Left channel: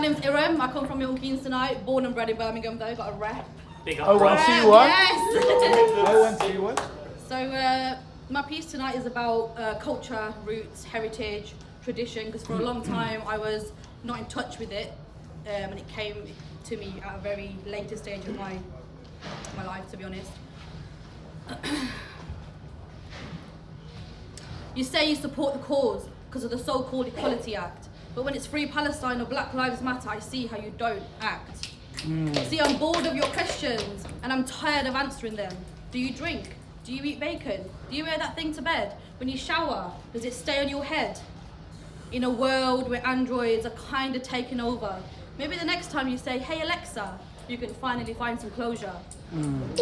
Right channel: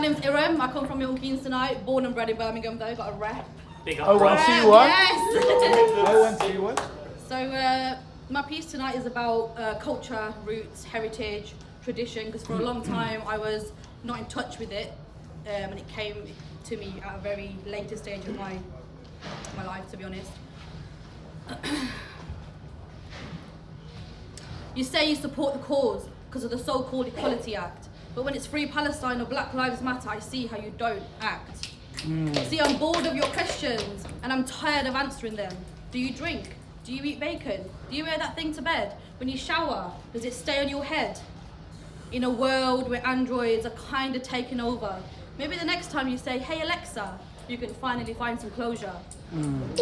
My name's Irram. I come from Milton Keynes tonight. Born and bred in Birmingham though, got a rep. Big up. 0121. Yes! 0121. So my piece tonight is about culture, roots, heritage, tradition, because for a long time I was not in touch with it, and it came to me at a very later stage of my life, to be honest. You say you support the cause because of the so-called Equality Act, but when it's Free Palestine or Black Lives Matter, I see how you don't act. See, I'm bored of your questions and I'm tired of answering them. Do you drink? Do you eat bacon? Do you wear that thing to bed? When you shower, does it stay on your head? In a world where androids are kind of taking over, maybe the next time you say, hey Alexa, you can finally find some closure. I'm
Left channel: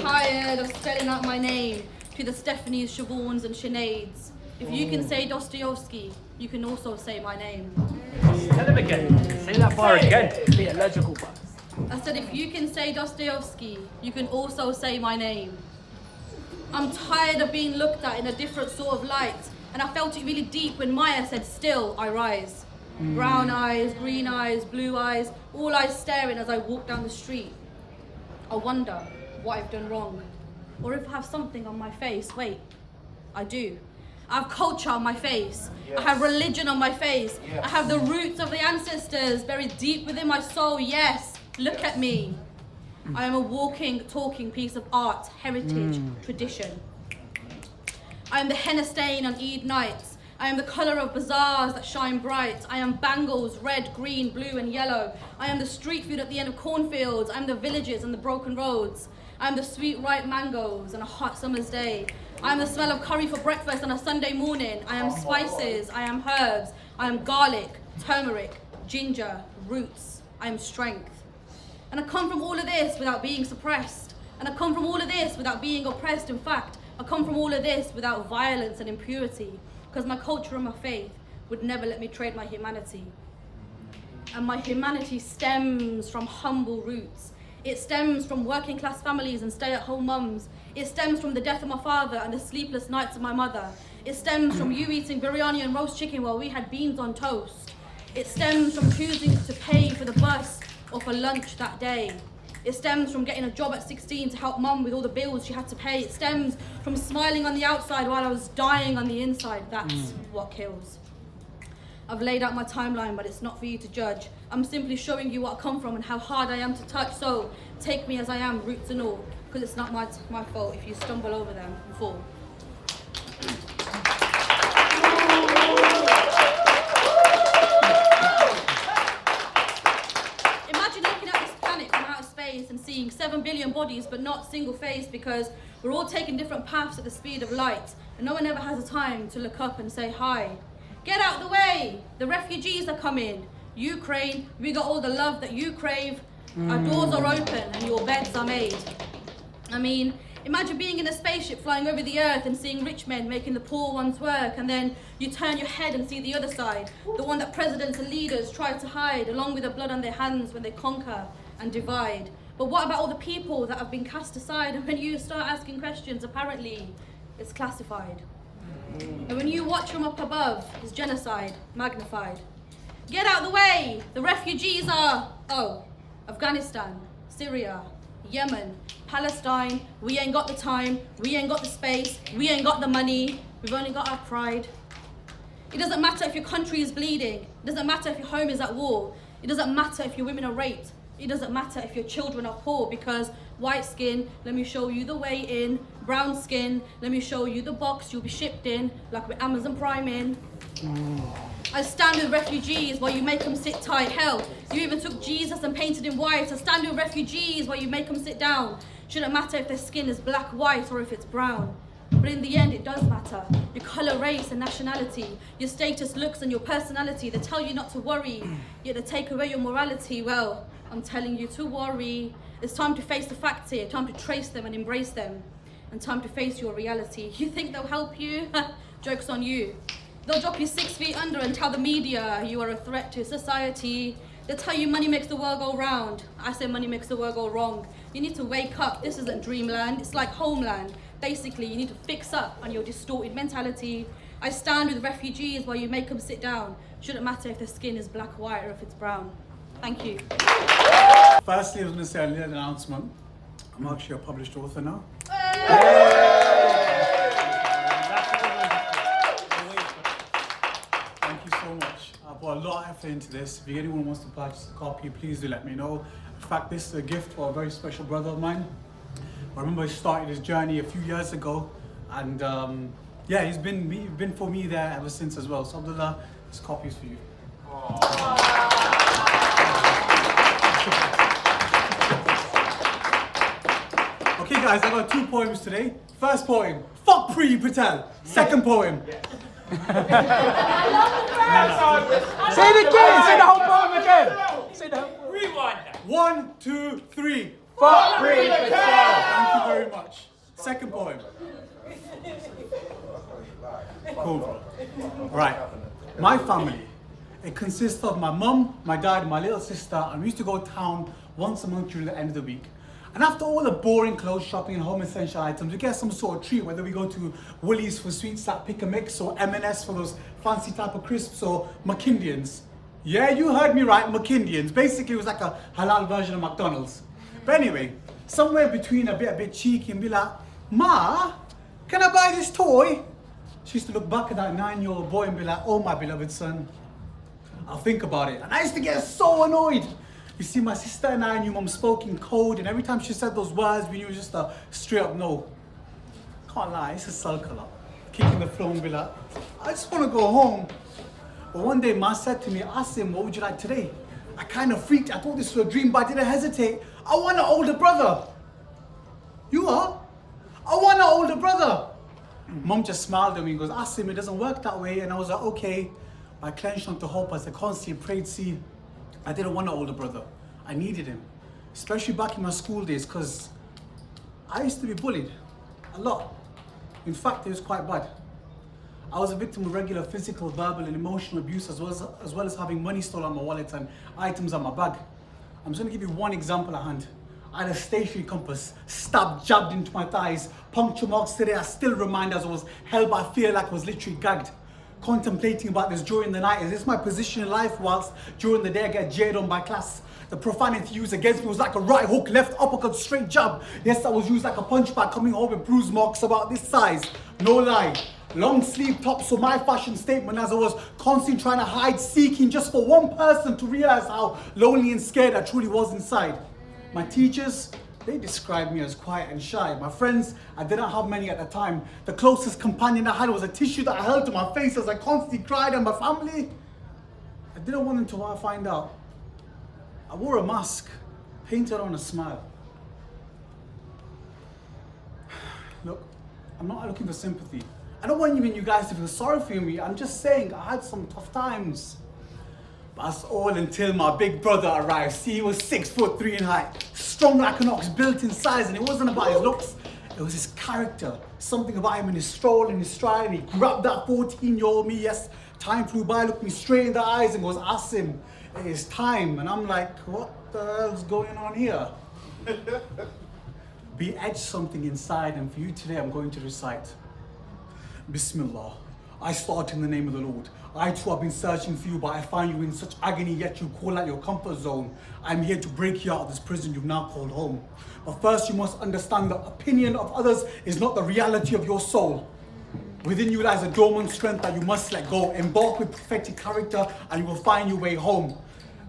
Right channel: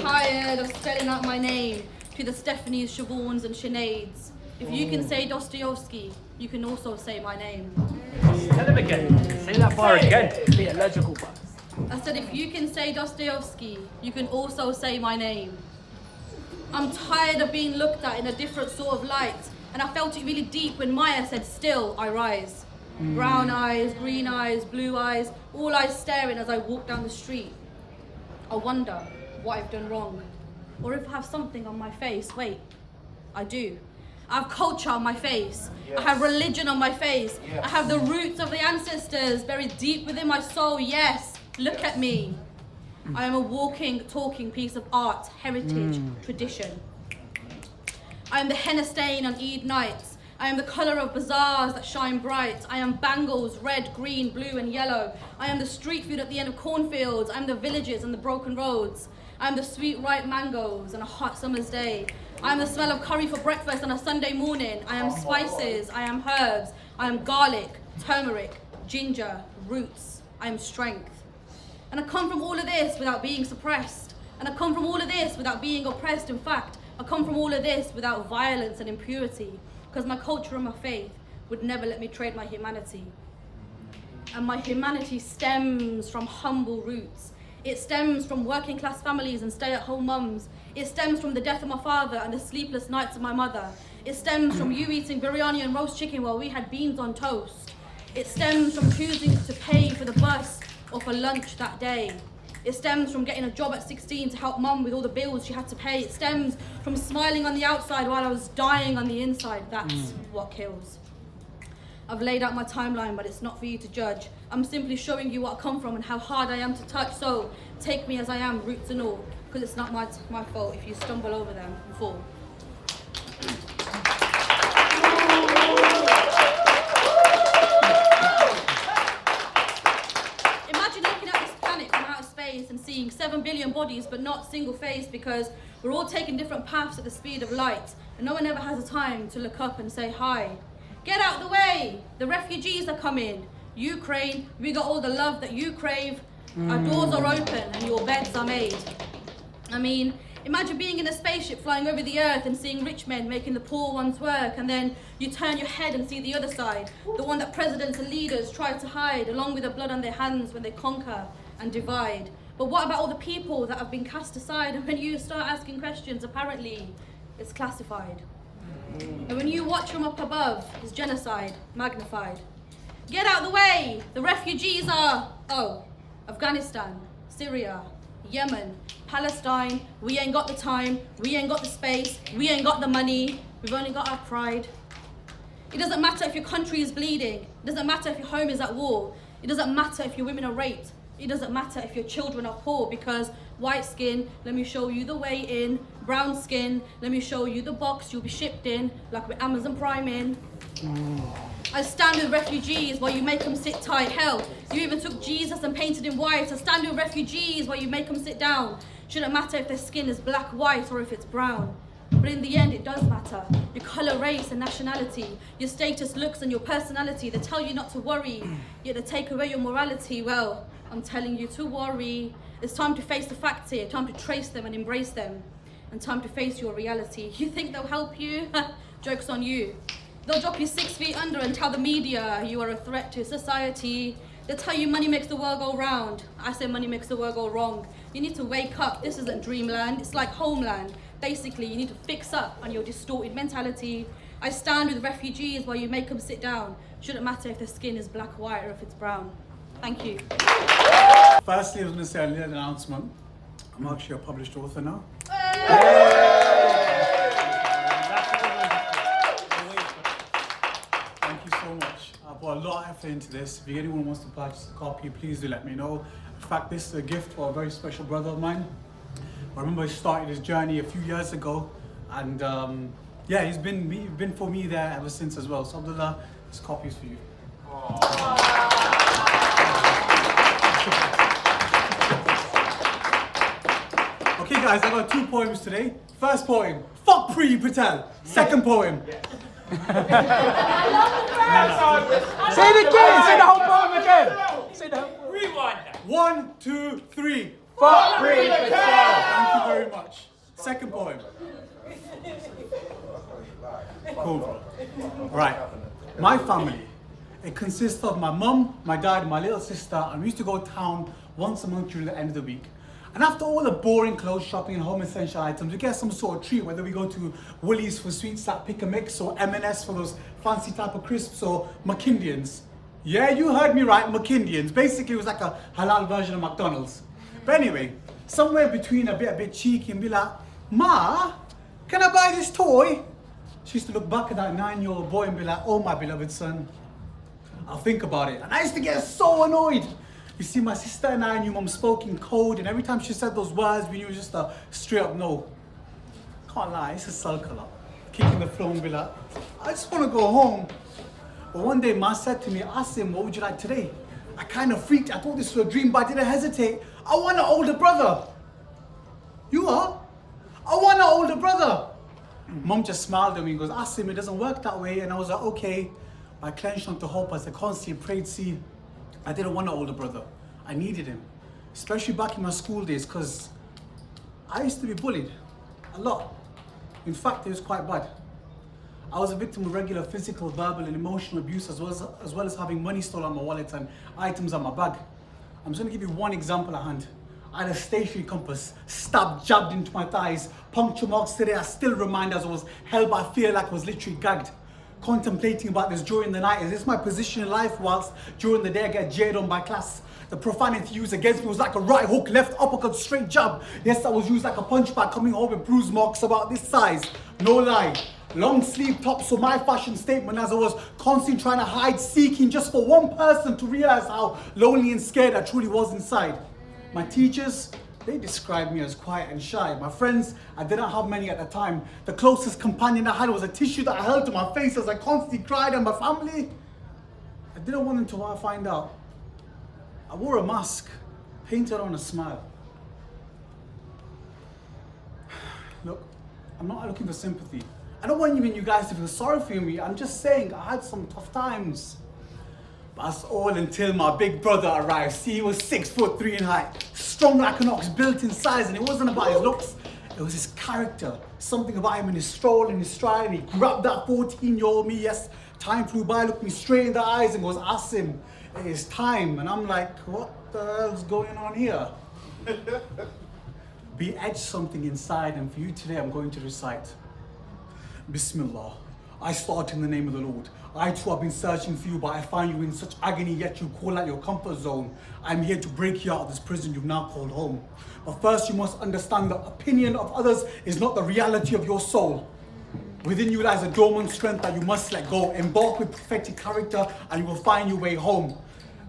tired of spelling out my name to the Stephanies, Siobhans and Sineads. If you can say Dostoevsky, you can also say my name. Tell him again. Say that bar again. Be a logical bar. I said, if you can say Dostoevsky, you can also say my name. I'm tired of being looked at in a different sort of light, and I felt it really deep when Maya said, still I rise. Brown eyes, green eyes, blue eyes, all eyes staring as I walk down the street. I wonder what I've done wrong, or if I have something on my face. Wait, I do. I have culture on my face. Yes. I have religion on my face. Yes. I have the roots of the ancestors buried deep within my soul. Yes, look at me. I am a walking, talking piece of art, heritage, tradition. I am the henna stain on Eid nights. I am the colour of bazaars that shine bright. I am bangles, red, green, blue and yellow. I am the street food at the end of cornfields. I am the villages and the broken roads. I am the sweet ripe mangoes on a hot summer's day. I am the smell of curry for breakfast on a Sunday morning. I am spices, I am herbs, I am garlic, turmeric, ginger, roots. I am strength. And I come from all of this without being suppressed. And I come from all of this without being oppressed. In fact, I come from all of this without violence and impurity, because my culture and my faith would never let me trade my humanity. And my humanity stems from humble roots. It stems from working class families and stay-at-home mums. It stems from the death of my father and the sleepless nights of my mother. It stems from you eating biryani and roast chicken while we had beans on toast. It stems from choosing to pay for the bus or for lunch that day. It stems from getting a job at 16 to help mum with all the bills she had to pay. It stems from smiling on the outside while I was dying on the inside. That's what kills. I've laid out my timeline, but it's not for you to judge. I'm simply showing you what I come from and how hard I am to touch. So take me as I am, roots and all, because it's not my fault if you stumble over them and fall. Imagine looking at this planet from outer space and seeing 7 billion bodies, but not single face, because we're all taking different paths at the speed of light, and no one ever has the time to look up and say hi. Get out the way, the refugees are coming. Ukraine, we got all the love that you crave. Our doors are open and your beds are made. I mean, imagine being in a spaceship flying over the earth and seeing rich men making the poor ones work, and then you turn your head and see the other side, the one that presidents and leaders try to hide, along with the blood on their hands when they conquer and divide. But what about all the people that have been cast aside? And when you start asking questions, apparently it's classified. And when you watch from up above, it's genocide magnified. Get out the way, the refugees are, Afghanistan, Syria, Yemen, Palestine. We ain't got the time, we ain't got the space, we ain't got the money, we've only got our pride. It doesn't matter if your country is bleeding, it doesn't matter if your home is at war, it doesn't matter if your women are raped, it doesn't matter if your children are poor, because white skin, let me show you the way in. Brown skin, let me show you the box you'll be shipped in, like with Amazon Prime in. I stand with refugees while you make them sit tight. Hell, you even took Jesus and painted him white. I stand with refugees while you make them sit down. Shouldn't matter if their skin is black, white, or if it's brown. But in the end, it does matter. Your colour, race, and nationality, your status, looks, and your personality. They tell you not to worry, yet they take away your morality. Well, I'm telling you to worry. It's time to face the facts here, time to trace them and embrace them, and time to face your reality. You think they'll help you? Joke's on you. They'll drop you 6 feet under and tell the media you are a threat to society. They'll tell you money makes the world go round. I say money makes the world go wrong. You need to wake up. This isn't dreamland, it's like homeland. Basically, you need to fix up on your distorted mentality. I stand with refugees while you make them sit down. Shouldn't matter if the skin is black or white or if it's brown. Thank you. Firstly, I was going to say a little announcement. I'm actually a published author now. Thank you so much. I put a lot of effort into this. If anyone wants to purchase a copy, please do let me know. In fact, this is a gift for a very special brother of mine. I remember he started his journey a few years ago, and yeah, he's been for me there ever since as well. So Abdullah, this copy is for you. Okay guys, I got 2 poems today. First poem, fuck Pri Patel. Second poem. Say it again. Say the whole poem again. Say the whole poem. Rewind. 1, 2, 3. Fuck Pri Patel. Thank you very much. Second poem. Cool. Right. My family. It consists of my mum, my dad, my little sister, and we used to go town once a month during the end of the week. And after all the boring clothes shopping and home essential items, we get some sort of treat, whether we go to Woolies for sweets like Pick a Mix, or M&S for those fancy type of crisps, or McKindians. Yeah, you heard me right, McKindians. Basically, it was like a halal version of McDonald's. But anyway, somewhere between a bit cheeky and be like, Ma, can I buy this toy? She used to look back at that 9-year-old boy and be like, oh my beloved son, I'll think about it. And I used to get so annoyed. You see, my sister and I knew Mum spoke in code, and every time she said those words, we knew it was just a straight up no. Can't lie, it's a sulk a lot. Kicking the floor and be like, I just want to go home. But one day, Ma said to me, Asim, what would you like today? I kind of freaked. I thought this was a dream, but I didn't hesitate. I want an older brother. You are? I want an older brother. Mum just smiled at me and goes, Asim, it doesn't work that way. And I was like, okay. I clenched onto hope as I constantly prayed, see, I didn't want an older brother. I needed him. Especially back in my school days, because I used to be bullied a lot. In fact, it was quite bad. I was a victim of regular physical, verbal, and emotional abuse, as well as having money stolen on my wallet and items on my bag. I'm just going to give you one example at hand. I had a stationary compass stabbed, jabbed into my thighs. Puncture marks today I still remind as I was held by fear like I was literally gagged. Contemplating about this during the night. Is this my position in life, whilst during the day I get jeered on by class? The profanity used against me was like a right hook, left uppercut, straight jab. Yes, I was used like a punch bag, coming home with bruise marks about this size. No lie. Long sleeve tops were my fashion statement, as I was constantly trying to hide, seeking just for one person to realize how lonely and scared I truly was inside. My teachers, they described me as quiet and shy. My friends, I didn't have many at the time. The closest companion I had was a tissue that I held to my face as I constantly cried. And my family, I didn't want them to find out. I wore a mask, painted on a smile. Look, I'm not looking for sympathy. I don't want even you guys to feel sorry for me. I'm just saying I had some tough times. But that's all until my big brother arrived. See, he was 6'3" in height, strong like an ox, built in size, and it wasn't about his looks. It was his character. Something about him in his stroll and his stride. And he grabbed that 14-year-old me. Yes, time flew by, looked me straight in the eyes and goes, Asim, it is time. And I'm like, what the hell's going on here? Be etched something inside, and for you today I'm going to recite. Bismillah. I start in the name of the Lord. I too have been searching for you, but I find you in such agony, yet you call out your comfort zone. I'm here to break you out of this prison you've now called home. But first you must understand the opinion of others is not the reality of your soul. Within you lies a dormant strength that you must let go. Embark with prophetic character and you will find your way home.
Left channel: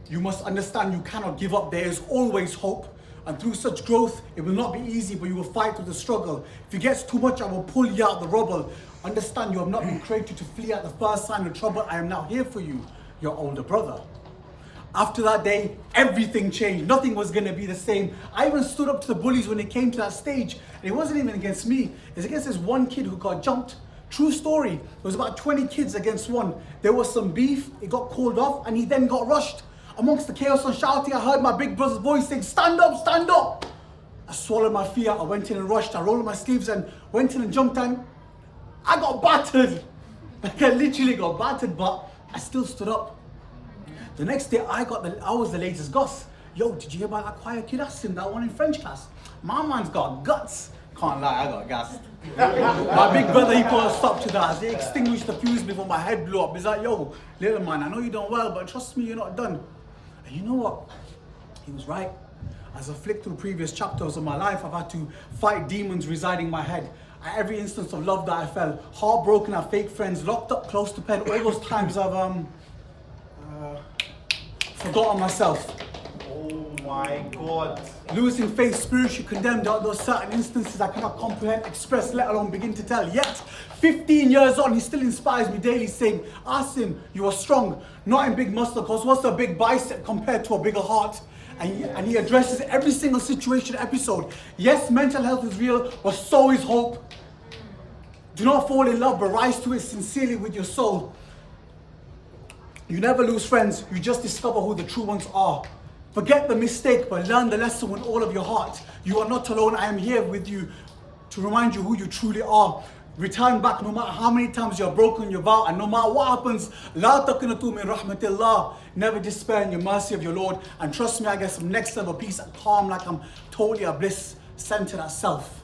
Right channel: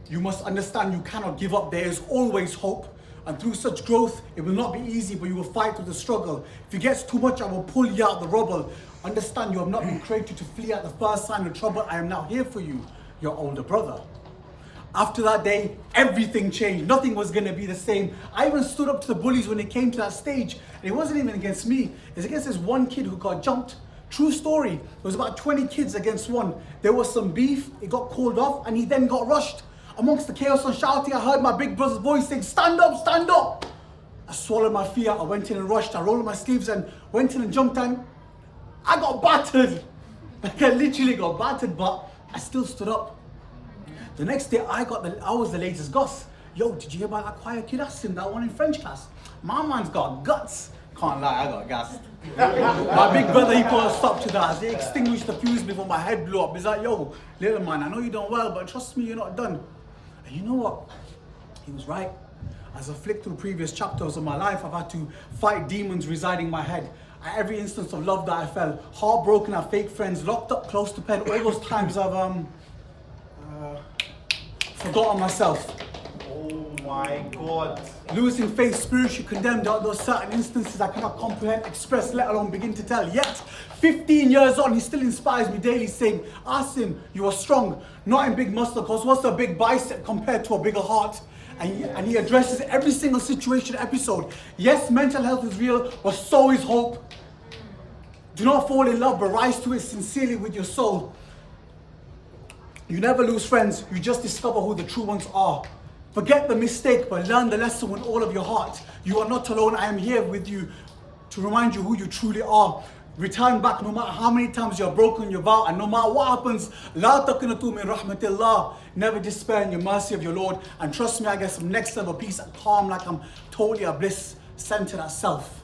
You must understand you cannot give up. There is always hope. And through such growth, it will not be easy, but you will fight with the struggle. If it gets too much, I will pull you out of the rubble. Understand you have not been created to flee at the first sign of trouble. I am now here for you, your older brother. After that day, everything changed. Nothing was going to be the same. I even stood up to the bullies when it came to that stage. And it wasn't even against me. It's against this one kid who got jumped. True story. There was about 20 kids against one. There was some beef. It got called off and he then got rushed. Amongst the chaos and shouting, I heard my big brother's voice saying, stand up, stand up. I swallowed my fear. I went in and rushed. I rolled my sleeves and went in and jumped in. I got battered. Like I literally got battered, but I still stood up. The next day, I was the latest goss. Yo, did you hear about that quiet kid Asim, that one in French class? My man's got guts. Can't lie, I got gassed. My big brother, he put a stop to that. As he extinguished the fuse before my head blew up. He's like, yo, little man, I know you done well, but trust me, you're not done. And you know what? He was right. As I flicked through previous chapters of my life, I've had to fight demons residing in my head. At every instance of love that I felt, heartbroken at fake friends, locked up close to pen, all those times I've forgotten myself. Oh my God. Losing faith, spiritually condemned out those certain instances I cannot comprehend, express, let alone begin to tell. Yet, 15 years on, he still inspires me daily, saying, Asim, you are strong, not in big muscle, because what's a big bicep compared to a bigger heart? And he addresses every single situation episode. Yes, mental health is real, but so is hope. Do not fall in love, but rise to it sincerely with your soul. You never lose friends, you just discover who the true ones are. Forget the mistake, but learn the lesson with all of your heart. You are not alone, I am here with you to remind you who you truly are. Return back no matter how many times you're broken your vow, and no matter what happens, la taqnatu min rahmatillah. Never despair in your mercy of your Lord. And trust me, I get some next level peace and calm, like I'm totally a bliss centered at self.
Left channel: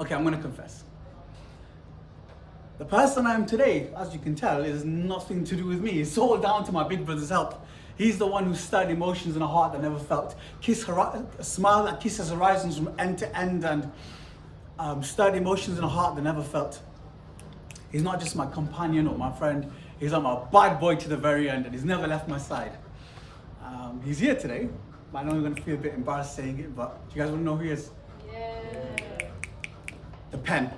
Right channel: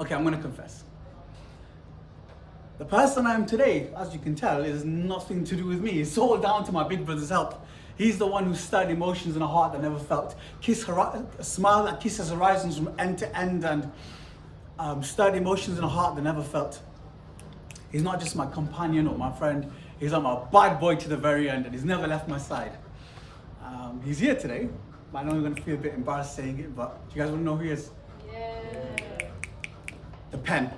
Okay, I'm gonna confess. The person I am today, as you can tell, is nothing to do with me. It's all down to my big brother's help. He's the one who stirred emotions in a heart that never felt. A smile that kisses horizons from end to end, and stirred emotions in a heart that never felt. He's not just my companion or my friend, he's like my bad boy to the very end, and he's never left my side. He's here today. I know you're going to feel a bit embarrassed saying it, but do you guys want to know who he is? Yeah. The pen.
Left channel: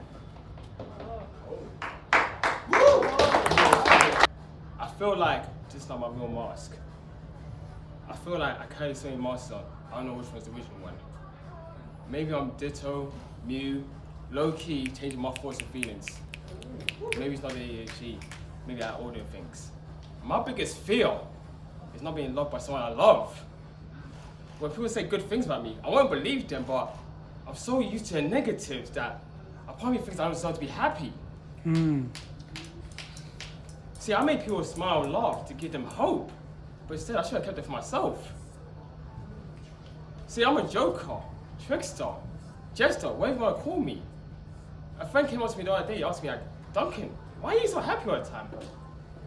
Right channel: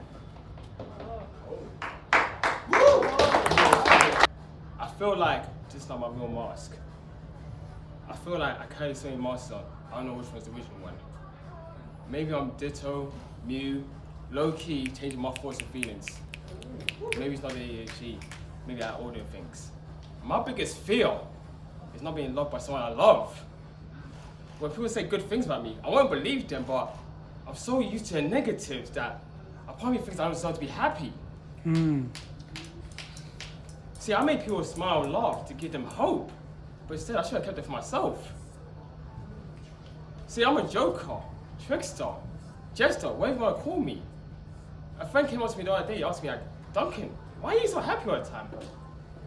I feel like, just like my real mask, I feel like I carry so many masks on. I don't know which one's the original one. Maybe I'm Ditto, Mew, low-key changing my thoughts and feelings. Maybe it's not the ADHD, maybe I order things. My biggest fear is not being loved by someone I love. When people say good things about me, I won't believe them, but I'm so used to the negatives that a part of me thinks I don't deserve to be happy. See, I make people smile and laugh to give them hope, but instead I should have kept it for myself. See, I'm a joker, trickster, jester, whatever you want to call me. A friend came up to me the other day, asked me, like, Duncan, why are you so happy all the time?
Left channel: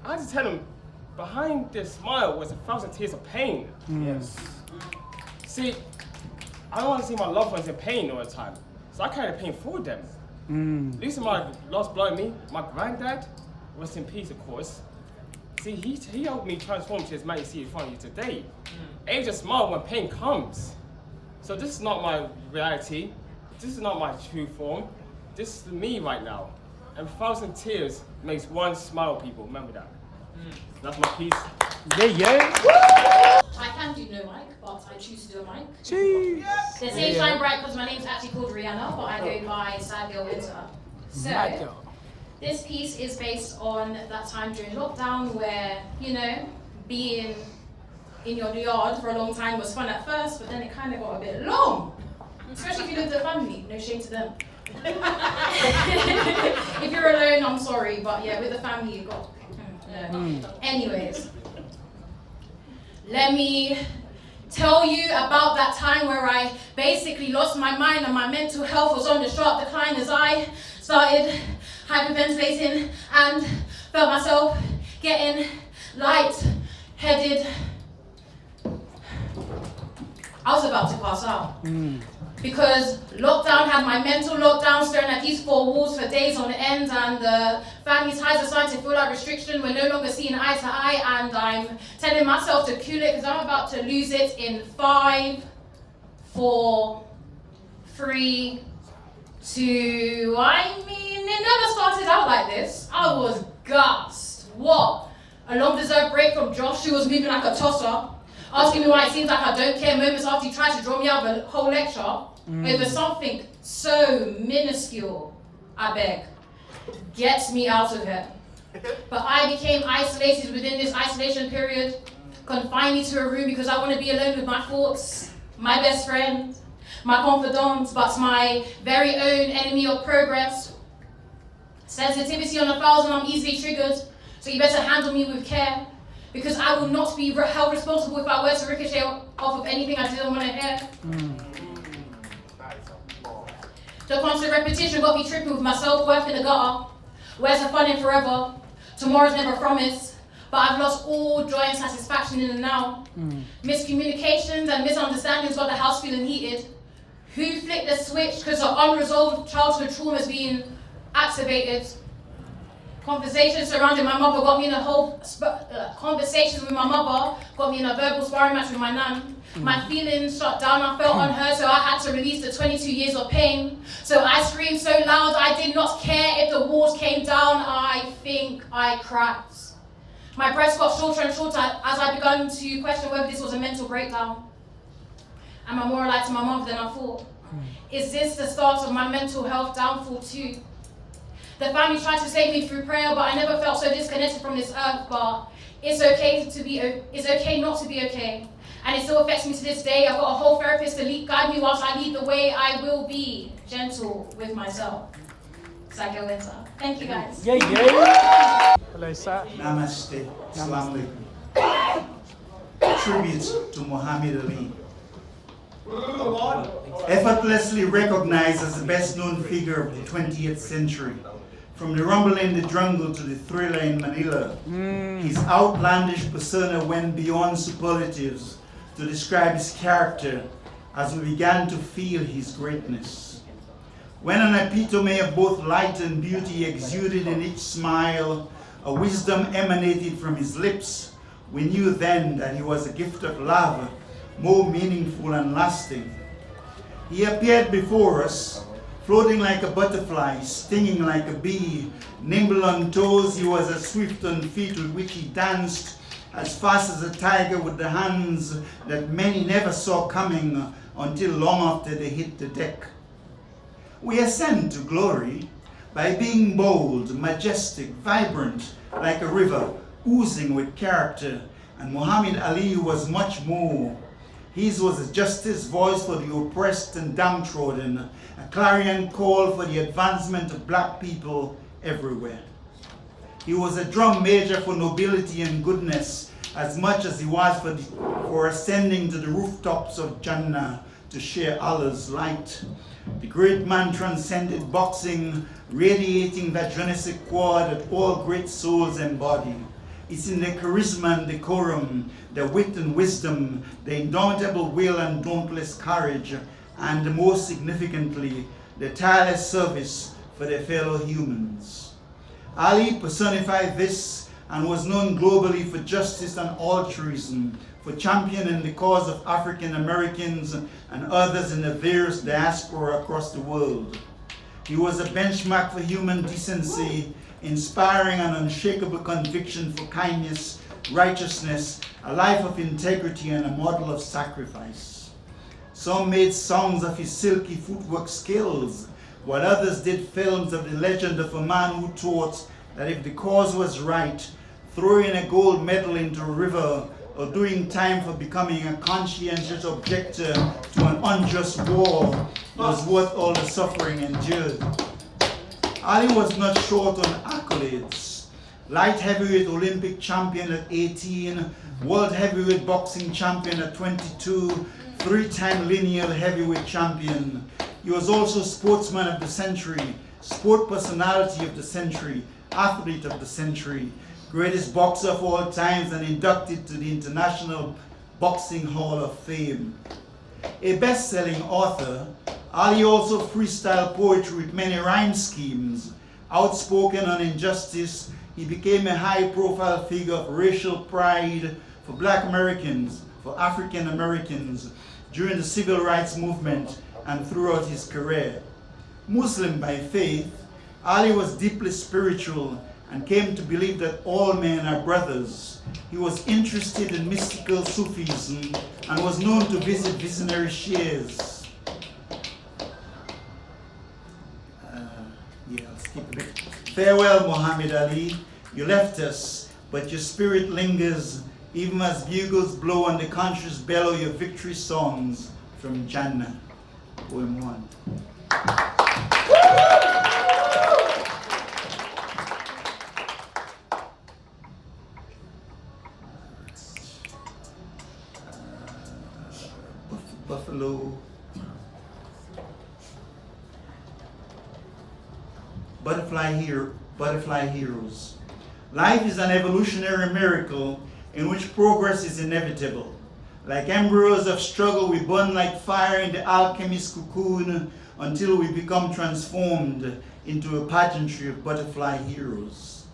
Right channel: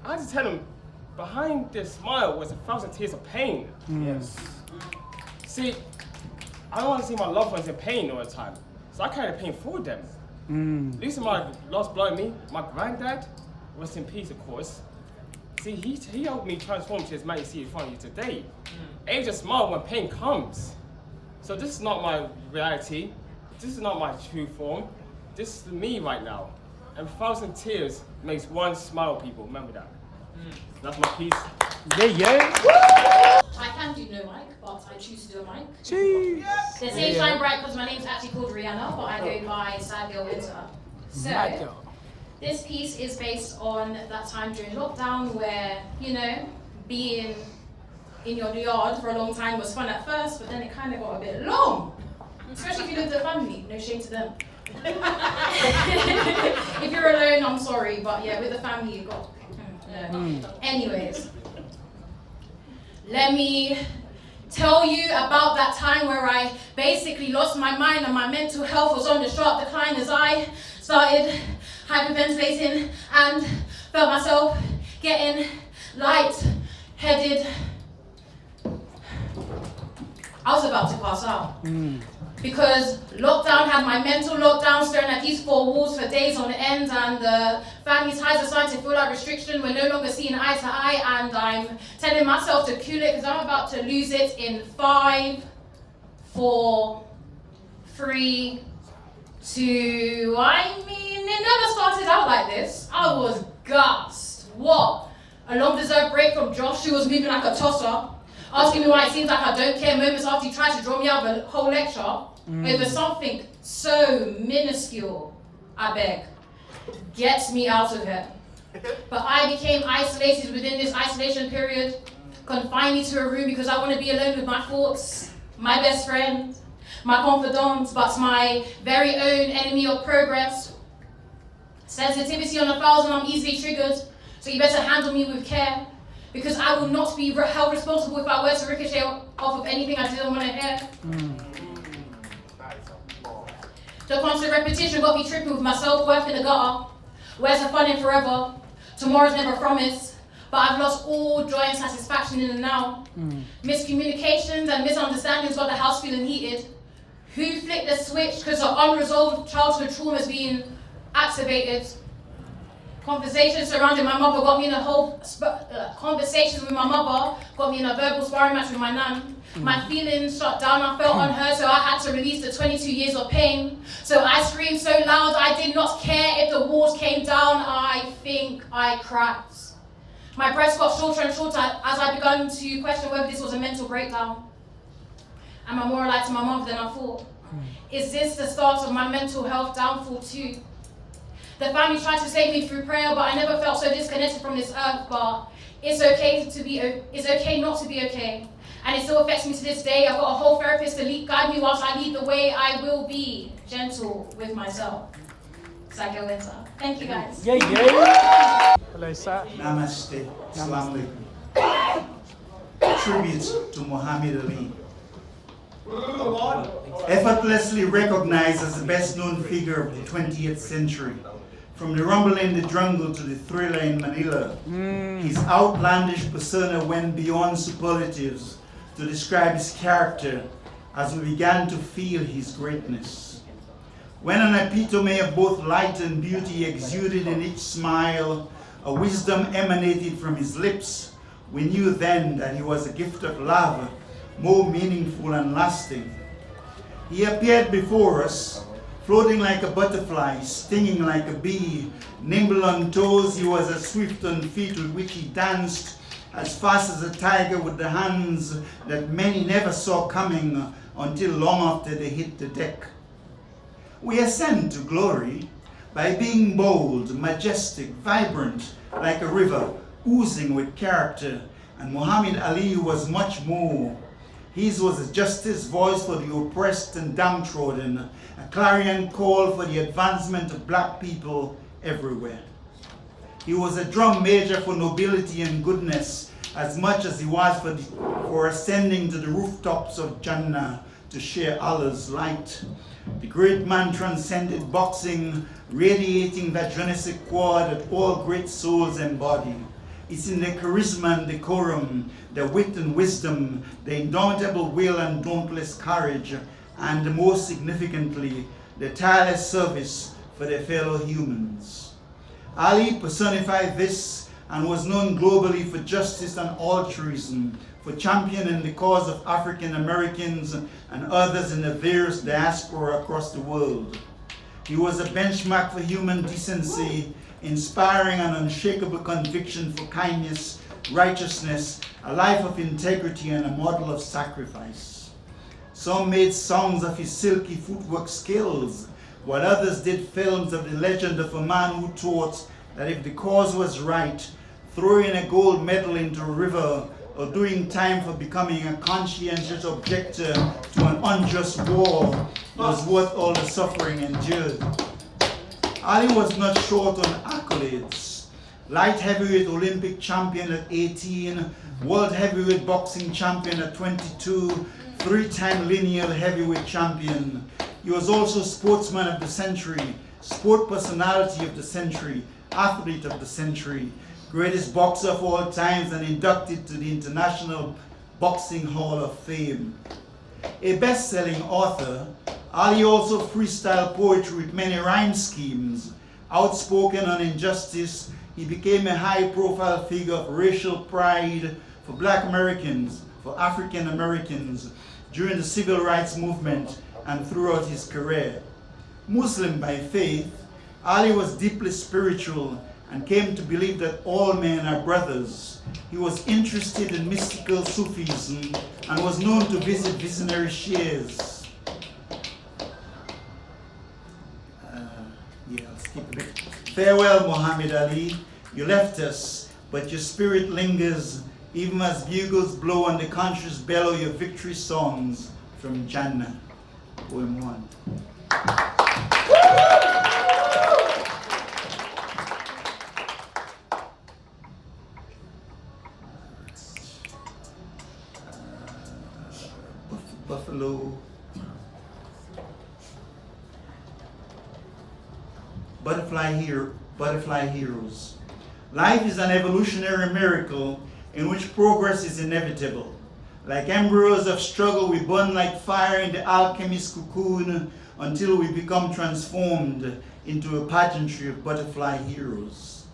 I had to tell him, behind this smile was 1,000 tears of pain. Yes. See, I don't want to see my loved ones in pain all the time, so I carry the pain for them. Losing my lost blood in me, my granddad, rest in peace, of course. See, he helped me transform to his man you see in front of you today. Age a smile when pain comes. So this is not my reality. This is not my true form. This is me right now. And 1,000 tears makes one smile, people. Remember that. That's my piece. Yeah. I can do no mic, but I choose to do a mic. Jeez. The same time bright because my name's actually called Rihanna, but I go by sadgurlwinter. So, this piece is based on that time during lockdown where, you know, being in your yard for a long time was fun at first, but then it kind of got a bit long. Especially if you live with a family, no shame to them. If you're alone, I'm sorry, but yeah, with the family, you got. Anyways, let me tell you about that time where I basically lost my mind and my mental health was on the sharp decline as I started hyperventilating and felt myself getting light-headed. I was about to pass out. Because lockdown had my mental lockdown, staring at these four walls for days on end, and the family ties are starting to feel like restriction. We're no longer seeing eye to eye, and I'm telling myself to cool it because I'm about to lose it in 5, 4, 3, 2. I mean, it never started out like this. I was gassed. What? A long-deserved break from Josh, who was moving like a tosser, asking me why it seems like I don't care moments after he tried to draw me out of a whole lecture over something so minuscule, I beg, gets me out of here. But I became isolated within this isolation period, confined me to a room because I want to be alone with my thoughts, my best friend, my confidant, but my very own enemy of progress. Sensitivity on 1,000, I'm easily triggered, so you better handle me with care. Because I will not be held responsible if I were to ricochet off of anything I didn't want to hear. The constant repetition got me tripping with my self-worth in the gutter. Where's the fun in forever? Tomorrow's never promised. But I've lost all joy and satisfaction in the now. Miscommunications and misunderstandings got the house feeling heated. Who flicked the switch because the unresolved childhood trauma is being activated? Conversations surrounding my mother got me in a conversations with my mother got me in a verbal sparring match with my nan. My feelings shut down, I felt unheard, so I had to release the 22 years of pain. So I screamed so loud, I did not care if the walls came down, I think I cracked. My breaths got shorter and shorter as I began to question whether this was a mental breakdown. Am I more alike to my mother than I thought? Is this the start of my mental health downfall too? The family tried to save me through prayer, but I never felt so disconnected from this earth. But it's okay not to be okay. And it still affects me to this day. I've got a whole therapist to guide me whilst I lead the way. I will be gentle with myself. Sadgurlwinter. Thank you guys. Hello, sir. Namaste. Assalamu alaikum. Tribute to Muhammad Ali. Effortlessly recognized as the best known figure of the 20th century. From the rumble in the jungle to the thriller in Manila, his outlandish persona went beyond superlatives to describe his character as we began to feel his greatness. When an epitome of both light and beauty exuded in each smile, a wisdom emanated from his lips, we knew then that he was a gift of love, more meaningful and lasting. He appeared before us, floating like a butterfly, stinging like a bee, nimble on toes, he was as swift on feet with which he danced, as fast as a tiger with the hands that many never saw coming until long after they hit the deck. We ascend to glory by being bold, majestic, vibrant, like a river, oozing with character, and Muhammad Ali was much more. His was a justice voice for the oppressed and downtrodden, a clarion call for the advancement of black people everywhere. He was a drum major for nobility and goodness, as much as he was for ascending to the rooftops of Jannah to share Allah's light. The great man transcended boxing, radiating that je ne sais quoi that all great souls embody. It's in the charisma and decorum, the wit and wisdom, the indomitable will and dauntless courage, and most significantly, the tireless service for their fellow humans. Ali personified this and was known globally for justice and altruism, for championing the cause of African Americans and others in the various diaspora across the world. He was a benchmark for human decency, inspiring an unshakable conviction for kindness, righteousness, a life of integrity, and a model of sacrifice. Some made songs of his silky footwork skills, while others did films of the legend of a man who taught that if the cause was right, throwing a gold medal into a river or doing time for becoming a conscientious objector to an unjust war was worth all the suffering endured. Ali was not short on accolades. Light heavyweight Olympic champion at 18, world heavyweight boxing champion at 22, three-time lineal heavyweight champion. He was also sportsman of the century, sport personality of the century, athlete of the century, greatest boxer of all times, and inducted to the International Boxing Hall of Fame. A best-selling author, Ali also freestyled poetry with many rhyme schemes. Outspoken on injustice, he became a high-profile figure of racial pride for Black Americans, for African Americans, during the Civil Rights Movement and throughout his career. Muslim by faith, Ali was deeply spiritual and came to believe that all men are brothers. He was interested in mystical Sufism and was known to visit visionary sheikhs. I'll skip a bit. Farewell, Muhammad Ali. You left us, but your spirit lingers, even as bugles blow and the countries bellow your victory songs from Jannah. Poem 1. Buffalo. butterfly heroes. Life is an evolutionary miracle in which progress is inevitable. Like embryos of struggle, we burn like fire in the alchemist's cocoon until we become transformed into a pageantry of butterfly heroes.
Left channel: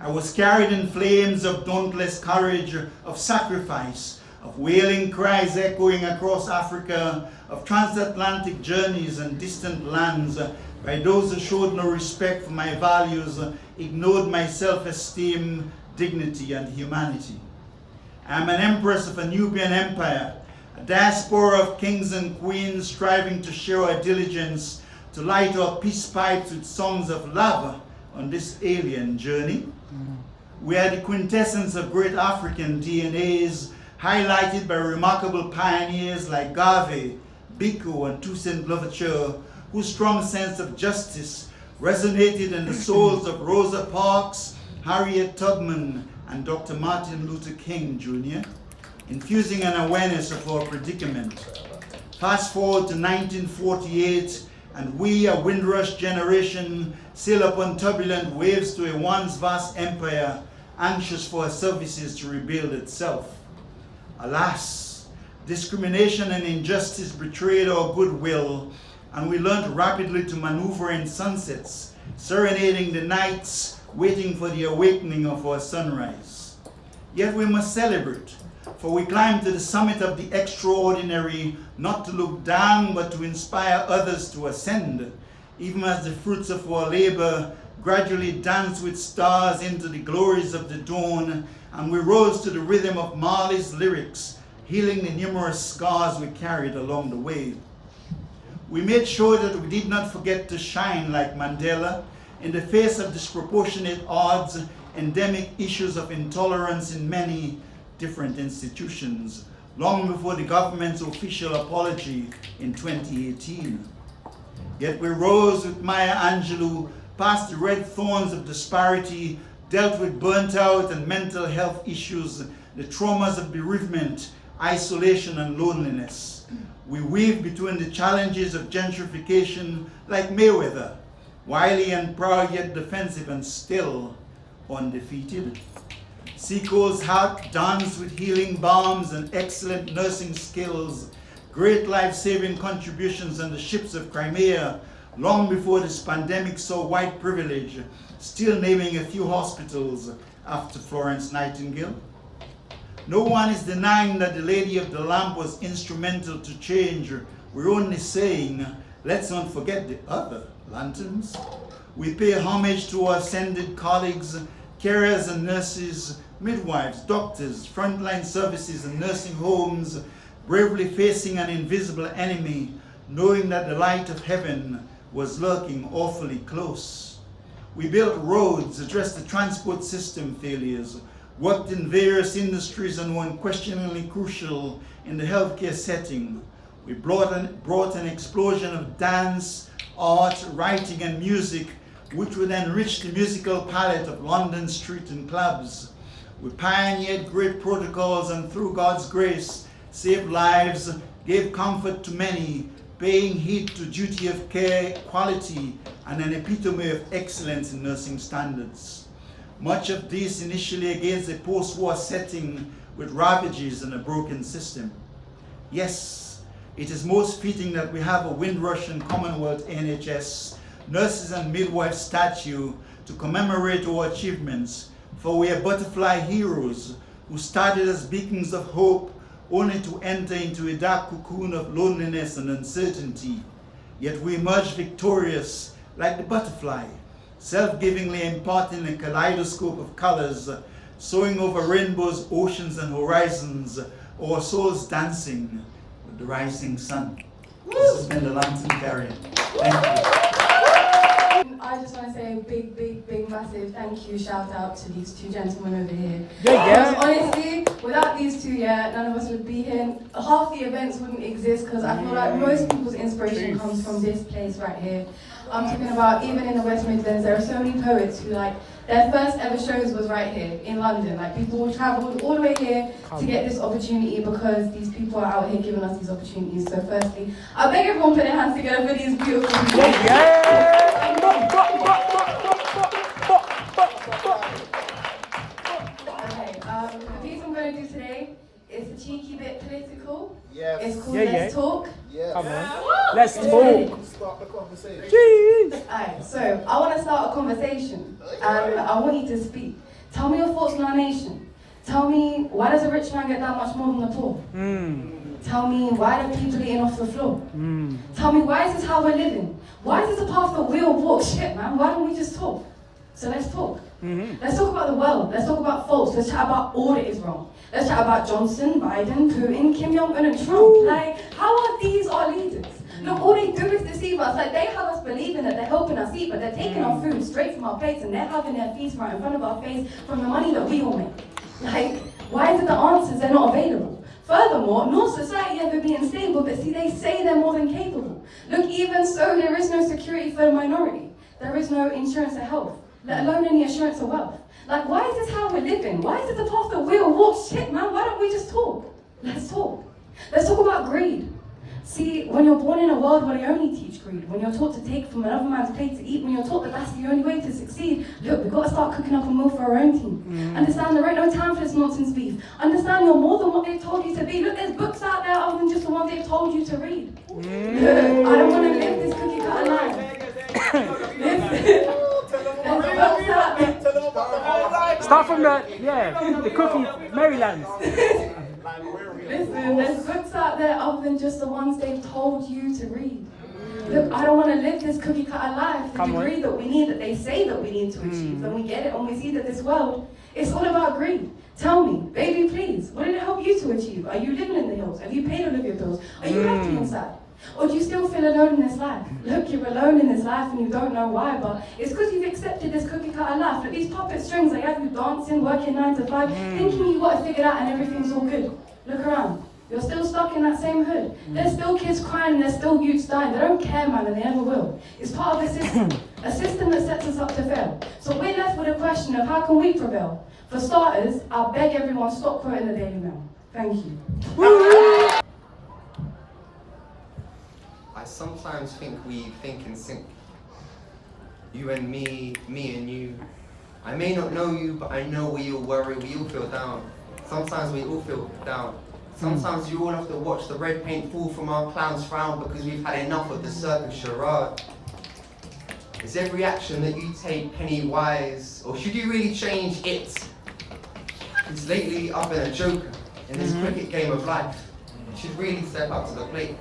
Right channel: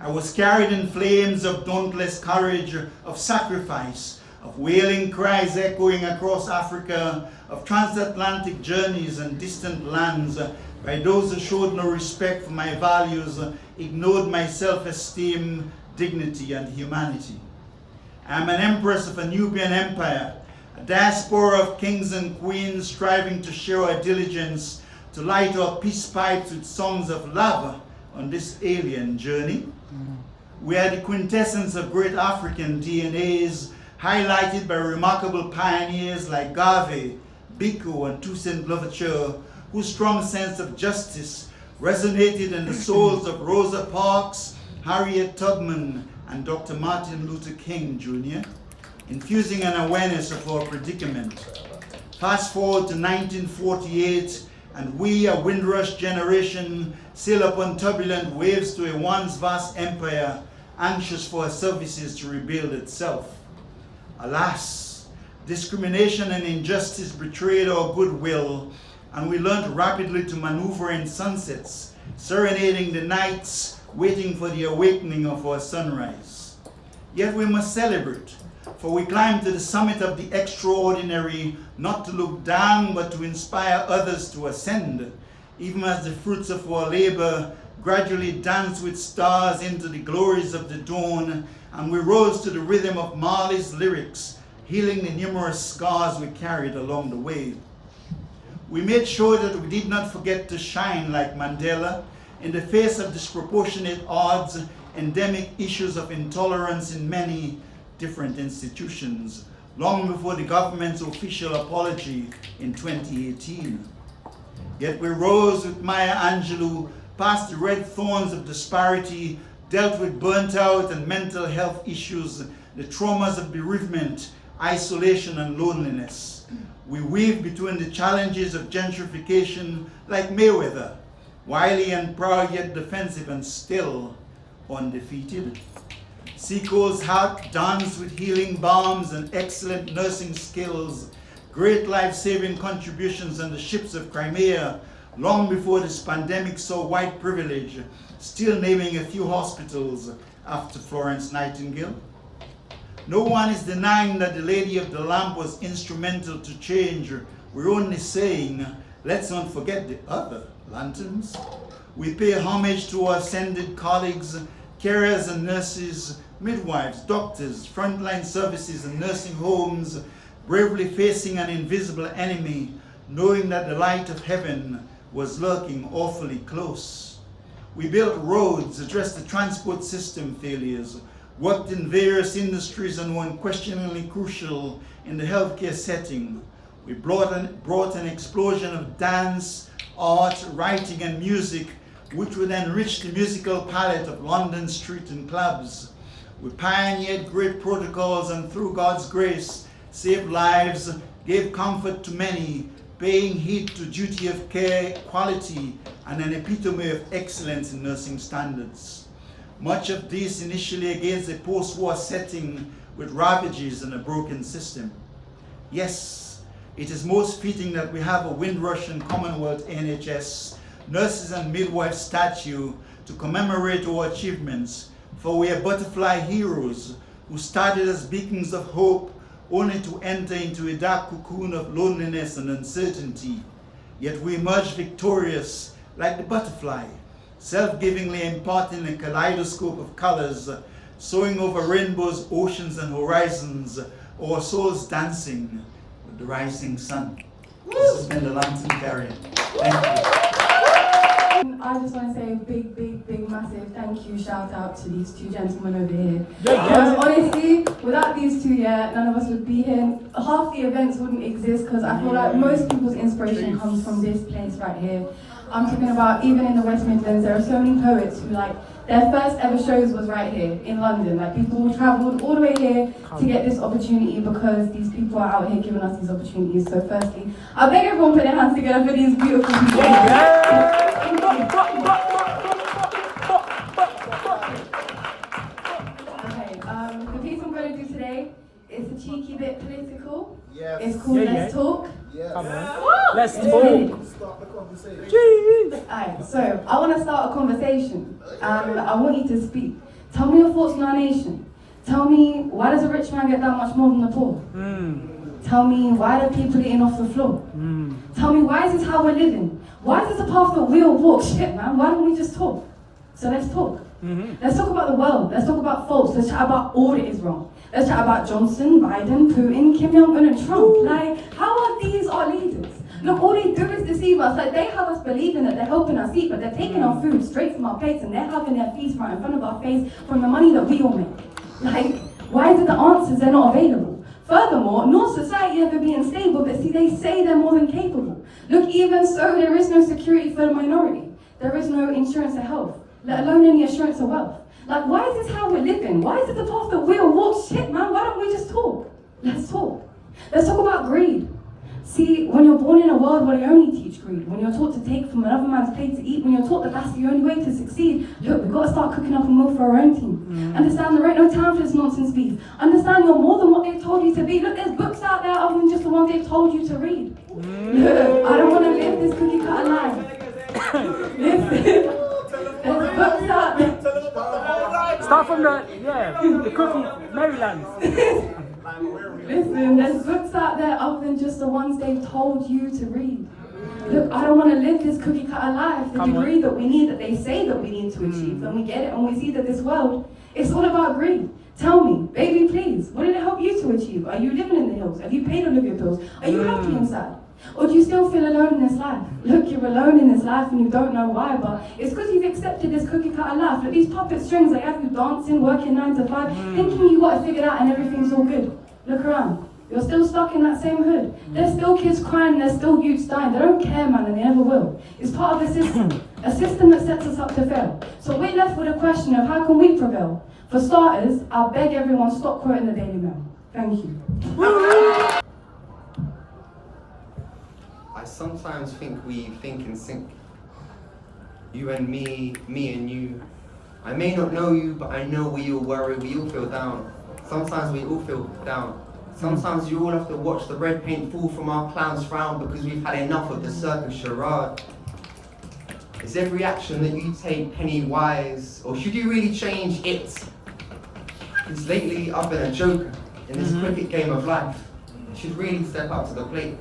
I was carried in flames of dauntless courage, of sacrifice, of wailing cries echoing across Africa, of transatlantic journeys and distant lands, by those who showed no respect for my values, ignored my self-esteem, dignity, and humanity. I am an empress of a Nubian empire, a diaspora of kings and queens striving to share our diligence to light our peace pipes with songs of love on this alien journey. We are the quintessence of great African DNAs, highlighted by remarkable pioneers like Garvey, Biko, and Toussaint Louverture, whose strong sense of justice resonated in the souls of Rosa Parks, Harriet Tubman, and Dr. Martin Luther King Jr., infusing an awareness of our predicament. Fast forward to 1948, and we, a Windrush generation, sail upon turbulent waves to a once vast empire, anxious for our services to rebuild itself. Alas, discrimination and injustice betrayed our goodwill, and we learned rapidly to maneuver in sunsets, serenading the nights, waiting for the awakening of our sunrise. Yet we must celebrate, for we climb to the summit of the extraordinary, not to look down, but to inspire others to ascend, even as the fruits of our labor gradually dance with stars into the glories of the dawn, and we rose to the rhythm of Marley's lyrics, healing the numerous scars we carried along the way. We made sure that we did not forget to shine like Mandela in the face of disproportionate odds, endemic issues of intolerance in many different institutions, long before the government's official apology in 2018. Yet we rose with Maya Angelou past the red thorns of disparity, dealt with burnt out and mental health issues, the traumas of bereavement, isolation, and loneliness. We weave between the challenges of gentrification like Mayweather, wily and proud yet defensive and still undefeated. Seaco's heart danced with healing balms and excellent nursing skills, great life-saving contributions on the ships of Crimea, long before this pandemic saw white privilege, still naming a few hospitals after Florence Nightingale. No one is denying that the Lady of the Lamp was instrumental to change. We're only saying, let's not forget the other lanterns. We pay homage to our ascended colleagues, carers and nurses, midwives, doctors, frontline services and nursing homes, bravely facing an invisible enemy, knowing that the light of heaven was lurking awfully close. We built roads, addressed the transport system failures, worked in various industries and were unquestioningly crucial in the healthcare setting. We brought an explosion of dance, art, writing, and music, which would enrich the musical palette of London street and clubs. We pioneered great protocols and through God's grace, saved lives, gave comfort to many, paying heed to duty of care, quality, and an epitome of excellence in nursing standards. Much of this initially against a post-war setting with ravages and a broken system. Yes, it is most fitting that we have a Windrush and Commonwealth NHS, nurses and midwives statue to commemorate our achievements, for we are butterfly heroes who started as beacons of hope only to enter into a dark cocoon of loneliness and uncertainty. Yet we emerge victorious like the butterfly, self-givingly imparting a kaleidoscope of colors, soaring over rainbows, oceans, and horizons, our souls dancing with the rising sun. This has been the Lantern Carrier. Thank you. I just want to say a big, massive thank you, shout out to these two gentlemen over here. Yeah. Because honestly, without these two, none of us would be here. Half the events wouldn't exist because I feel like most people's inspiration comes from this place right here. I'm talking about even in the West Midlands, there are so many poets who their first ever shows was right here in London. People will travel all the way here to get this opportunity because these people are out here giving us these opportunities. So firstly, I beg everyone put their hands together for these beautiful people. Thank you. cheeky bit political. Yeah. It's called Let's Talk. Come on. Woo! Let's Let's talk. ready? Start the conversation. Jeez. Alright, so I want to start a conversation, and I want you to speak. Tell me your thoughts on our nation. Tell me, why does a rich man get that much more than the poor? Tell me, why do people eating off the floor? Tell me, why is this how we're living? Why is this a path that we all walk? Shit, man, why don't we just talk? So let's talk. Let's talk about the world. Let's talk about faults. Let's chat about all that is wrong. Let's chat about Johnson, Biden, Putin, Kim Jong-un, and Trump. Like, how are these our leaders? Look, all they do is deceive us. Like, they have us believing that they're helping us eat, but they're taking our food straight from our plates, and they're having their feast right in front of our face from the money that we all make. Like, why is it the answers are not available? Furthermore, nor society ever being stable, but see, they say they're more than capable. Look, even so, there is no security for the minority. There is no insurance of health, let alone any assurance of wealth. Like, why is this how we're living? Why is it the path that we all walk? Shit, man, why don't we just talk? Let's talk. Let's talk about greed. See, when you're born in a world where they only teach greed, when you're taught to take from another man's plate to eat, when you're taught that that's the only way to succeed, look, we've got to start cooking up a meal for our own team. Understand there ain't no time for this nonsense beef. Understand you're more than what they've told you to be. Look, there's books out there other than just the ones they've told you to read. Look, I don't want to live this cookie cutter life. There's books out there. Start from the cookie, Maryland. Listen, there's books out there other than just the ones they've told you to read. Look, I don't want to live this cookie cutter life. The degree that we need, that they say that we need to achieve, and we get it, and we see that this world, it's all about greed. Tell me, baby, please, what did it help you to achieve? Are you living in the hills? Have you paid all of your bills? Are you happy inside? Or do you still feel alone in this life? Look, you're alone in this life and you don't know why, but it's because you've accepted this cookie cutter life. Look, these puppet strings, they have you dancing, working 9 to 5, thinking you got it figured out and everything's all good. Look around. You're still stuck in that same hood. There's still kids crying, there's still youths dying. They don't care, man, and they never will. It's part of a system that sets us up to fail. So we're left with a question of how can we prevail? For starters, I'll beg everyone stop quoting the Daily Mail. Thank you. I sometimes think we think in sync. You and me and you. I may not know you, but I know we all worry, we all feel down. Sometimes we all feel down. Sometimes you all have to watch the red paint fall from our clown's frown because we've had enough of the circus charade. Is every action that you take penny wise, or should you really change it? Because lately I've been a joker in this cricket game of life. I should really step up to the plate.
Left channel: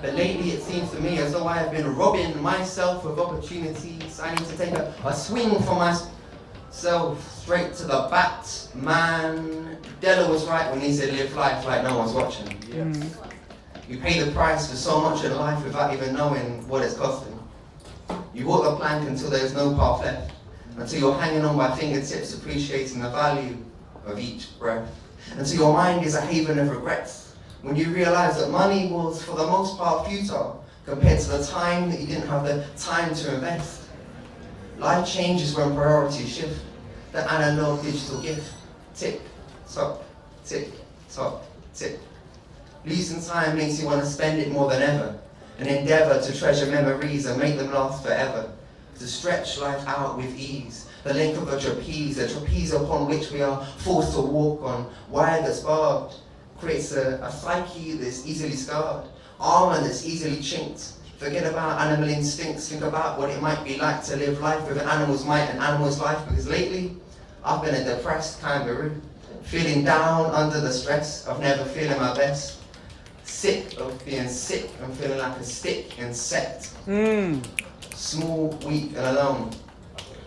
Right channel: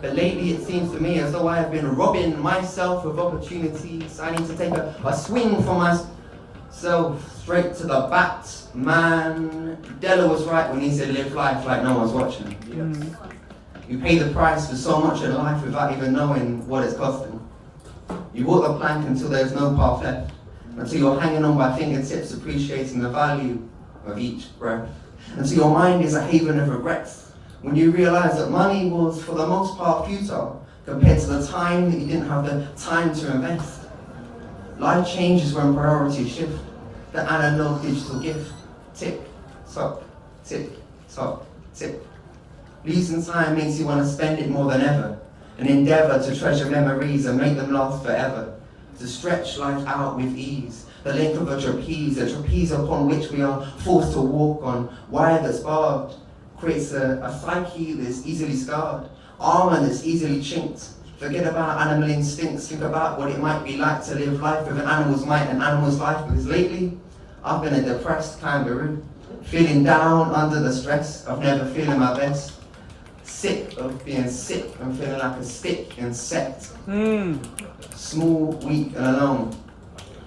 But lately it seems to me as though I have been robbing myself of opportunities. I need to take a swing for myself straight to the bat. Man, Della was right when he said live life like no one's watching. You pay the price for so much in life without even knowing what it's costing. You walk the plank until there's no path left, until you're hanging on by fingertips, appreciating the value of each breath, until your mind is a haven of regrets. When you realize that money was, for the most part, futile compared to the time that you didn't have the time to invest. Life changes when priorities shift. The analog digital gift. Tick, tock, tick, tock, tick. Losing time makes you want to spend it more than ever. An endeavor to treasure memories and make them last forever. To stretch life out with ease. The length of a trapeze upon which we are forced to walk on wire that's barbed. Creates a psyche that's easily scarred, armor that's easily chinked. Forget about animal instincts, think about what it might be like to live life with an animal's might and animal's life, because lately, I've been a depressed kangaroo, feeling down under the stress of never feeling my best, sick of being sick and feeling like a stick insect, small, weak and alone,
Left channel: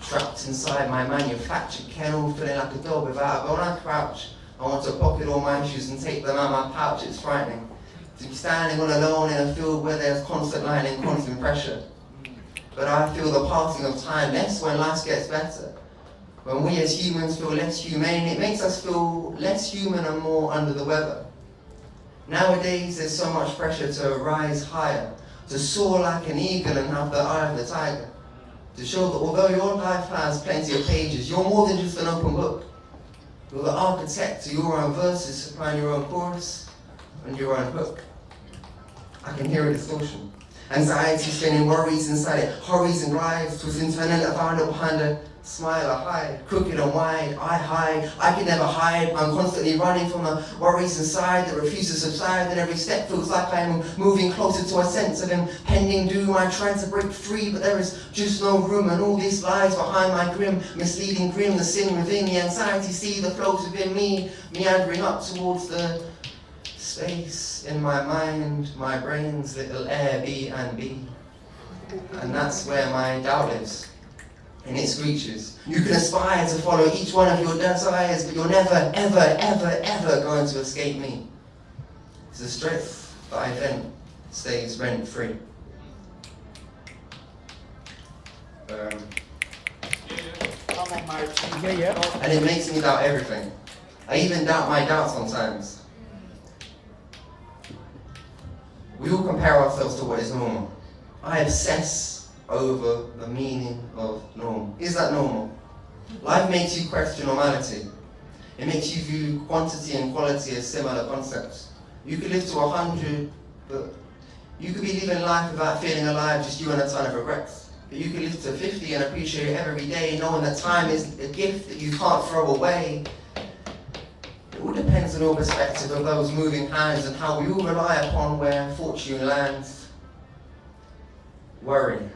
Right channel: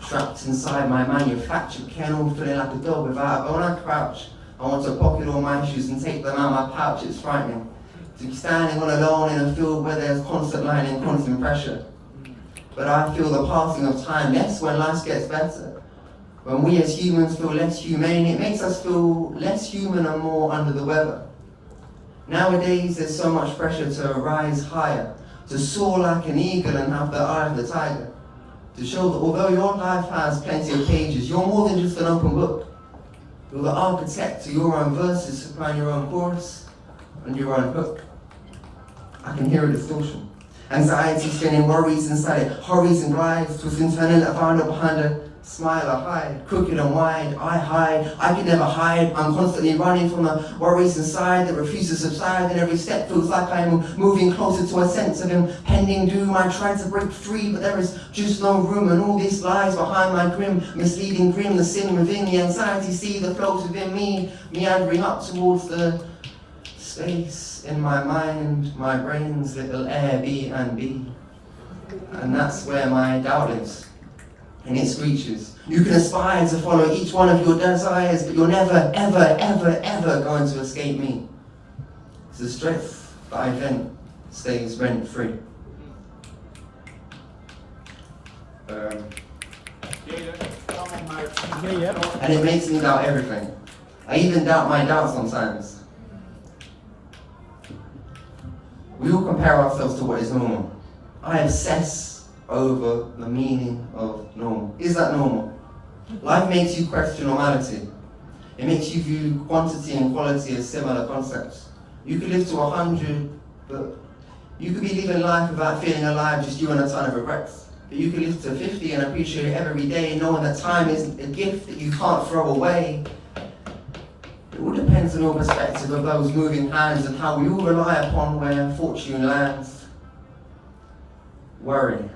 trapped inside my manufactured kennel, feeling like a dog without a bone. I crouch. I want to pocket all my shoes and take them out of my pouch. It's frightening to be standing all alone in a field where there's constant line and constant pressure. But I feel the passing of time less when life gets better. When we as humans feel less humane, it makes us feel less human and more under the weather. Nowadays, there's so much pressure to rise higher, to soar like an eagle and have the eye of the tiger, to show that although your life has plenty of pages, you're more than just an open book. You're the architect to your own verses, supplying your own chorus and your own hook. I can hear a distortion. Anxiety spinning worries inside it, hurries and glides, twisting turning that final behind a Smile, I hide, crooked and wide, I hide, I can never hide. I'm constantly running from the worries inside that refuse to subside, and every step feels like I'm moving closer to a sense of impending doom. I try to break free, but there is just no room, and all these lies behind my grim, misleading grin, the sin within the anxiety, see the flows within me, meandering up towards the space in my mind, my brain's little Airbnb. And that's where my doubt lives. And it screeches. You can aspire to follow each one of your desires, but you're never, ever, ever, ever going to escape me. It's the strength that I vent stays rent-free. And it makes me doubt everything. I even doubt my doubt sometimes. We all compare ourselves to what is normal. I obsess over the meaning of normal. Is that normal? Life makes you question normality. It makes you view quantity and quality as similar concepts. You could live to 100, but you could be living life without feeling alive, just you and a ton of regrets. But you could live to 50 and appreciate it every day, knowing that time is a gift that you can't throw away. It all depends on your perspective of those moving hands and how we all rely upon where fortune lands. Worry.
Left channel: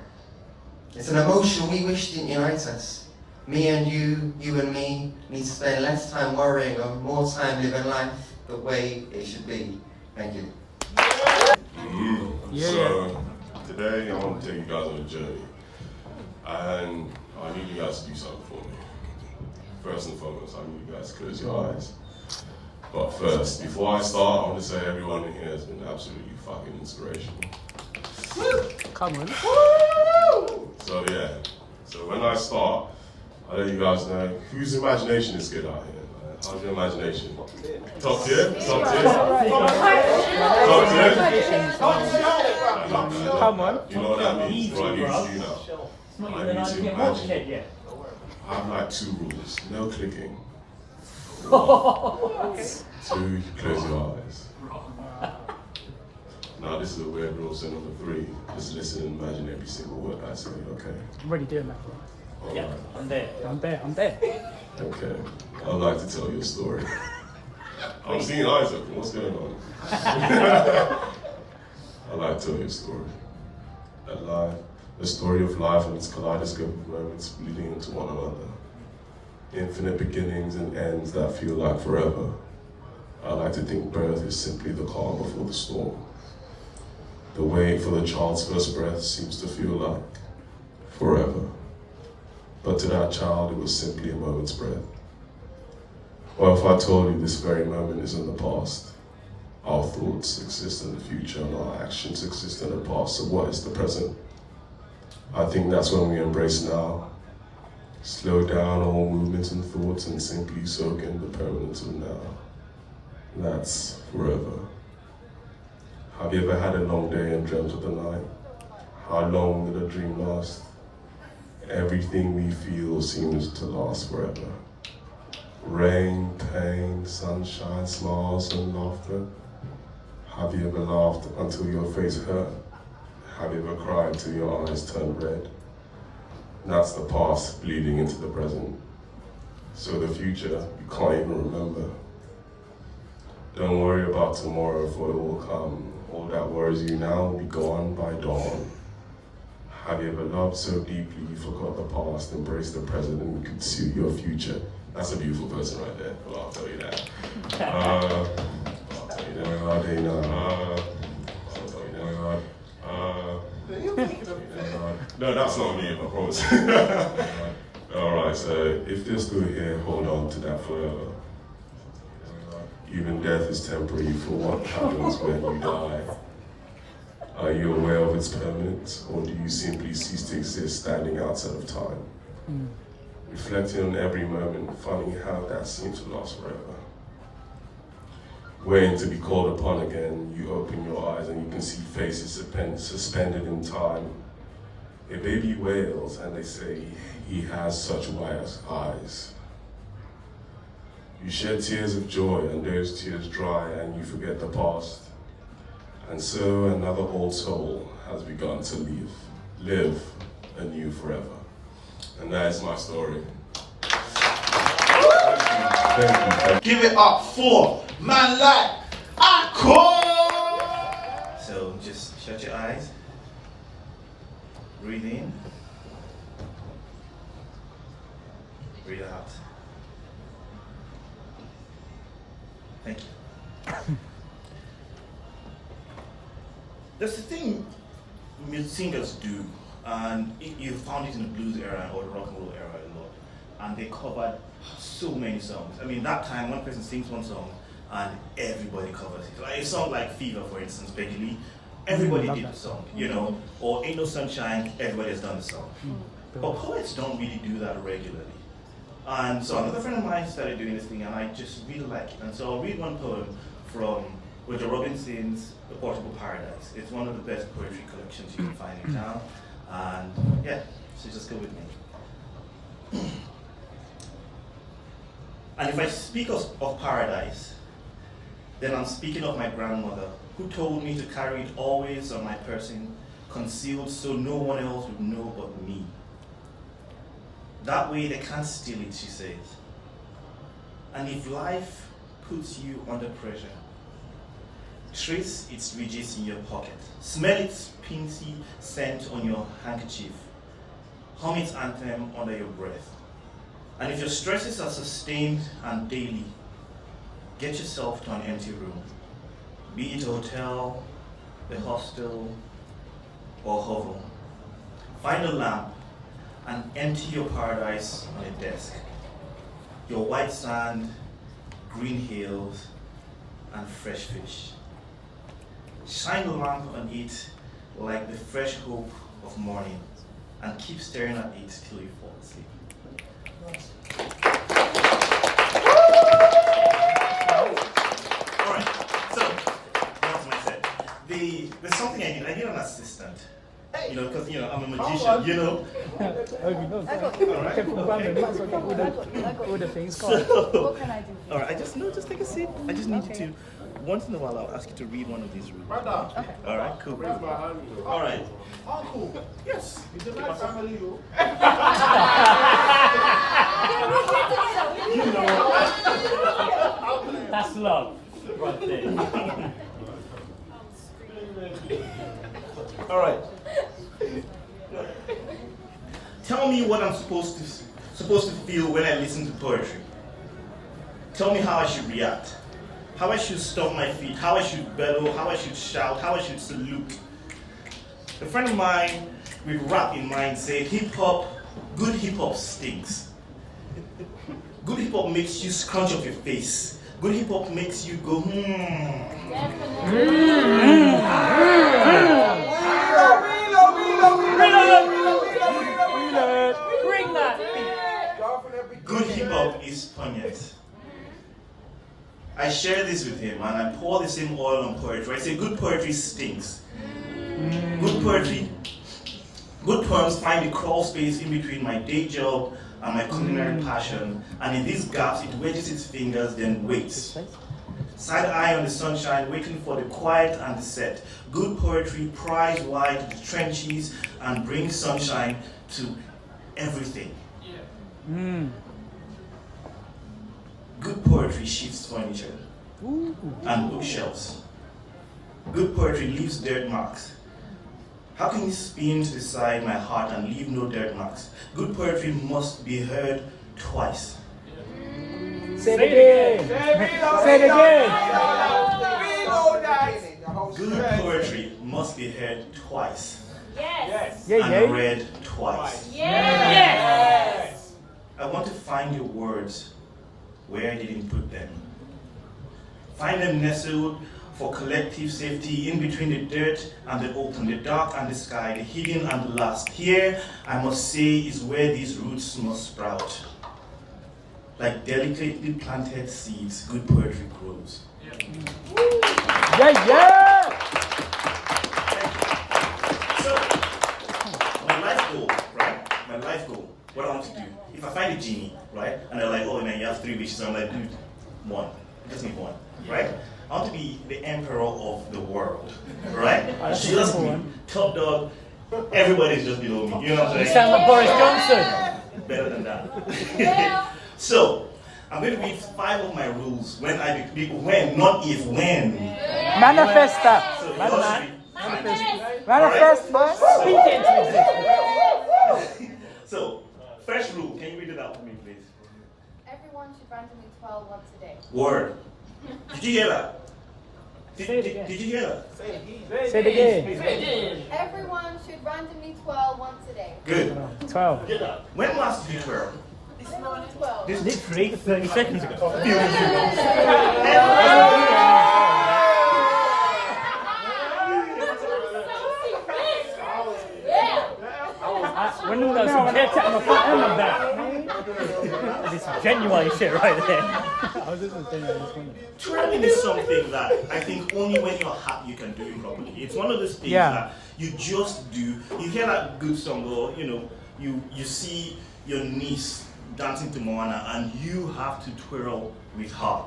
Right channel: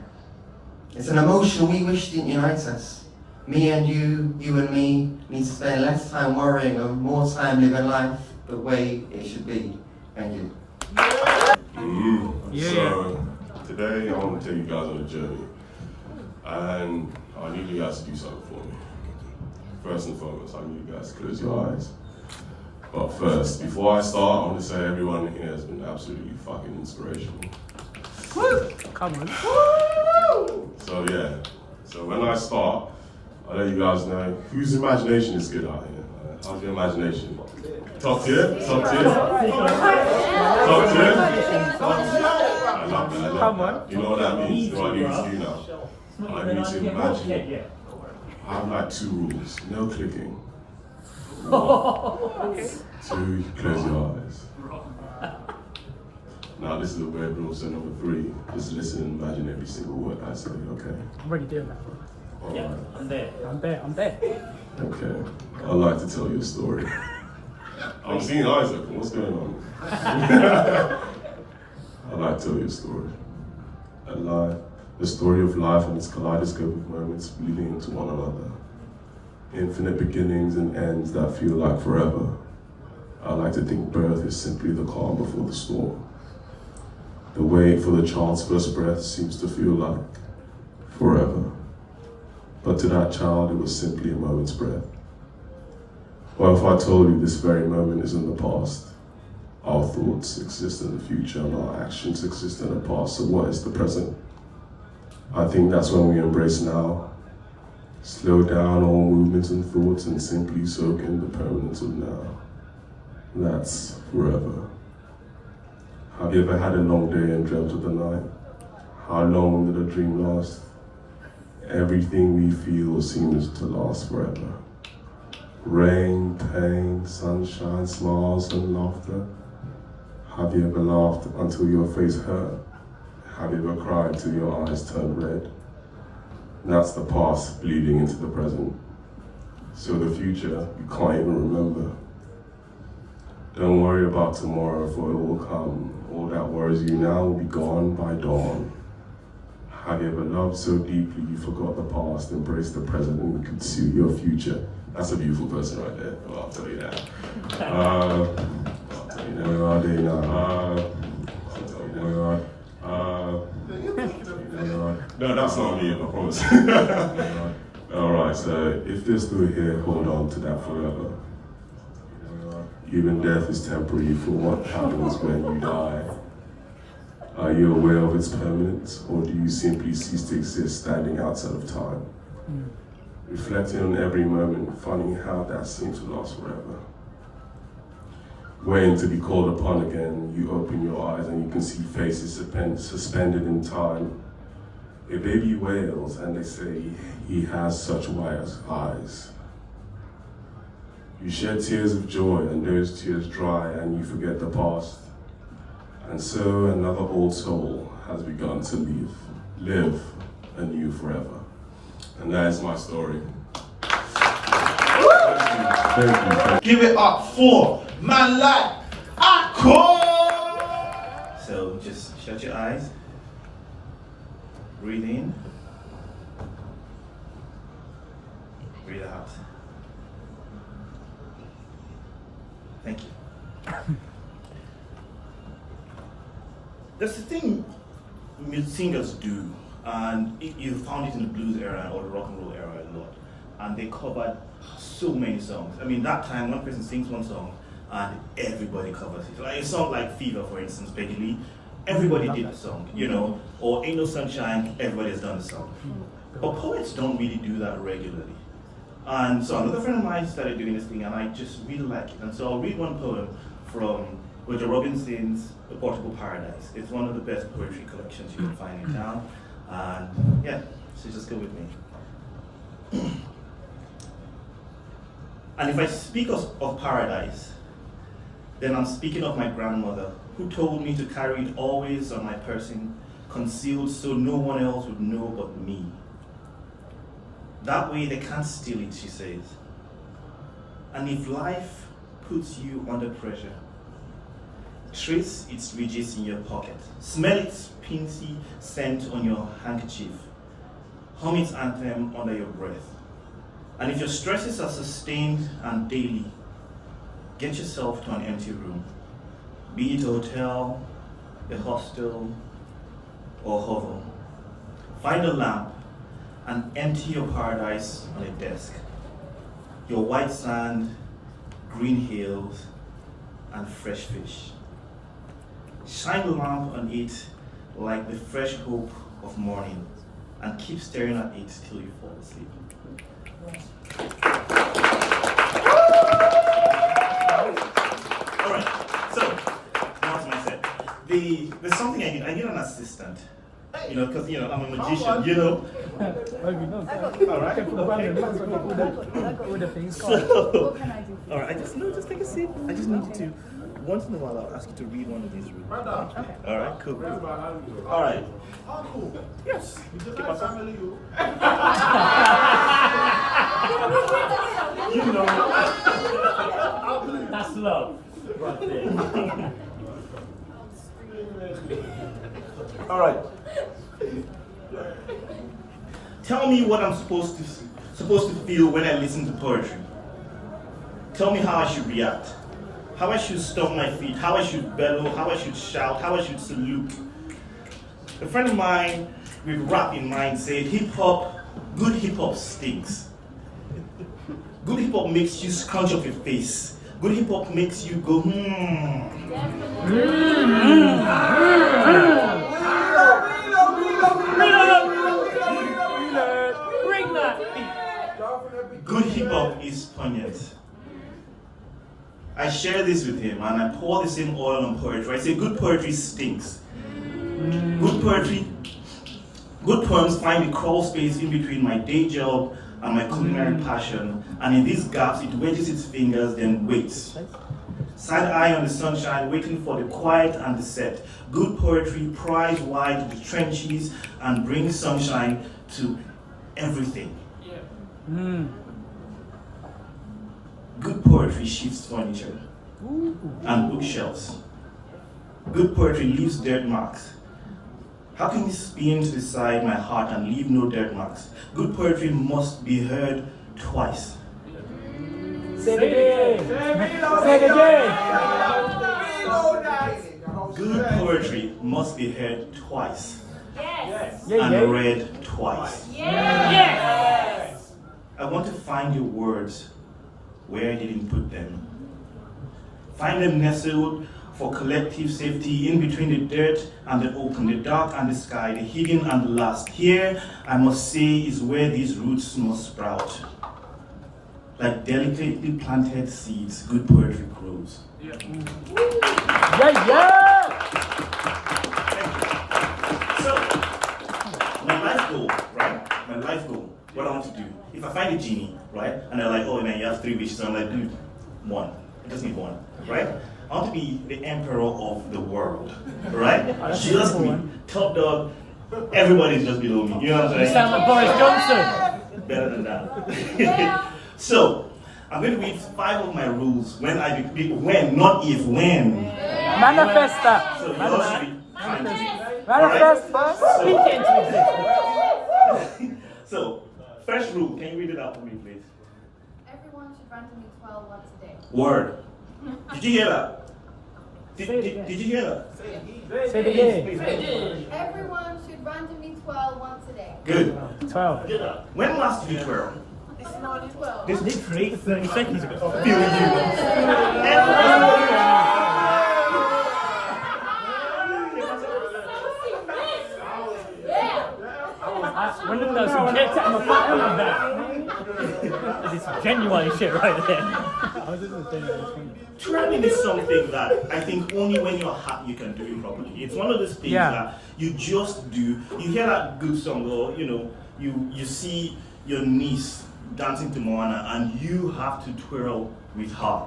It's an emotion we wish didn't unite us. Me and you and me need to spend less time worrying and more time living life the way it should be. Thank you. So, today I want to take you guys on a journey. And I need you guys to do something for me. First and foremost, I need you guys to close your eyes. But first, before I start, I want to say everyone in here has been absolutely fucking inspirational. Woo! Come on. So yeah, so when I start, I'll let you guys know whose imagination is good out here. How's your imagination? Top tier? Top tier? Top tier? I love that, I love that. You know what that means? What I need to do now? I need to imagine. I have like 2 rules. No clicking. Okay. 2, close your eyes. Now this is a weird rule, so number 3, just listen and imagine every single word I say, okay? I'm already doing All Yeah, right. I'm there. Okay, I'd like to tell you a story. I'm seeing eyes open, what's going on? I'd like to tell you a story. A story of life and its kaleidoscope of moments bleeding into one another. Infinite beginnings and ends that feel like forever. I like to think birth is simply the calm before the storm. The wait for the child's first breath seems to feel like forever. But to that child, it was simply a moment's breath. What if I told you this very moment is in the past? Our thoughts exist in the future and our actions exist in the past, so what is the present? I think that's when we embrace now. Slow down all movements and thoughts and simply soak in the permanence of now. That's forever. Have you ever had a long day and dreamt of the night? How long did a dream last? Everything we feel seems to last forever. Rain, pain, sunshine, smiles and laughter. Have you ever laughed until your face hurt? Have you ever cried till your eyes turned red? That's the past bleeding into the present. So the future, you can't even remember. Don't worry about tomorrow, for it will come. All that worries you now will be gone by dawn. Have you ever loved so deeply you forgot the past, embraced the present, and you could see your future? That's a beautiful person right there. Well, I'll tell you that. I'll tell you that. I'll tell you that. No, that's not me, I promise. Alright, so if you're still here, hold on to that forever. Even death is temporary for what happens when you die. Are you aware of its permanence, or do you simply cease to exist standing outside of time? Reflecting on every moment, finding how that seems to last forever. Waiting to be called upon again, you open your eyes and you can see faces suspended in time. A baby wails and they say, he has such white eyes. You shed tears of joy and those tears dry and you forget the past. And so another old soul has begun to live anew forever. And that is my story. Thank you. Give it up for man like Akor! So just shut your eyes. Breathe in. Breathe out. Thank you. There's a thing singers do, and you found it in the blues era or the rock and roll era a lot, and they covered so many songs. I mean, that time one person sings one song and everybody covers it. Like a song like Fever, for instance, Peggy Lee, everybody did the song, you know, or Ain't No Sunshine, everybody has done the song. But poets don't really do that regularly. And so another friend of mine started doing this thing, and I just really like it. And so I'll read one poem from Roger Robinson's The Portable Paradise. It's one of the best poetry collections you can find in town. And yeah, so just go with me. And if I speak of paradise, then I'm speaking of my grandmother, who told me to carry it always on my person, concealed so no one else would know but me. That way they can't steal it, she says. And if life puts you under pressure, trace its ridges in your pocket. Smell its pinky scent on your handkerchief. Hum its anthem under your breath. And if your stresses are sustained and daily, get yourself to an empty room. Be it a hotel, a hostel, or hovel. Find a lamp and empty your paradise on a desk. Your white sand, green hills, and fresh fish. Shine the lamp on it like the fresh hope of morning, and keep staring at it till you fall asleep. All right, so that's my set. There's something I need. I need an assistant. You know, because I'm a magician. You know. All right. Okay. So, all right. Just take a seat. I just need you to. Once in a while, I'll ask you to read one of these rules. Okay. All right. Cool. All right. Yes. Keep us up. You know. That's love. Right there. All right. Tell me what I'm supposed to feel when I listen to poetry. Tell me how I should react, how I should stomp my feet, how I should bellow, how I should shout, how I should salute. A friend of mine with rap in mind said, good hip hop stinks. Good hip hop makes you scrunch up your face. Good hip hop makes you go, Bring that. Good hip hop is poignant. I share this with him and I pour the same oil on poetry. I say good poetry stinks. Good poems find the crawl space in between my day job and my culinary passion, and in these gaps it wedges its fingers, then waits. Side eye on the sunshine, waiting for the quiet and the set. Good poetry pries wide the trenches and brings sunshine to everything. Good poetry shifts furniture and bookshelves. Good poetry leaves dirt marks. How can you spin to the side my heart and leave no dirt marks? Good poetry must be heard twice. Say it again. Say it again. Good poetry must be heard twice. Yes. And read twice. Yes. I want to find your words where I didn't put them. Find them nestled for collective safety in between the dirt and the open, the dark and the sky, the hidden and the last. Here, I must say, is where these roots must sprout. Like delicately planted seeds, good poetry grows. So, my life goal, right? My life goal, what I want to do. If I find a genie, right? And they're like, oh man, you have 3 wishes. I'm like, dude, one. I just need one, right? I want to be the emperor of the world, right? Just me, top dog. Everybody's just below me. You know what I'm saying? You sound like Boris Johnson. better than that. So, I'm going to read 5 of my rules when when, not if, when. Manifest that. So you all should be fine. Manifest that. So, first rule, can you read it out for me, please? Everyone should randomly twirl once a day. Word. Did you hear that? Did you hear that? Say it again. Everyone should randomly twirl once a day. Good. 12. When last did you twirl? This morning, 12. This literally 30 seconds ago. When you guys some shit on the front of that. This is genuine shit right there. Twirling is something that I think only when you're happy you can do it properly. It's one of those things that you just do. You hear that good song, or you see your niece dancing to Moana, and you have to twirl with her.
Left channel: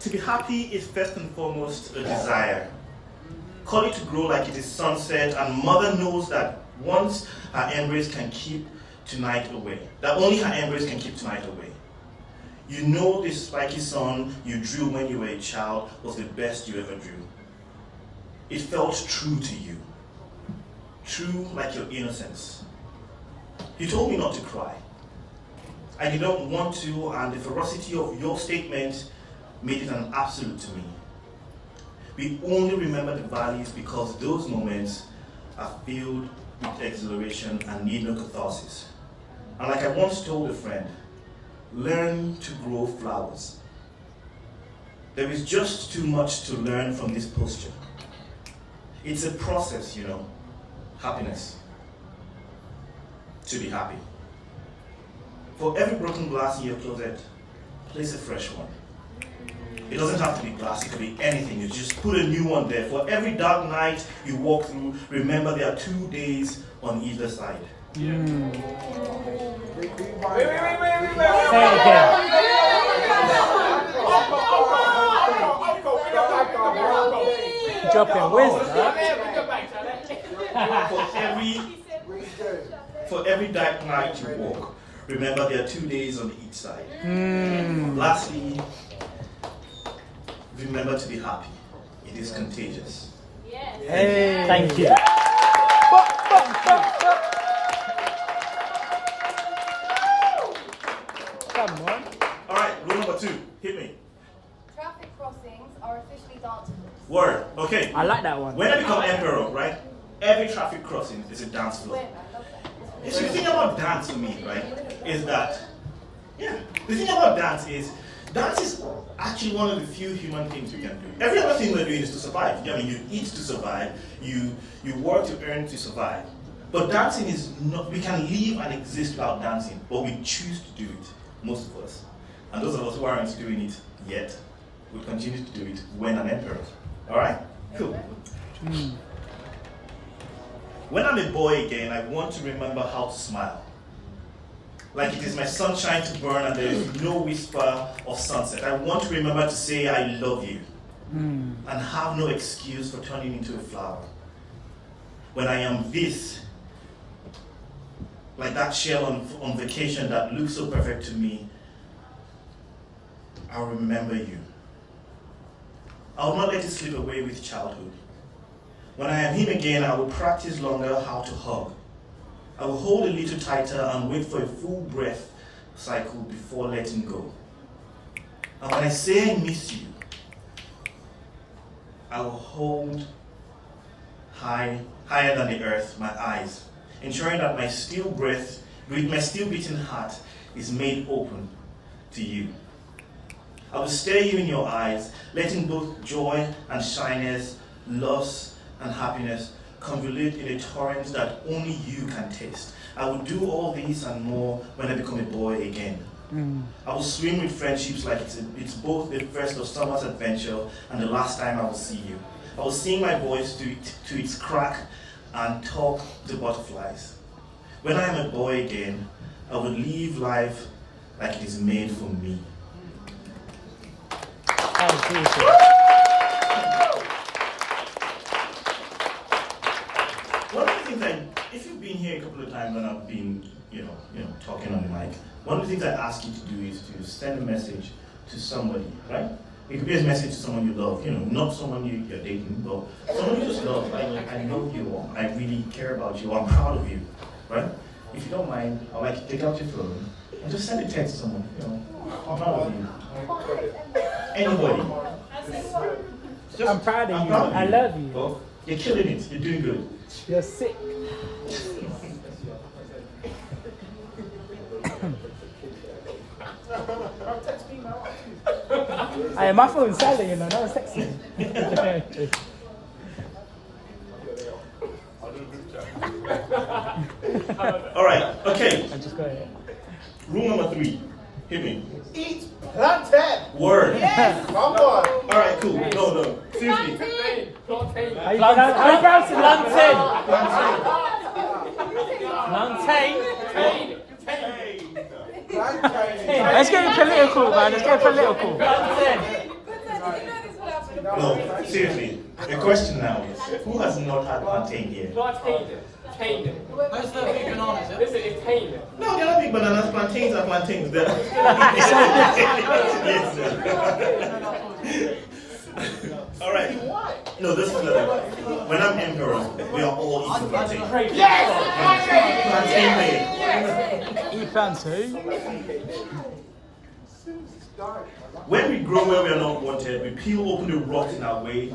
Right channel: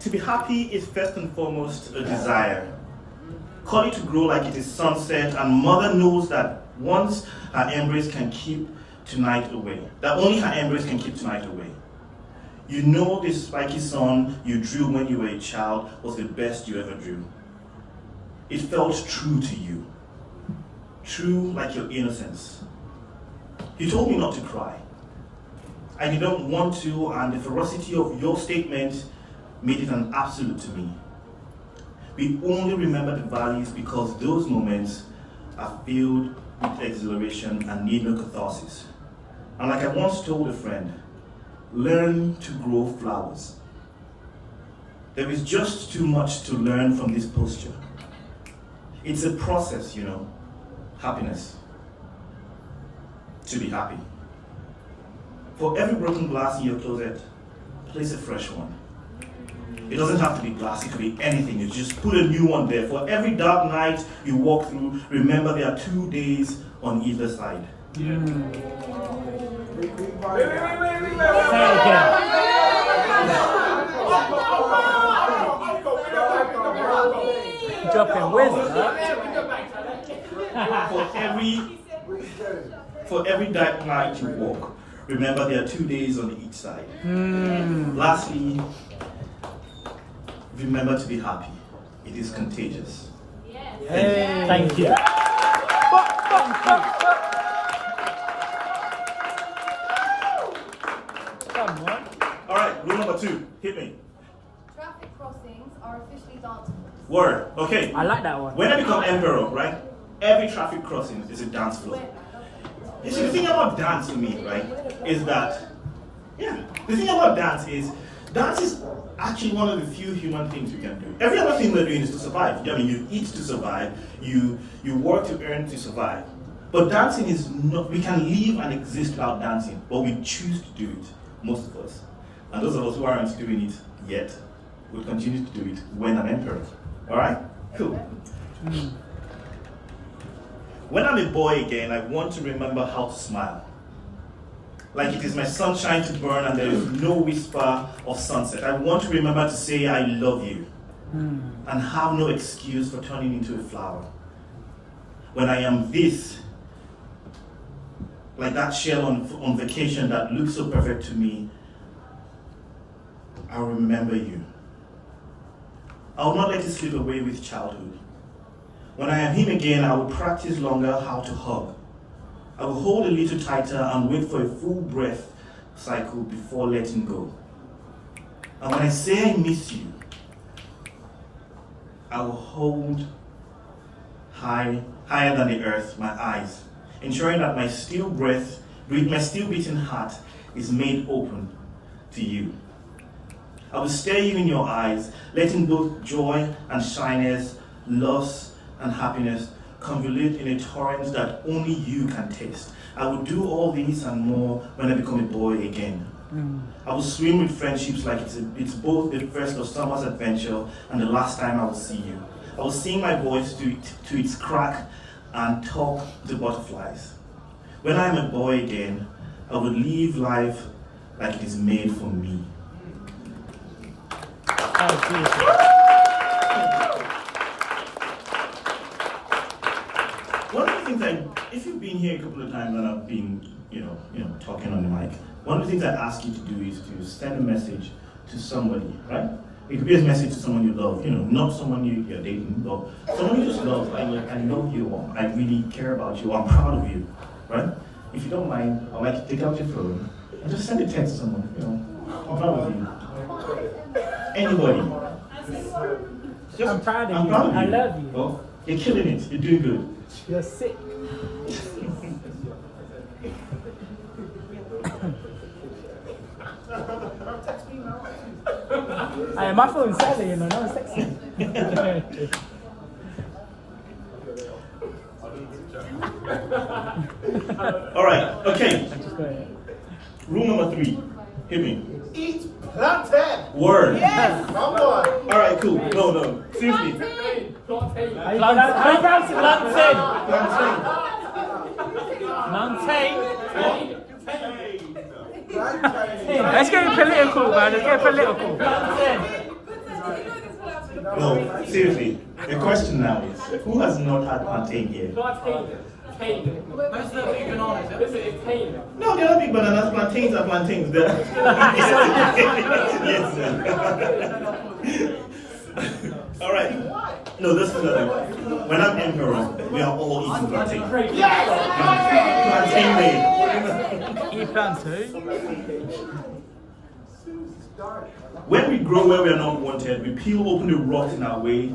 To be happy is first and foremost a desire. Call it to grow like it is sunset, and mother knows that once her embrace can keep tonight away. That only her embrace can keep tonight away. You know this spiky sun you drew when you were a child was the best you ever drew. It felt true to you. True like your innocence. You told me not to cry. I didn't want to, and the ferocity of your statement made it an absolute to me. We only remember the valleys because those moments are filled with exhilaration and need no catharsis. And like I once told a friend, learn to grow flowers. There is just too much to learn from this posture. It's a process, happiness. To be happy. For every broken glass in your closet, place a fresh one. It doesn't have to be glass, it could be anything. You just put a new one there. For every dark night you walk through, remember there are 2 days on either side. Say it again. Drop your wisdom. For every dark night you walk, remember there are 2 days on each side. Lastly, remember to be happy. It is contagious. Thank you. All right, rule number 2. Hit me. Traffic crossings are officially dance floors. Word. Okay. I like that one. When I become emperor, right? Every traffic crossing is a dance floor. So the thing about dance for me, right, is that, the thing about dance is actually one of the few human things we can do. Every other thing we're doing is to survive. I mean, you eat to survive, you work to earn to survive. But dancing is not, we can live and exist without dancing, but we choose to do it, most of us. And those of us who aren't doing it yet will continue to do it when I'm emperor. All right? Cool. When I'm a boy again, I want to remember how to smile. Like it is my sunshine to burn and there is no whisper of sunset. I want to remember to say I love you and have no excuse for turning into a flower. When I am this, like that shell on vacation that looks so perfect to me, I'll remember you. I'll not let it slip away with childhood. When I am him again, I will practice longer how to hug. I will hold a little tighter and wait for a full breath cycle before letting go. And when I say I miss you, I will hold higher than the earth, my eyes, ensuring that my still beating heart is made open to you. I will stare you in your eyes, letting both joy and shyness, loss and happiness convolute in a torrent that only you can taste. I will do all these and more when I become a boy again. I will swim with friendships like it's both the first of summer's adventure and the last time I will see you. I will sing my voice to its crack and talk to butterflies. When I am a boy again, I will live life like it is made for me. One of the things if you've been here a couple of times and I've been talking on the mic, one of the things I ask you to do is to send a message to somebody, right? It could be a message to someone you love, not someone you're dating, but someone you just love. I love you, or I really care about you, or I'm proud of you, right? If you don't mind, I'd like you to take out your phone and just send a text to someone, I'm proud of you. Anybody. I'm proud of you. I love you. Oh, you're killing it. You're doing good. You're sick. Hey, my phone's silent, no one's texting. All right, okay. Rule number 3. Hit me. Eat plantain. Word. Yes. Come on. All right, cool. No. Seriously. Let's get political, man. Let's get political. No, seriously. The question now is, who has not had plantain here? Where's the big bananas? No, they're not big bananas. Plantains are plantains. Yes. All right. No, this is the thing. When I'm emperor, we are all eating plantain. Plantain day. Eat plantain. When we grow where we are not wanted, we peel open the rot in our way,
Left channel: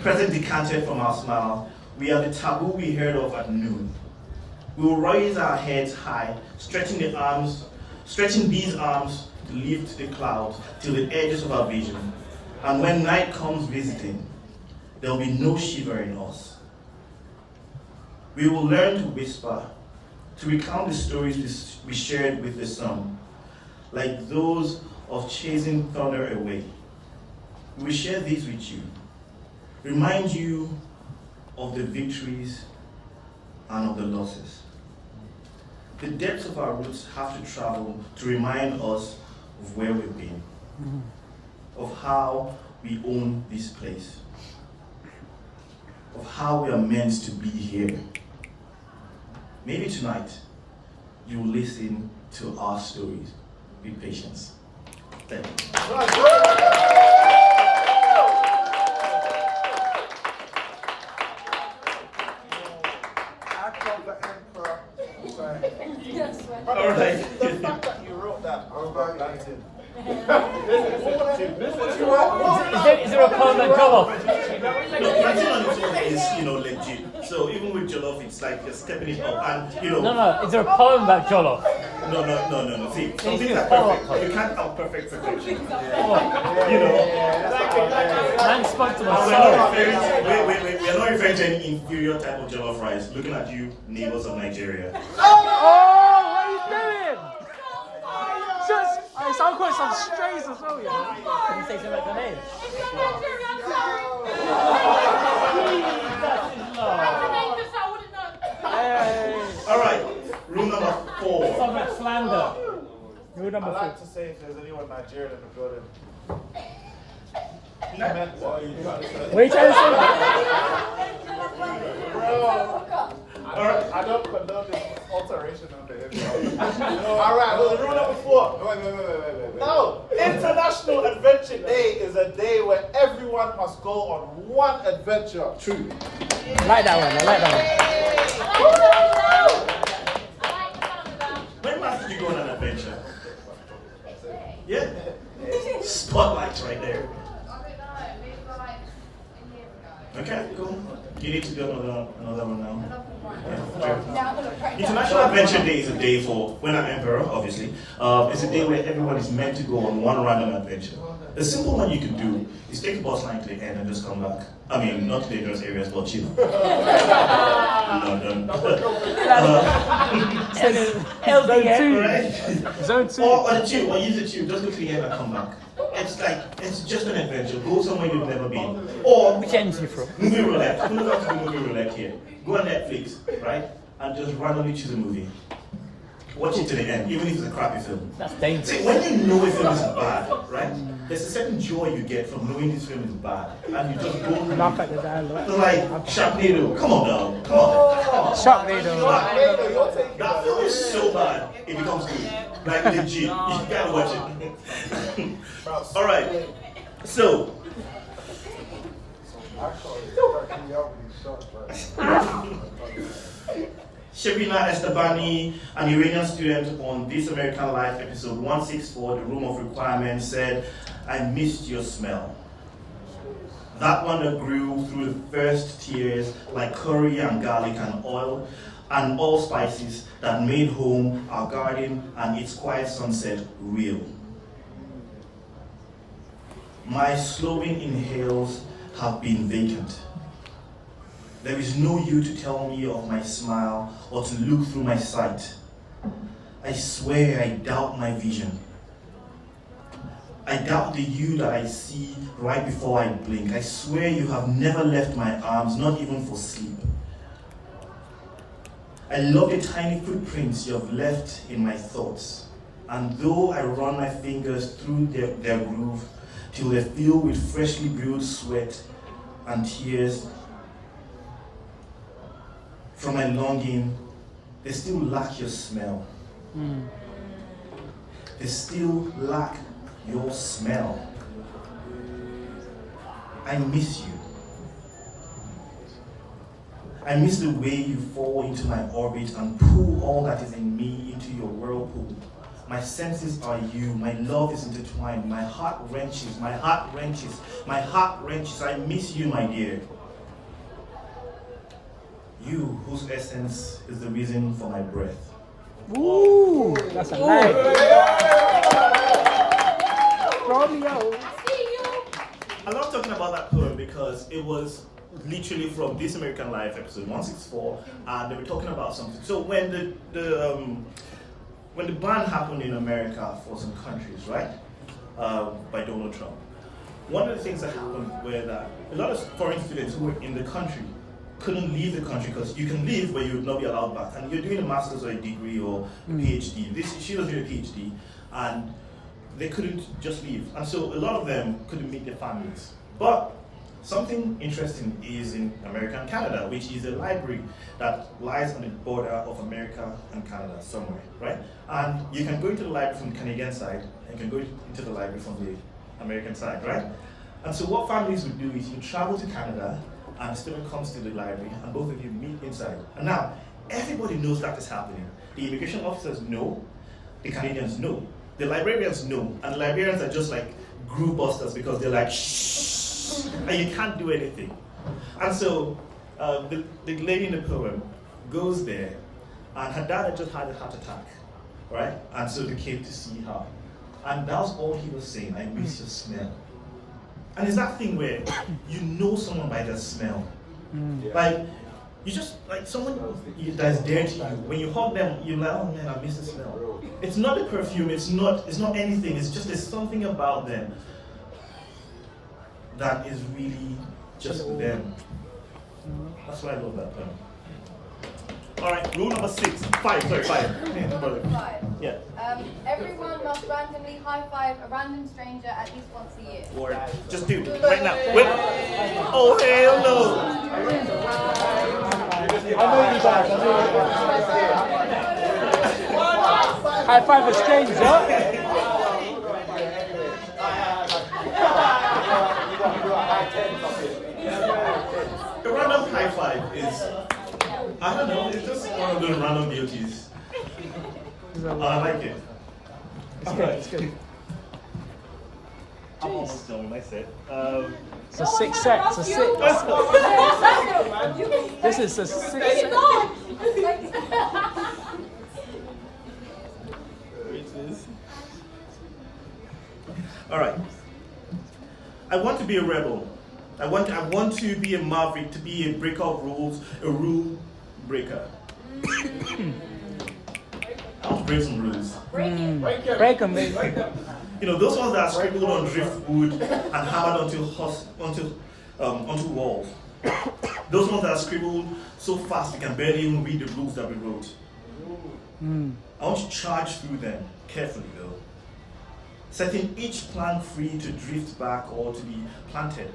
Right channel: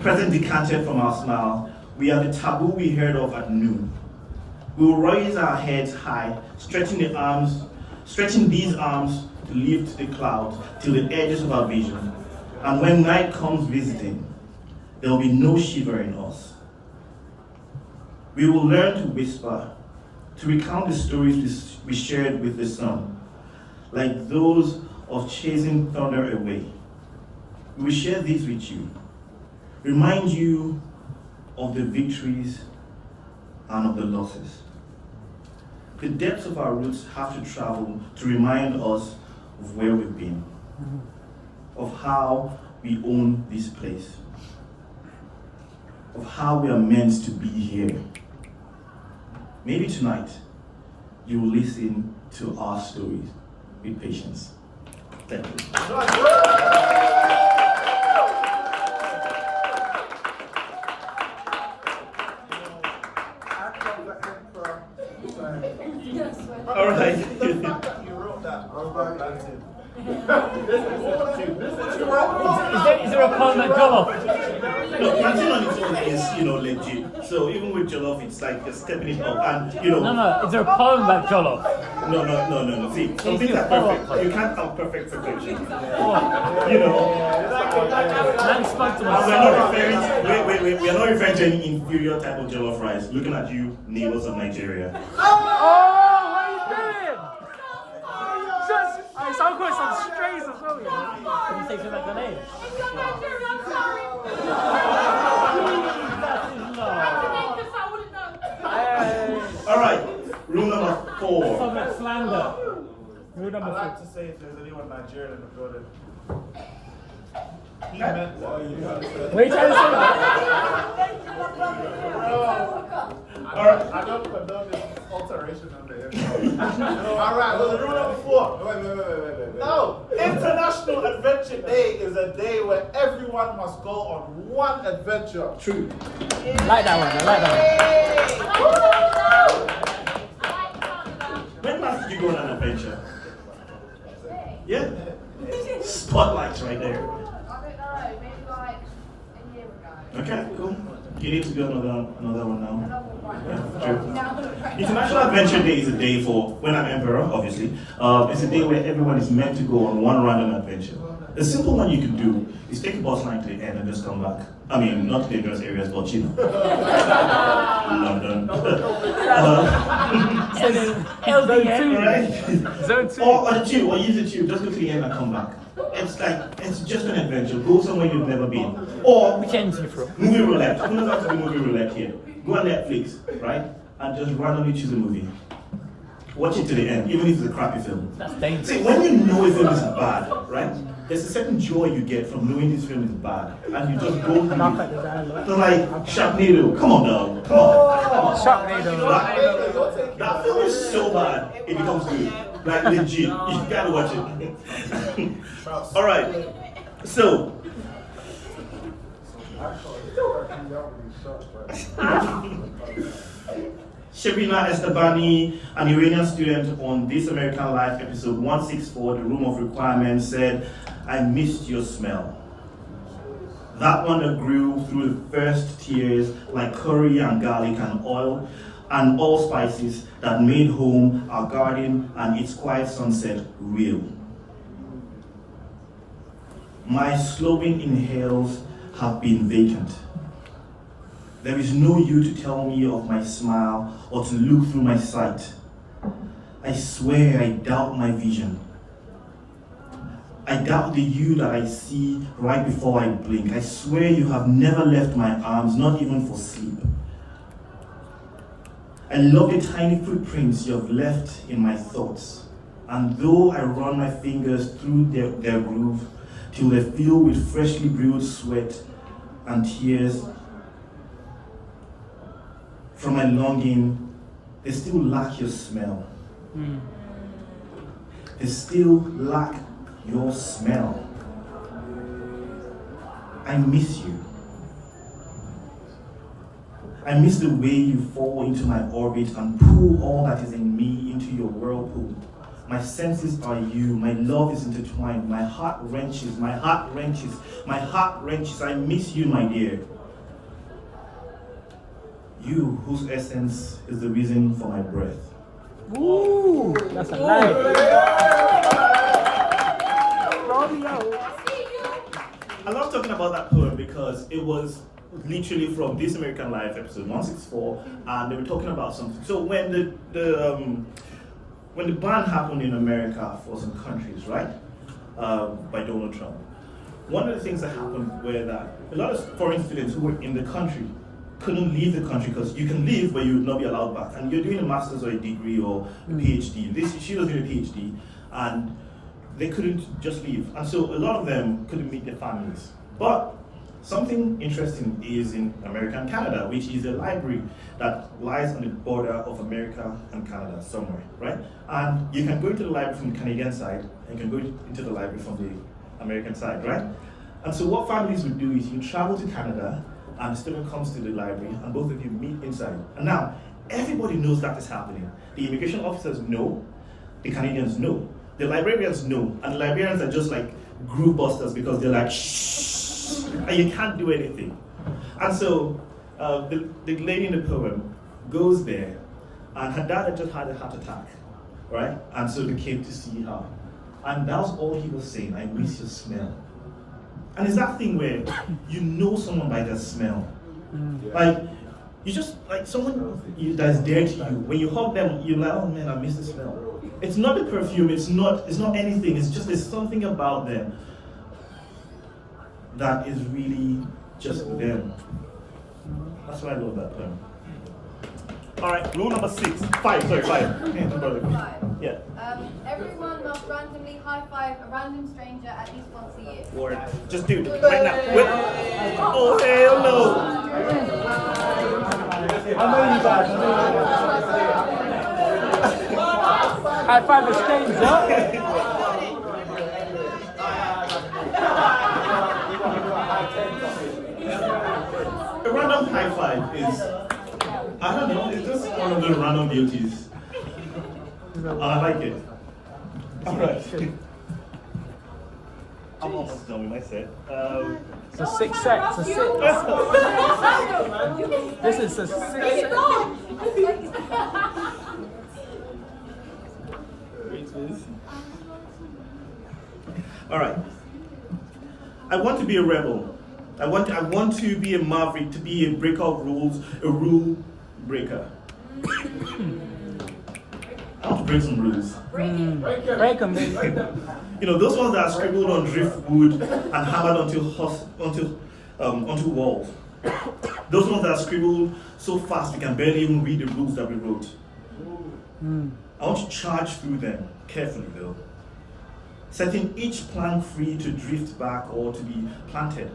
present decanted from our smile. We have the taboo we heard of at noon. We will raise our heads high, stretching these arms to lift the clouds till the edges of our vision. And when night comes visiting, there will be no shiver in us. We will learn to whisper, to recount the stories we shared with the sun, like those of chasing thunder away. We will share these with you, remind you of the victories and of the losses. The depths of our roots have to travel to remind us of where we've been, of how we own this place, of how we are meant to be here. Maybe tonight, you will listen to our stories with patience. Thank you. All right. You wrote that. Is there a poem that jollof? No, plantain on its own is, legit. So even with jollof, it's like you're stepping it up, and No. Is there a poem about jollof? No. See, some things are perfect. You can't have perfect perfection. And we're not referring. We are not referring to any inferior type of jollof rice. Looking at you, neighbors of Nigeria. I've got some strays as well. Can you say something like the name? All right, rule number 4. From slander. Rule number 4. I'd like to say if there's anyone Nigerian in the building. What are you trying to say? All right, I don't condone this alteration on the internet. All right, well, rule number 4. Wait. No, International Adventure Day is a day where everyone must go on one adventure. True. Like that one. When last did you go on an adventure? Yeah. Spotlight right there. Okay, cool. You need to go another one now. Yeah, International Adventure Day is a day for, when I'm emperor, obviously, it's a day where everyone is meant to go on one random adventure. A simple one you can do is take a bus line to the end and just come back. I mean, not to dangerous areas, but cheap. London. Right? Or the tube, or use the tube, just go to the end and come back. It's just an adventure. Go somewhere you've never been. Or which end are you from? Movie roulette. Who knows how to do movie roulette here? Go on Netflix, right? And just randomly choose a movie. Watch it to the end, even if it's a crappy film. That's dangerous. See, when you know a film is bad, right? there's a certain joy you get from knowing this film is bad, and you just go through it. It's like Sharknado. Come on, dog. Come on. That film is so bad, it becomes good. Like legit. You gotta watch it. All right. So. Shabina Estabani, an Iranian student on This American Life episode 164, The Room of Requirement, said, "I missed your smell. That one that grew through the first tears like curry and garlic and oil and all spices that made home, our garden, and its quiet sunset real. My slowing inhales have been vacant. There is no you to tell me of my smile or to look through my sight. I swear I doubt my vision. I doubt the you that I see right before I blink. I swear you have never left my arms, not even for sleep. I love the tiny footprints you have left in my thoughts. And though I run my fingers through their groove till they fill with freshly brewed sweat and tears, from my longing, they still lack your smell. They still lack your smell. I miss you. I miss the way you fall into my orbit and pull all that is in me into your whirlpool. My senses are you, my love is intertwined, my heart wrenches, my heart wrenches, my heart wrenches. I miss you, my dear. You, whose essence is the reason for my breath." Ooh, that's a line. I love talking about that poem because it was literally from This American Life episode 164, and they were talking about something. So when the ban happened in America for some countries, right, by Donald Trump, one of the things that happened were that a lot of foreign students who were in the country couldn't leave the country because you can leave, but you would not be allowed back. And you're doing a master's or a degree or a PhD. She was doing a PhD, and they couldn't just leave. And so a lot of them couldn't meet their families. But something interesting is in America and Canada, which is a library that lies on the border of America and Canada somewhere, right? And you can go into the library from the Canadian side, and you can go into the library from the American side, right? And so what families would do is you travel to Canada, and the student comes to the library, and both of you meet inside. And now, everybody knows that is happening. The immigration officers know, the Canadians know, the librarians know, and the librarians are just like group busters because they're like, shh, and you can't do anything. And so, the lady in the poem goes there, and her dad had just had a heart attack, right? And so they came to see her. And that was all he was saying, "I miss your smell." And it's that thing where you know someone by their smell. Like, you just, like someone that's dear to you, when you hug them, you're like, "Oh man, I miss the smell." It's not the perfume, it's not anything, it's just there's something about them that is really just them. That's why I love that poem. All right, rule number 5. Yeah. Everyone must randomly high-five a random stranger at least once a year. Or just do it right now. Wait. Oh, hell no. I know you guys. High five a stranger. A random high five is, I don't know, it's just one of those random beauties. And I like it. Alright. I'm almost done with my set. It's a 6 sets. This is a 6. Alright. I want to be a rebel. I want to be a maverick, to be a breaker of rules, a rule breaker. I want to break some rules. Break them. You know, those ones that are scribbled on driftwood and hammered onto walls. Those ones that are scribbled so fast we can barely even read the rules that we wrote. I want to charge through them, carefully though. setting each plank free to drift back or to be planted.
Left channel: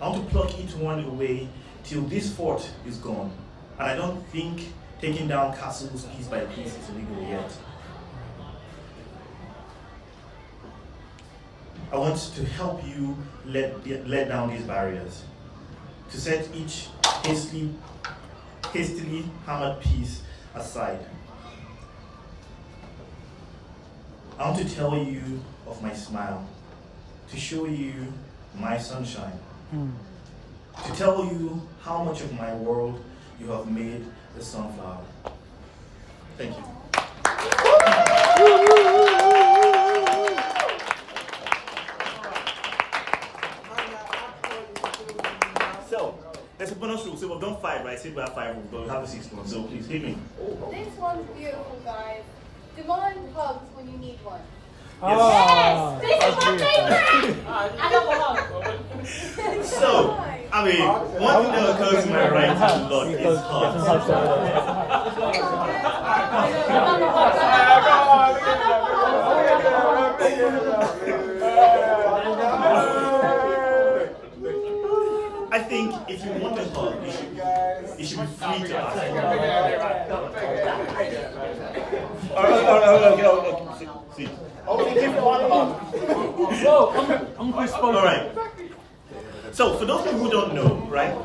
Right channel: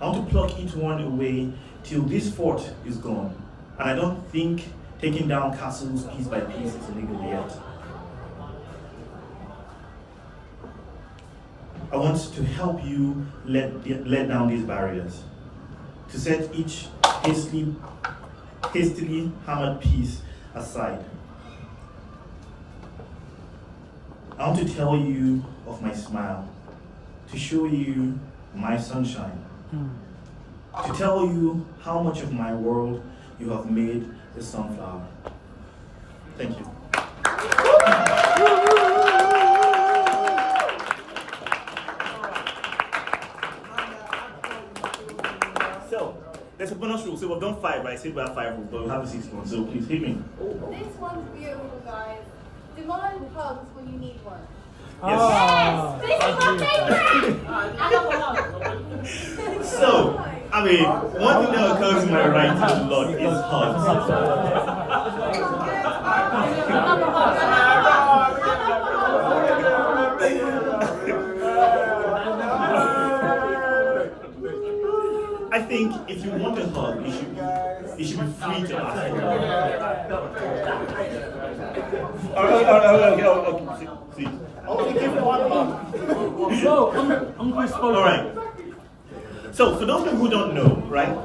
I want to pluck each one away till this fort is gone. And I don't think taking down castles piece by piece is illegal yet. I want to help you let down these barriers, to set each hastily hammered piece aside. I want to tell you of my smile, to show you my sunshine, to tell you how much of my world you have made a sunflower. Thank you. So, there's a bonus rule. So we've done 5, right? I said we have 5 rules, but we have the 6th one. So please hit me. This one's beautiful, guys. Demand hugs when you need one. Yes. This is my favorite. So, I mean, one thing that occurs in my writing a lot is hugs. I think if you want a hug, you should be free to ask for one. All right. So for those people who don't know, right,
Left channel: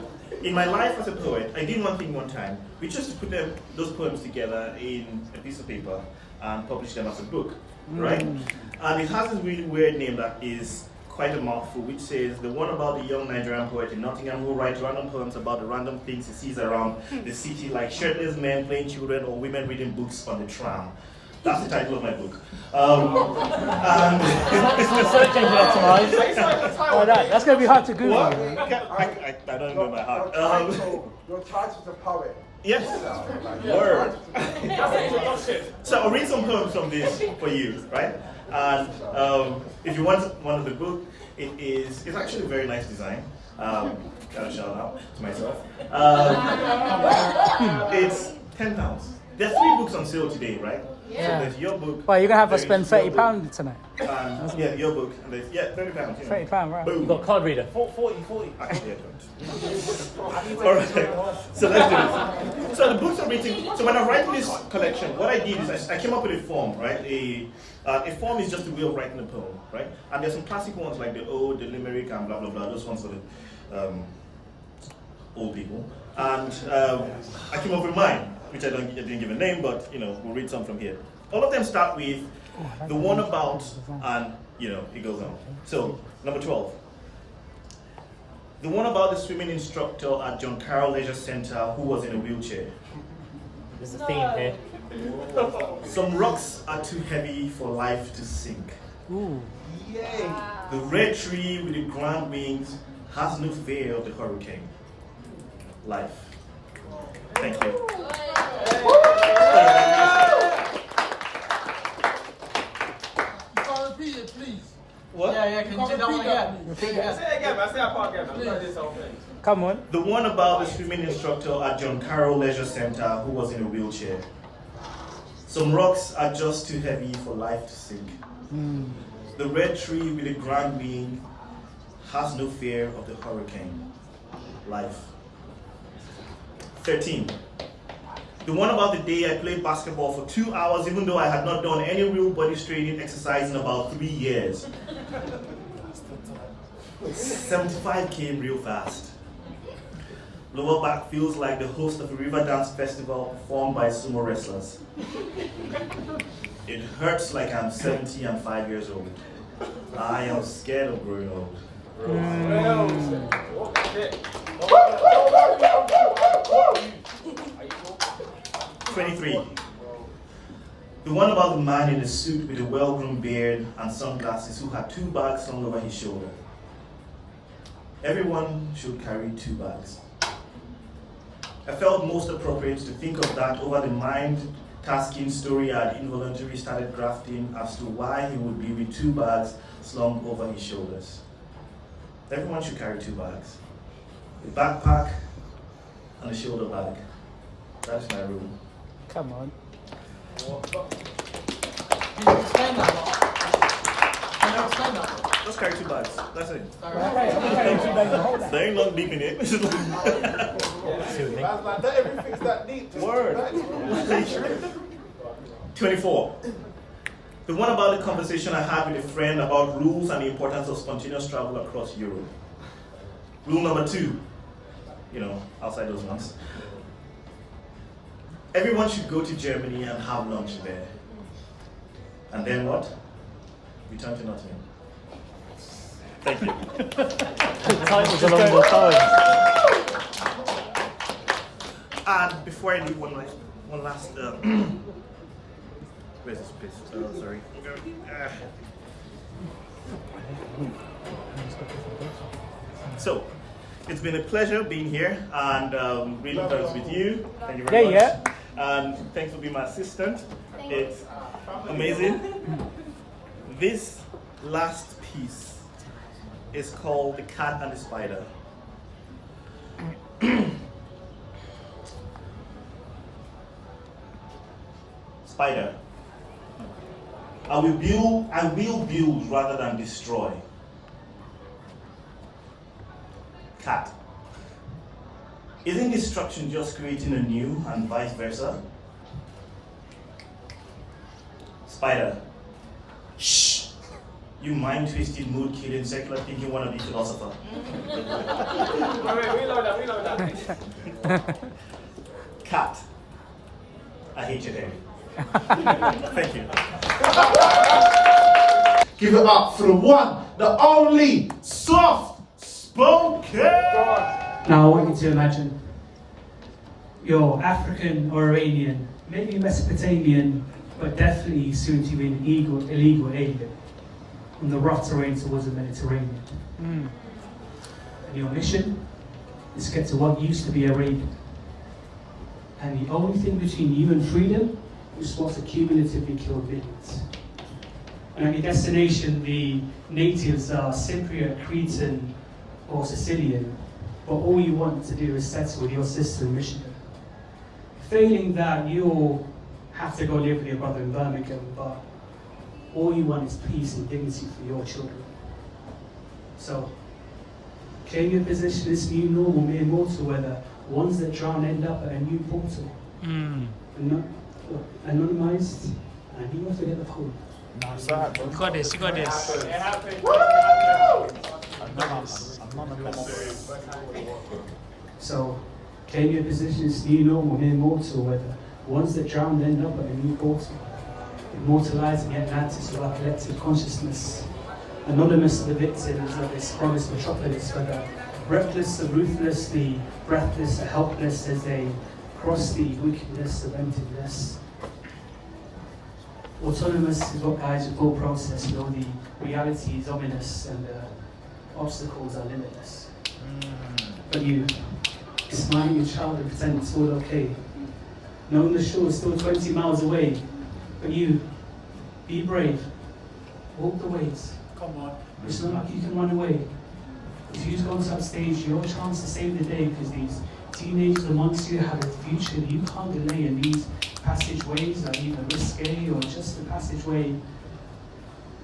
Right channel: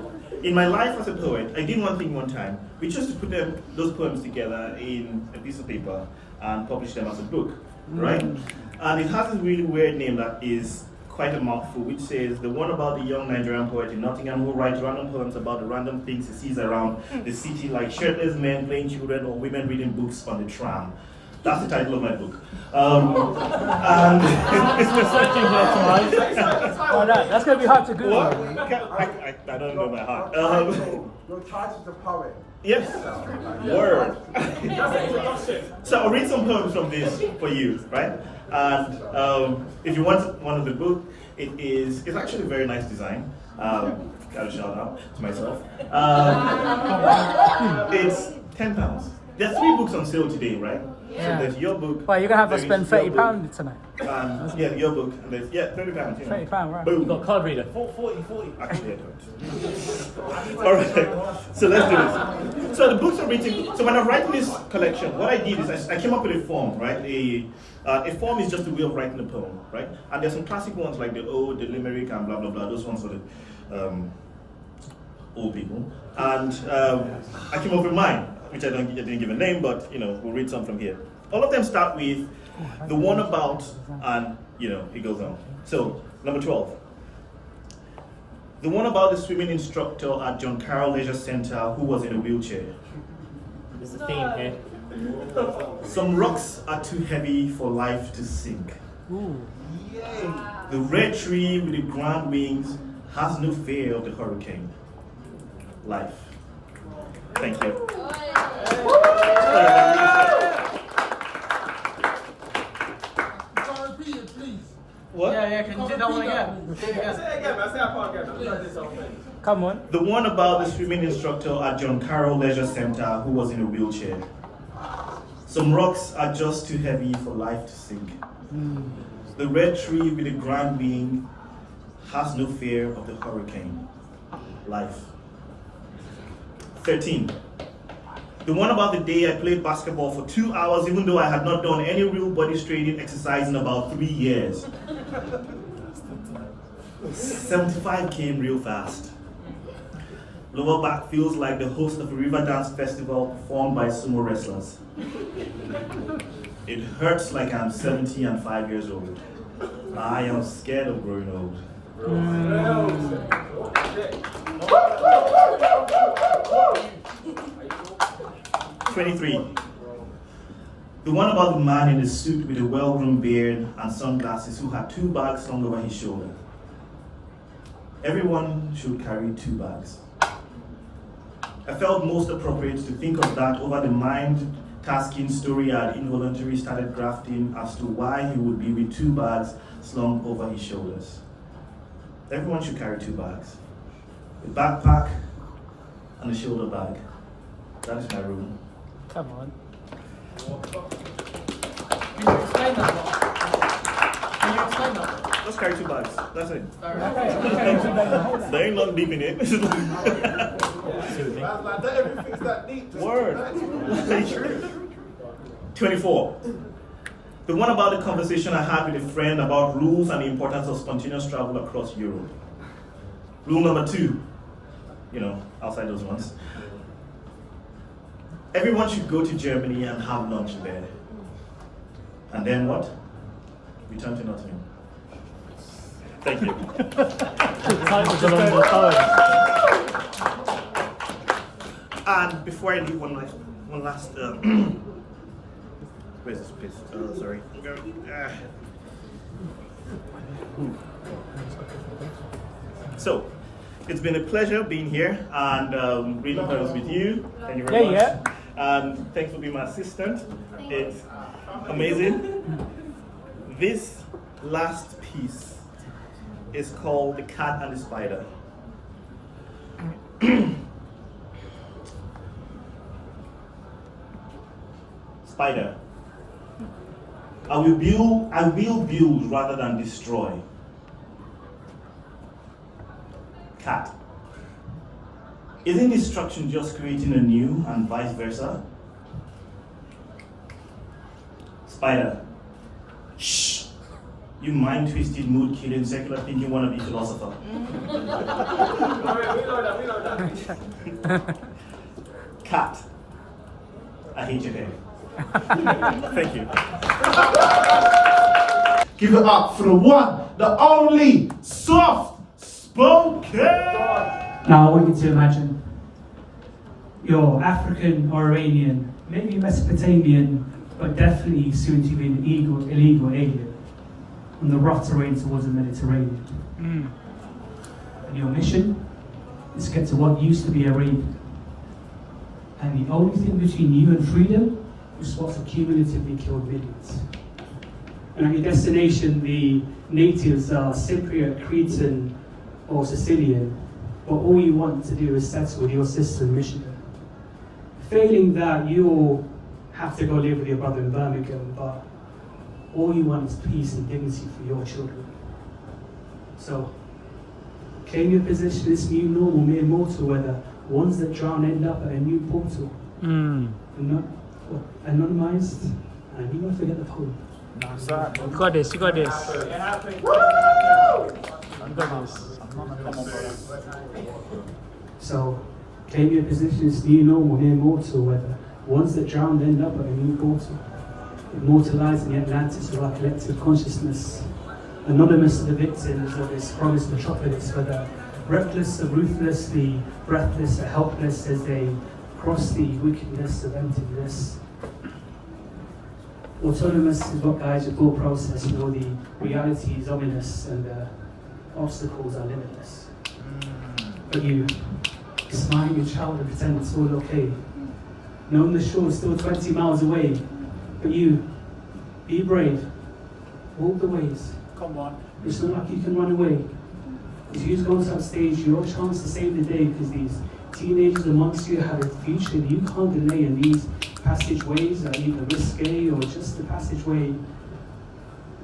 in my life as a poet, I did one thing one time, which was to put those poems together in a piece of paper and publish them as a book, right? And it has this really weird name that is quite a mouthful, which says, the one about the young Nigerian poet in Nottingham who writes random poems about the random things he sees around the city, like shirtless men playing children or women reading books on the tram. That's the title of my book. And that's going to be hard to do. What? I don't know by heart. Your title's a poet. Yes. Word. So I'll read some poems from this for you, right? And if you want one of the book, it's actually a very nice design. Got a shout out to myself. It's £10. There are 3 books on sale today, right? Yeah. So there's your book. Well, you're going to have to spend £30 tonight. Yeah, your book, and there's, yeah, £30, you know. £30, right. Boom. You've got a card reader. 40. Actually, I don't. All right, so let's do this. So the books are written, so when I'm writing this collection, what I did is I came up with a form, right? A form is just a way of writing a poem, right? And there's some classic ones like the ode, the limerick, and blah, blah, blah. Those ones for the old people. And I came up with mine, which I didn't give a name, but, you know, we'll read some from here. All of them start with the one about, and, you know, it goes on. So, number 12. The one about the swimming instructor at John Carroll Leisure Center who was in a wheelchair. There's a theme here. Some rocks are too heavy for life to sink. Ooh. Yay. The red tree with the grand wings has no fear of the hurricane. Life. Thank you. Repeat it, please. What? Yeah, can you do that one again? Say it again, I say I can't get it. This whole thing. Come on. The one about the swimming instructor at John Carroll Leisure Center who was in a wheelchair. Some rocks are just too heavy for life to sink. The red tree with a grand wing has no fear of the hurricane. Life. 13. The one about the day I played basketball for 2 hours even though I had not done any real body straining exercise in about 3 years. 75 came real fast. Lower back feels like the host of a river dance festival performed by sumo wrestlers. It hurts like I'm 70 and 5 years old. I am scared of growing old. 23. The one about the man in a suit with a well-groomed beard and sunglasses who had 2 bags slung over his shoulder. Everyone should carry 2 bags. I felt most appropriate to think of that over the mind-tasking story I had involuntarily started grafting as to why he would be with 2 bags slung over his shoulders. Everyone should carry 2 bags. A backpack and a shoulder bag. That is my room. Come on. Explain that one. Just carry 2 bags. That's it. There ain't nothing deep in it. Everything's that deep. Word. 24. The one about the conversation I had with a friend about rules and the importance of spontaneous travel across Europe. Rule number 2, outside those ones. Everyone should go to Germany and have lunch there. And then what? Return to Nottingham. Thank you. And before I leave, one last. Where's this piece? Oh, sorry. So, it's been a pleasure being here and reading poems with you. Thank you very much. And thanks for being my assistant. It's amazing. This last piece is called The Cat and the Spider. Spider. I will build rather than destroy. Cat. Isn't destruction just creating anew and vice versa? Spider. Shh! You mind-twisted, mood-killing, secular thinking wannabe philosopher. Reload that. Cat. I hate you there. Thank you. Give it up for the one, the only, soft-spoken! Now I want you to imagine you're African or Iranian, maybe Mesopotamian, but definitely soon to be an illegal alien on the rough terrain towards the Mediterranean. And your mission is to get to what used to be Arabia. And the only thing between you and freedom is what's accumulatively killed millions. And at your destination, the natives are Cypriot, Cretan, or Sicilian, but all you want to do is settle with your sister in Michigan. Failing that, you'll have to go live with your brother in Birmingham, but all you want is peace and dignity for your children. So, claim your position as new normal, mere mortal, where the ones that drown end up at a new portal. Anonymized, and you won't forget the poem. You got this, you got this. You got this. So, claim your position as new normal, mere mortal, where the ones that drown end up at a new portal. Immortalizing Atlantis of our collective consciousness. Anonymous to the victims of this promised metropolis, where the reckless, the ruthless, the breathless, the helpless, as they cross the wickedness of emptiness. Autonomous is what guides your thought process, the reality is ominous and the obstacles are limitless. But you smiling your child and pretend it's all okay, knowing the shore is still 20 miles away. But you, be brave, walk the ways. Come on. It's not like you can run away. If you go on that stage, your chance to save the day, because these teenagers amongst you have a future you can't delay, and these passageways are either risque or just a passageway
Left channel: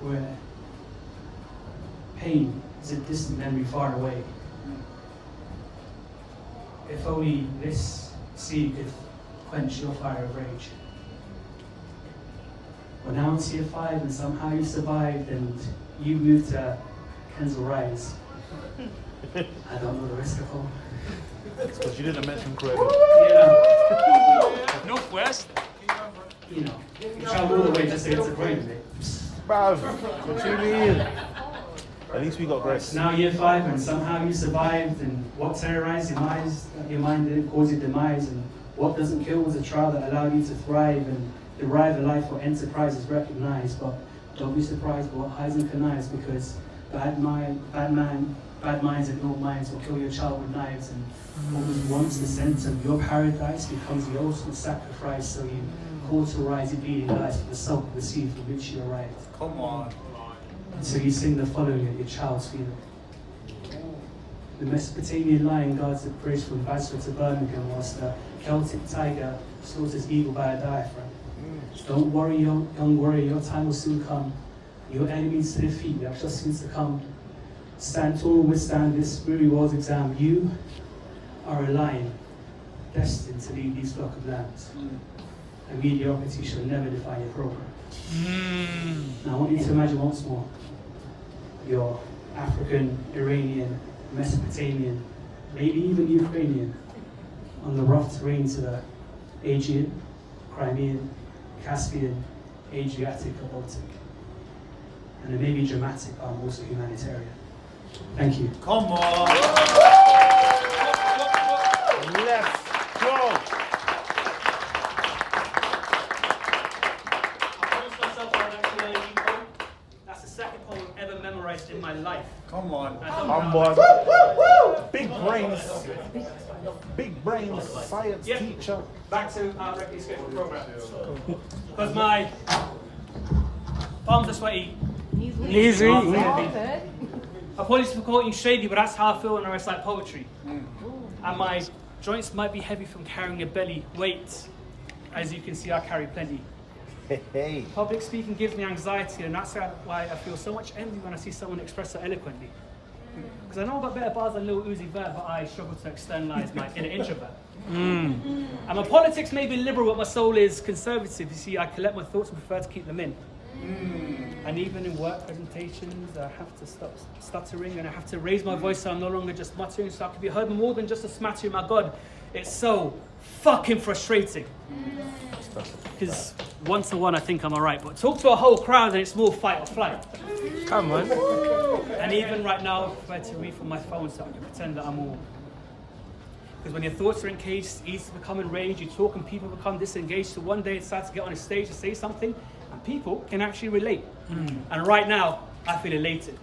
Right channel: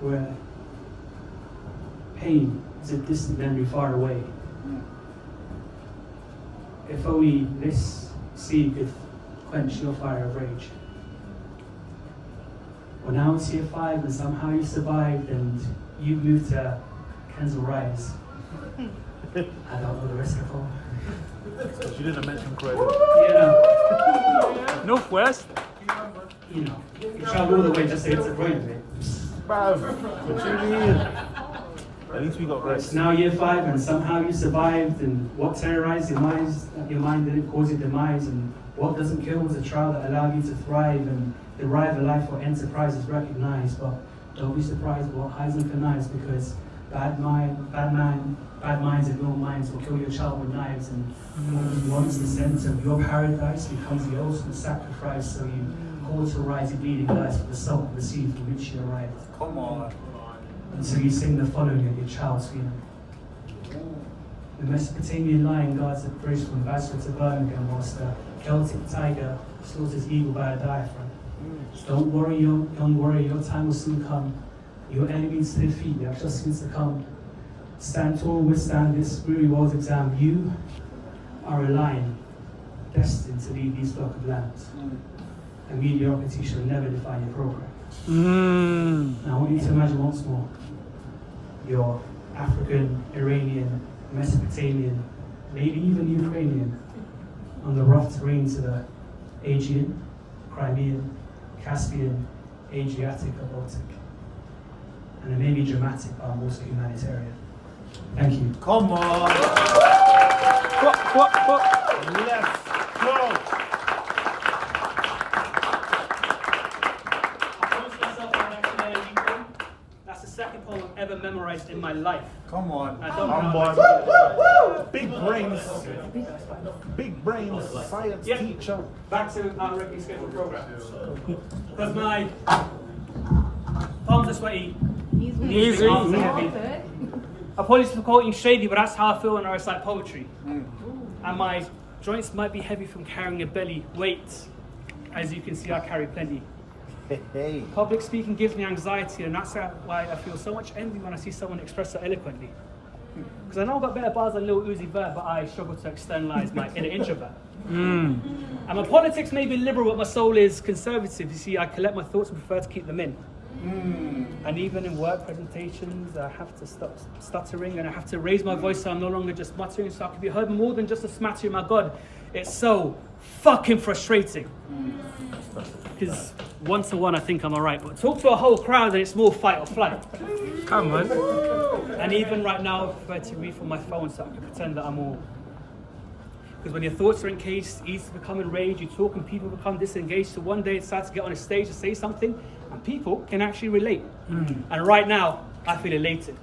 where pain is a distant memory far away. If only this sea could quench your fire of rage. Well, now it's year 5 and somehow you survived and you moved to Kensal Rise. I don't know the rest of them. But you didn't mention Croatia. Northwest? You traveled all the way just to get to Croatia, mate. Bruv, what you mean? At least we got Right, this. it's now year 5 and somehow you survived, and what terrorized your mind didn't cause your demise, and what doesn't kill was a trial that allowed you to thrive and derive a life where enterprise is recognized. But don't be surprised what hides and connives, because bad minds and your minds will kill your child with knives, and once the sense of your paradise becomes the ultimate sacrifice, so you cauterize your bleeding lives for the salt of the sea from which you arrived. Come on. And so you sing the following at your child's funeral. The Mesopotamian lion guards the bridge from Basra to Birmingham, whilst the Celtic tiger slaughters eagle by a diaphragm. Don't worry, young warrior, your time will soon come. Your enemies to defeat, they are just soon to come. Stand tall, withstand this weary world's exam. You are a lion, destined to lead these flock of lambs. And mediocrity shall never define your program. Now I want you to imagine once more. You're African, Iranian, Mesopotamian, maybe even Ukrainian, on the rough terrains of the Aegean, Crimean, Caspian, Adriatic, or Baltic. And it may be dramatic, but I'm also humanitarian. Thank you. Come on. Let's go. That's the second poem I've ever memorized in my life. Come on. I don't know Big brains. Big brains. Science teacher. Back to our regularly scheduled program. Because my palms are sweaty. Easy. Arms are heavy. Apologies for quoting shady, but that's how I feel when I recite poetry. And my joints might be heavy from carrying a belly weight. As you can see, I carry plenty. Public speaking gives me anxiety, and that's why I feel so much envy when I see someone express so eloquently. Because I know I've got better bars than Lil Uzi Vert, but I struggle to externalize my inner introvert. And my politics may be liberal, but my soul is conservative. You see, I collect my thoughts and prefer to keep them in. And even in work presentations, I have to stop stuttering, and I have to raise my voice so I'm no longer just muttering, so I can be heard more than just a smattering. My God, it's so fucking frustrating. Because one-to-one, I think I'm alright, but talk to a whole crowd and it's more fight or flight. Come on. And even right now, I prefer to read from my phone so I can pretend that I'm all. Because when your thoughts are encaged, it's easy to become enraged. You talk and people become disengaged. So one day it's time to get on a stage and say something, and people can actually relate. And right now, I feel elated.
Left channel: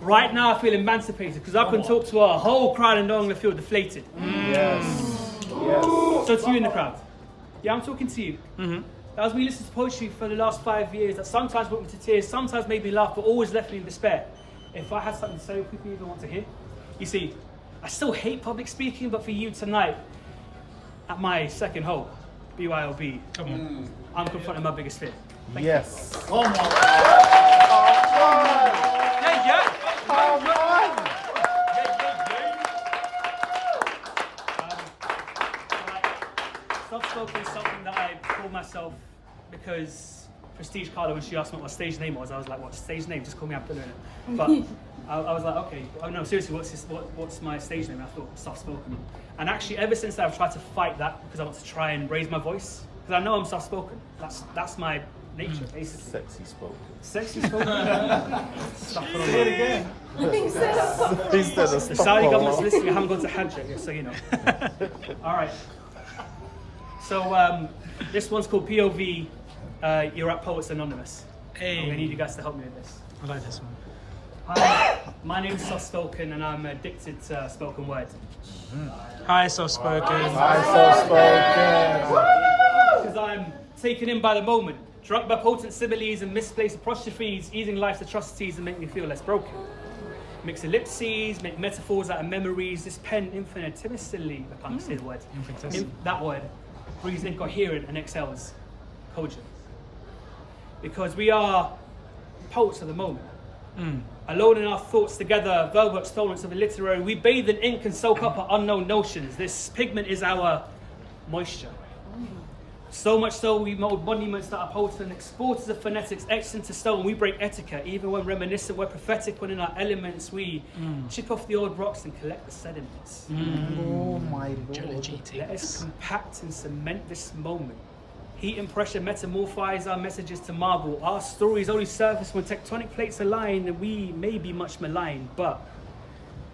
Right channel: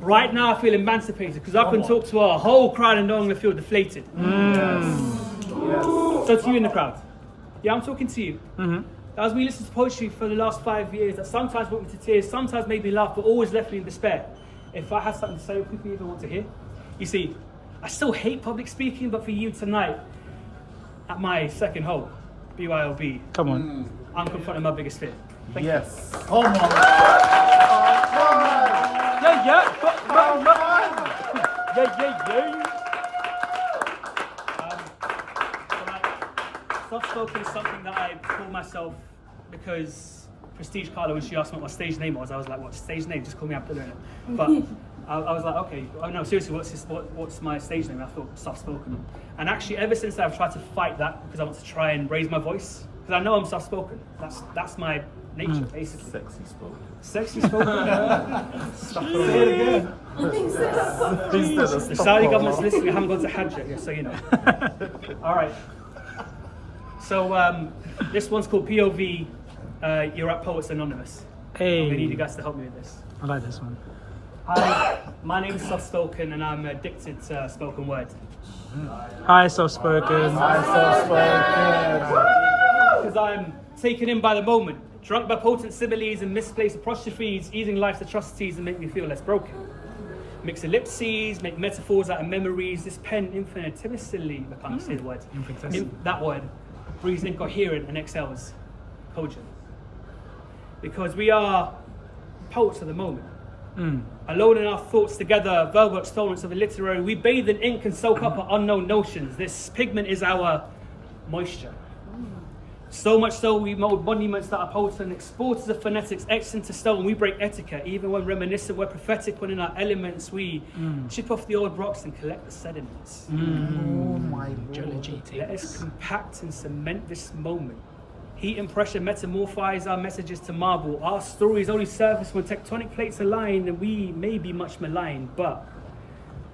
Right now, I feel emancipated because I can talk to a whole crowd and no longer feel deflated. So to you in the crowd, yeah, I'm talking to you. As we listen to poetry for the last 5 years, that sometimes brought me to tears, sometimes made me laugh, but always left me in despair. If I had something to say, would people even want to hear? You see, I still hate public speaking, but for you tonight, at my second home, BYOB, come on, I'm confronting my biggest fear. Thank you. Come on. Soft-spoken is something that I call myself because Prestige Carla, when she asked me what my stage name was, I was like, what stage name? Just call me Abdullah. But I was like, okay, oh no, seriously, what's my stage name? And I thought soft-spoken. And actually, ever since that, I've tried to fight that because I want to try and raise my voice. Because I know I'm soft-spoken. That's my nature, basically. Sexy spoken. Stuff it on again. The Saudi government's listening. I haven't gone to Hajj yet, so you know. All right. So this one's called POV. You're at Poets Anonymous. Hey. I'm gonna need you guys to help me with this. I like this one. Hi, my name's Soft Spoken, and I'm addicted to spoken word. Hi, Soft Spoken. Because I'm taken in by the moment, drunk by potent similes and misplaced apostrophes, easing life's atrocities and make me feel less broken. Mix ellipses, make metaphors out of memories. This pen infinitesimally, I can't say the word. That word breathes incoherent and exhales cogent. Because we are poets of the moment. Alone in our thoughts together, verbal extollments of a literary, we bathe in ink and soak up our unknown notions. This pigment is our moisture. So much so we mold monuments that are potent, exporters of phonetics, etched into stone. We break etiquette, even when reminiscent, we're prophetic. When in our elements, we chip off the old rocks and collect the sediments. Oh my Let us compact and cement this moment. Heat and pressure metamorphise our messages to marble. Our stories only surface when tectonic plates align, and we may be much maligned, but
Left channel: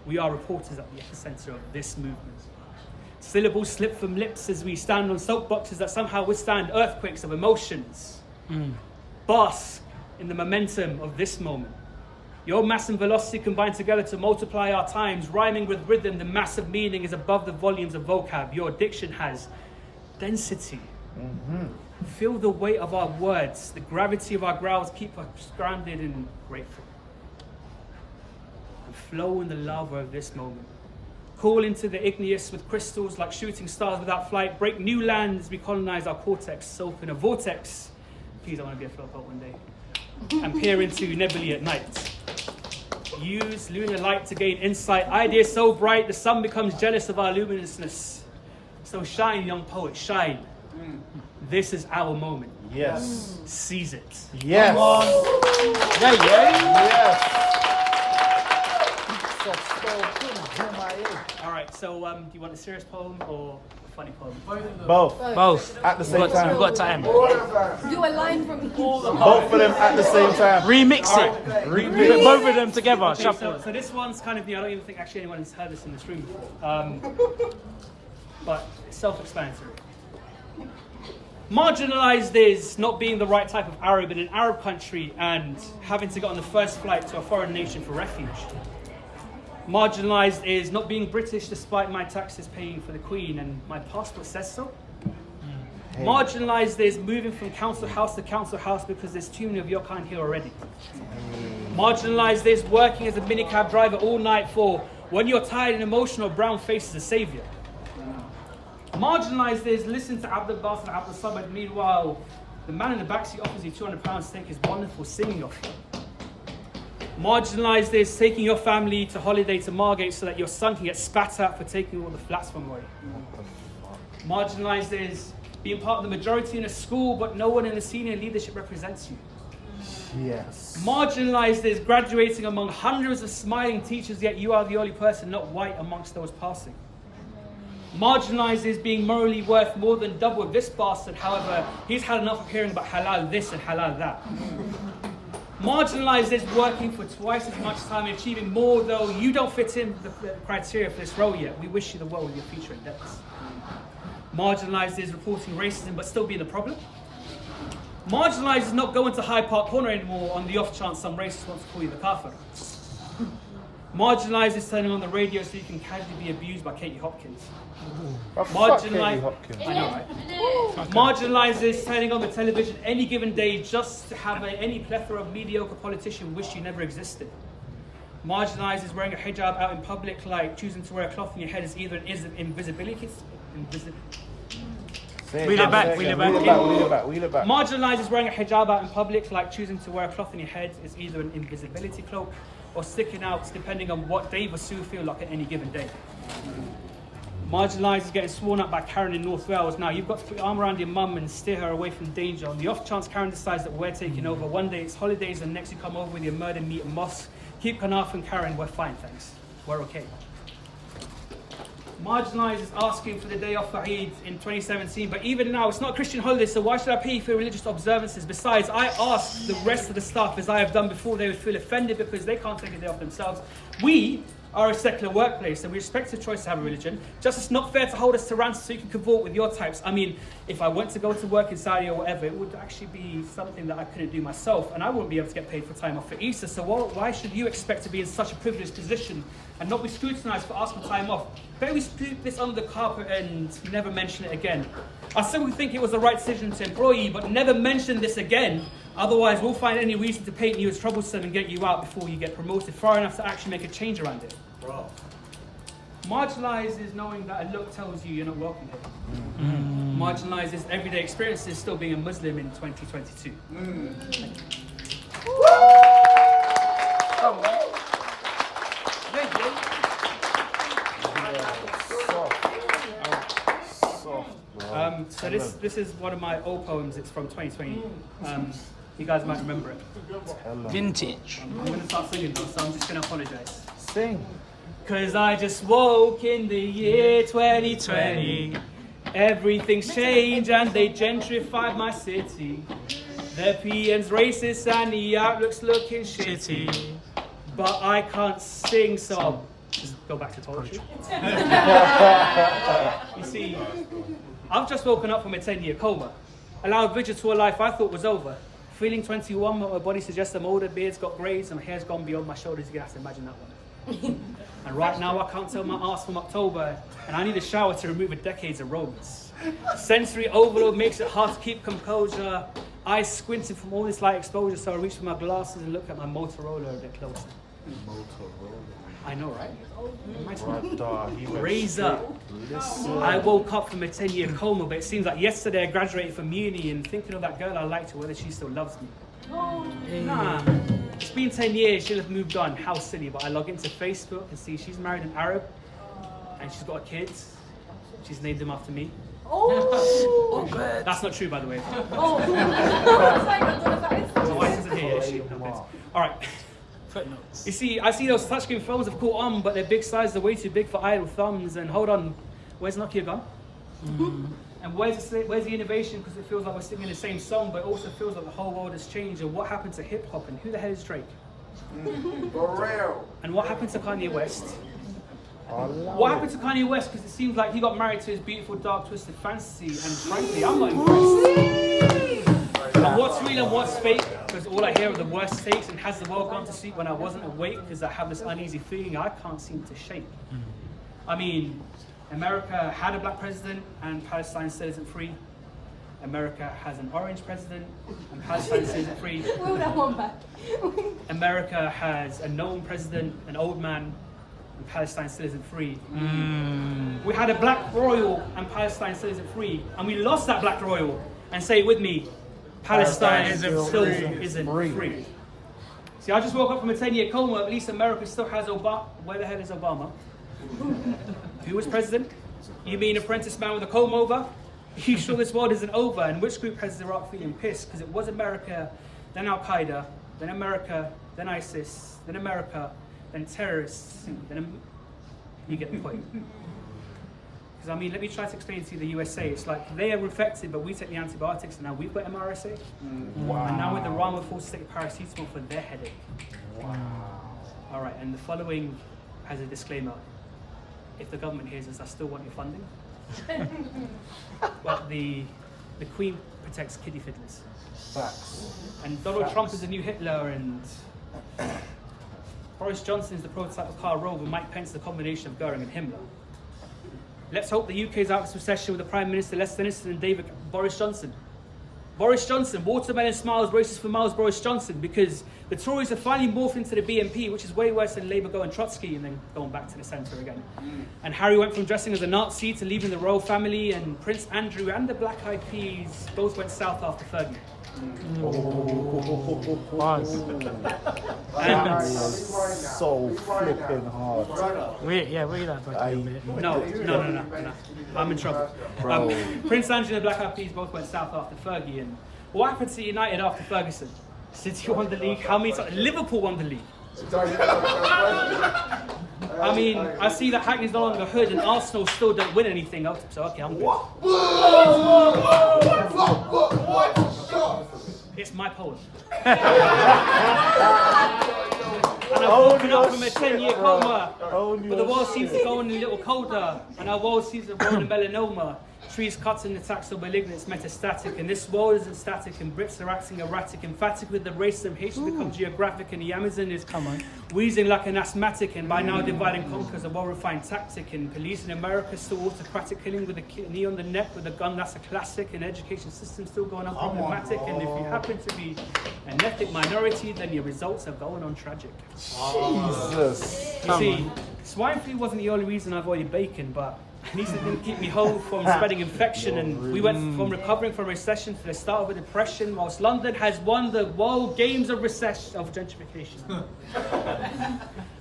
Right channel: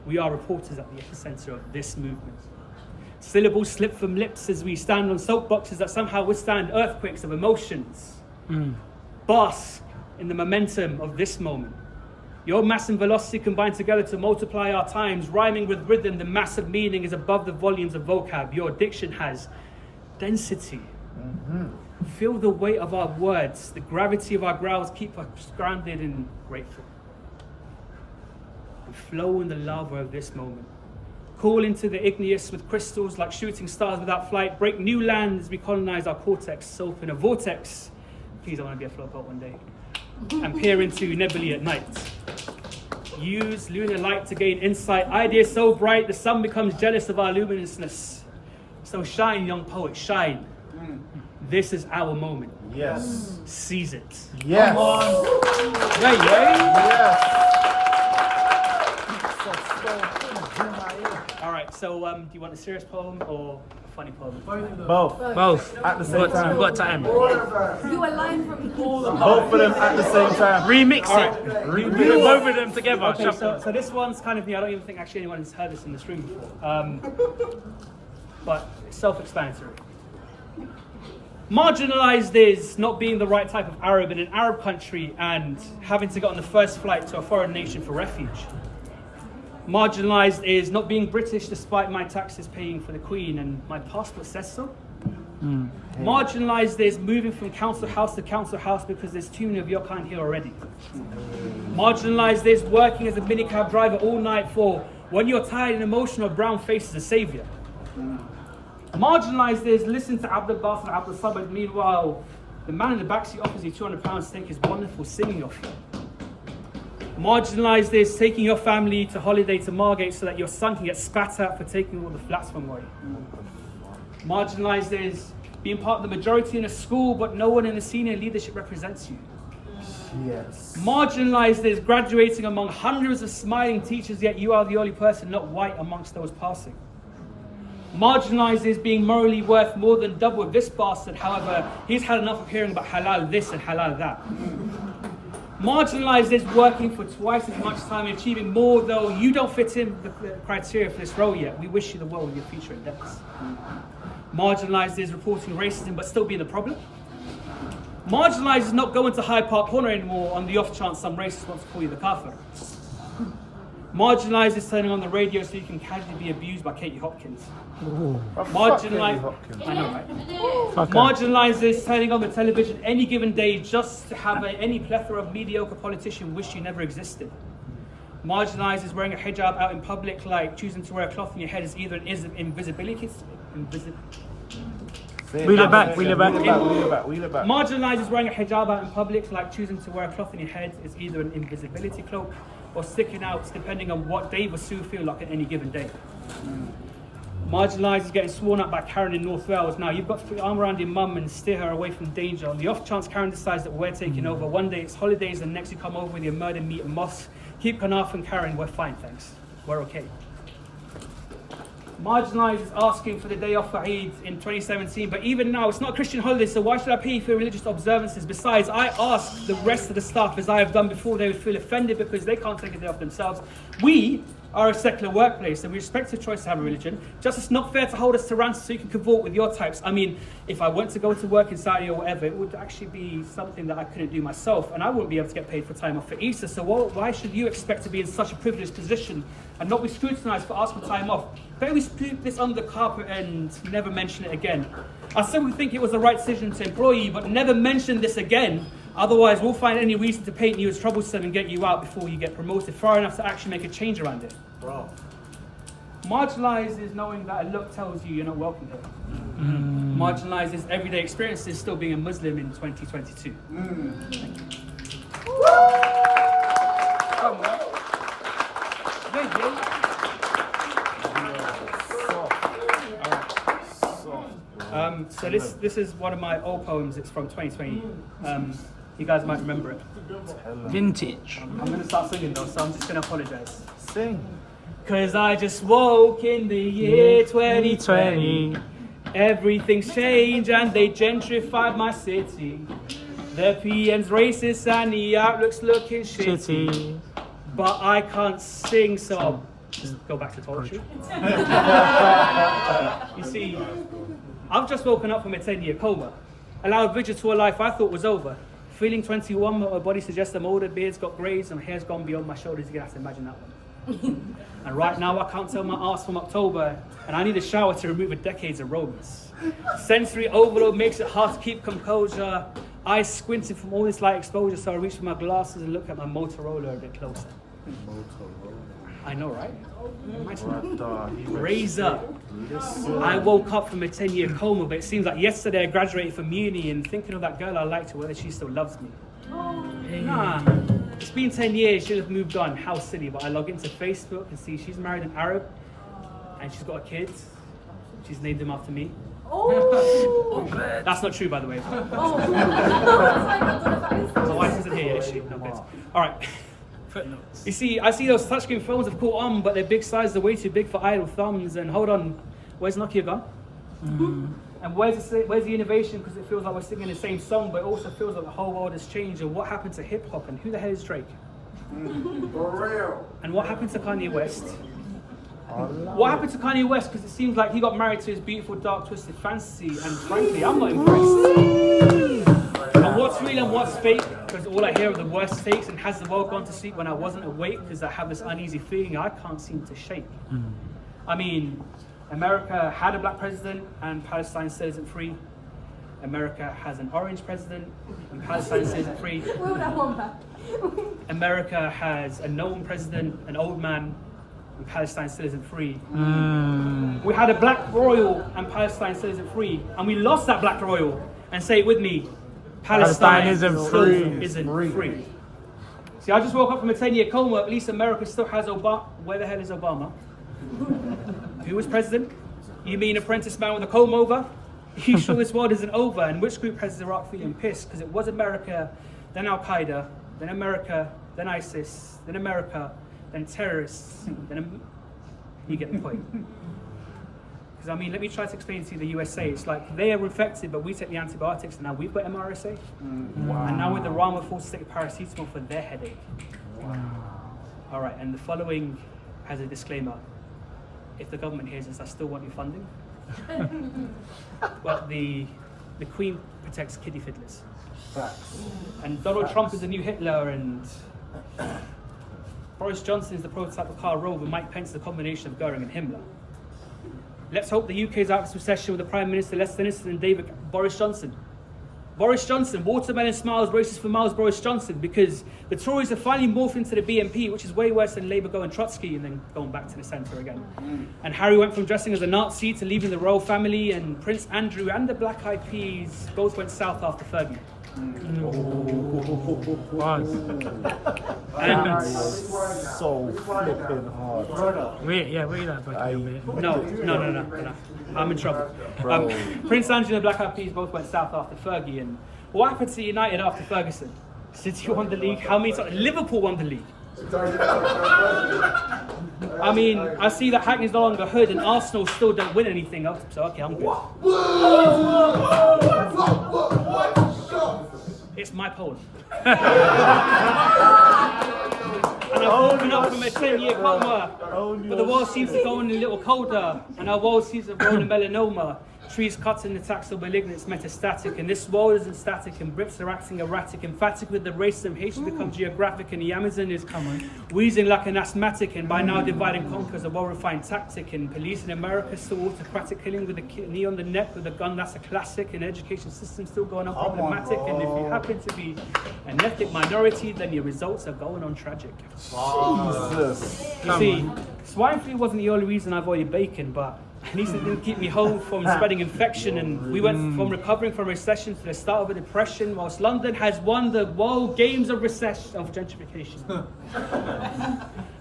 we are reporters at the epicenter of this movement. Syllables slip from lips as we stand on soapboxes that somehow withstand earthquakes of emotions. Bask in the momentum of this moment. Your mass and velocity combine together to multiply our times. Rhyming with rhythm, the mass of meaning is above the volumes of vocab. Your diction has density. Feel the weight of our words. The gravity of our growls keep us grounded and grateful. And flow in the lava of this moment. Call into the igneous with crystals like shooting stars without flight. Break new lands, we colonize our cortex. Soap in a vortex. Please, I want to be a flow poet one day. and peer into nebulae at night. Use lunar light to gain insight. Ideas so bright, the sun becomes jealous of our luminousness. So shine, young poet, shine. This is our moment. Yes. Seize it. Yes. Right, All right, so do you want a serious poem or a funny poem? Both. Both. At the same time. We've got time. Do a line from Both of them at the same time. Remix All it. right. Remix both of them together. Okay, Shuffle. so this one's kind of new. I don't even think actually anyone has heard this in this room before. But it's self-explanatory. Marginalized is not being the right type of Arab in an Arab country and having to get on the first flight to a foreign nation for refuge. Marginalized is not being British despite my taxes paying for the Queen and my passport says so. Marginalized is moving from council house to council house because there's too many of your kind here already. Marginalized is working as a minicab driver all night for when you're tired and emotional, brown face is a savior. Marginalized is listen to Abdul Basit and Abdul Samad. Meanwhile, the man in the backseat offers you £200 to take his wonderful singing off you. Marginalized is taking your family to holiday to Margate so that your son can get spat at for taking all the flats from away. Marginalized is being part of the majority in a school, but no one in the senior leadership represents you. Yes. Marginalized is graduating among hundreds of smiling teachers, yet you are the only person not white amongst those passing. Marginalized is being morally worth more than double of this bastard. However, he's had enough of hearing about halal this and halal that. Marginalized is working for twice as much time and achieving more, though you don't fit in the criteria for this role yet. We wish you the well with your future endeavors. Marginalized is reporting racism but still being the problem. Marginalized is not going to Hyde Park Corner anymore on the off chance some racist wants to call you the kafir. Marginalized is turning on the radio so you can casually be abused by Katie Hopkins. Marginalized, I know, right? Marginalized is turning on the television any given day just to have any plethora of mediocre politician wish you never existed. Marginalized is wearing a hijab out in public, like choosing to wear a cloth on your head is either an invisibility. Wheel it back. Marginalized is wearing a hijab out in public, like choosing to wear a cloth on your head is either an invisibility cloak or sticking out, depending on what Dave or Sue feel like at any given day. Marginalised is getting sworn at by Karen in North Wales. Now, you've got to put your arm around your mum and steer her away from danger. On the off chance Karen decides that we're taking over, one day it's holidays and next you come over with your murder meat and moss. Keep Kanaf and Karen, we're fine, thanks. We're okay. Marginalised is asking for the day off for Eid in 2017, but even now it's not a Christian holiday, so why should I pay for religious observances? Besides, I ask the rest of the staff, as I have done before, they would feel offended because they can't take a day off themselves. We are a secular workplace and we respect your choice to have a religion. Just it's not fair to hold us to ransom so you can cavort with your types. I mean, if I went to go to work in Saudi or whatever, it would actually be something that I couldn't do myself and I wouldn't be able to get paid for time off for Easter. So why should you expect to be in such a privileged position and not be scrutinized for asking for time off? Better we sweep this under the carpet and never mention it again. I still would think it was the right decision to employ you, but never mention this again. Otherwise, we'll find any reason to paint you as troublesome and get you out before you get promoted far enough to actually make a change around it. Bro. Marginalised is knowing that a look tells you you're not welcome here. Marginalised is everyday experiences still being a Muslim in 2022. Thank you. So this is one of my old poems. It's from 2020. You guys might remember it. Vintage. I'm going to start singing though, so I'm just going to apologise. Sing. Cause I just woke in the year 2020. Everything's changed and they gentrified my city. The PM's racist and the outlook's looking shitty. But I can't sing, so I'll just go back to poetry. You see, I've just woken up from a 10-year coma. Allowed vigil to a life I thought was over. Feeling 21, my body suggests I'm older, beard's got greys, and my hair's gone beyond my shoulders. You're gonna have to imagine that one. And right now I can't tell my arse from October, and I need a shower to remove a decade's aromas. Sensory overload makes it hard to keep composure. Eyes squinting from all this light exposure, so I reach for my glasses and look at my Motorola a bit closer. I know, right? Imagine that. Razor. I woke up from a 10-year coma, but it seems like yesterday I graduated from uni and thinking of that girl I liked, whether she still loves me. Nah. It's been 10 years, she'll have moved on. How silly, but I log into Facebook and see she's married an Arab and she's got a kid. She's named him after me. Oh. That's not true, by the way. My wife isn't here yet, is she? No, good. All right. You see, I see those touchscreen phones have caught on, but their big sizes are way too big for idle thumbs. And hold on, where's Nokia gone? And where's the innovation? Because it feels like we're singing the same song, but it also feels like the whole world has changed. And what happened to hip hop? And who the hell is Drake? For real. And what happened to Kanye West? What happened to Kanye West? Because it seems like he got married to his beautiful, dark, twisted fantasy, and frankly, I'm not impressed. And what's real and what's fake? Because all I hear are the worst takes, and has the world gone to sleep when I wasn't awake? Because I have this uneasy feeling I can't seem to shake. I mean, America had a black president, and Palestine still isn't free. America has an orange president, and Palestine still isn't free. America has a known president, an old man, and Palestine still isn't free. We had a black royal, and Palestine still isn't free. And we lost that black royal. And say it with me, Palestine still isn't free. See, I just woke up from a 10-year coma. At least America still has Obama. Where the hell is Obama? Who was president? You mean apprentice man with a comb over? You sure this world isn't over? And which group has Iraq feeling pissed? Because it was America, then Al-Qaeda, then America, then ISIS, then America, then terrorists, then you get the point. Because I mean, let me try to explain to you the USA. It's like they are infected, but we take the antibiotics, and now we've got MRSA. And now with Iran, we're forced to take paracetamol for their headache. All right, and the following has a disclaimer. If the government hears us, I still want your funding. Well, the Queen protects kiddie fiddlers. And Donald Trump is the new Hitler, and Boris Johnson is the prototype of Karl Rove, and Mike Pence is the combination of Goering and Himmler. Let's hope the UK is out of this recession with a Prime Minister less sinister than Boris Johnson. Boris Johnson, watermelon smiles, racist for miles, Boris Johnson, because the Tories have finally morphed into the BNP, which is way worse than Labour going Trotsky and then going back to the centre again. And Harry went from dressing as a Nazi to leaving the royal family, and Prince Andrew and the Black Eyed Peas both went south after Fergie. And so flipping hard. Wait that back a bit. No. I'm in trouble. Prince Andrew and the Black Eyed Peas both went south after Fergie. And what happened to United after Ferguson? City won the league. How many times? Liverpool won the league. I mean, I see that Hackney's no longer hood, and Arsenal still don't win anything. So okay, I'm good. It's my poem. And I've woken up from a 10-year coma, but the world seems to go on a little colder, and our world seems to roll in melanoma. Trees cut and attacks of malignance metastatic, and this world isn't static, and Brits are acting erratic, emphatic with the racism, hatred becomes geographic, and the Amazon is wheezing like an asthmatic, and by now divide and conquer is a well-refined tactic, and police in America still autocratic, killing with a knee on the neck with a gun, that's a classic, and education system still going on problematic, and if you happen to be an ethnic minority, then your results are going on tragic. Jesus. You see, swine flu wasn't the only reason I avoided bacon, but at least it didn't keep me home from spreading infection, and we went from recovering from recession to the start of a depression, whilst London has won the World Games of gentrification.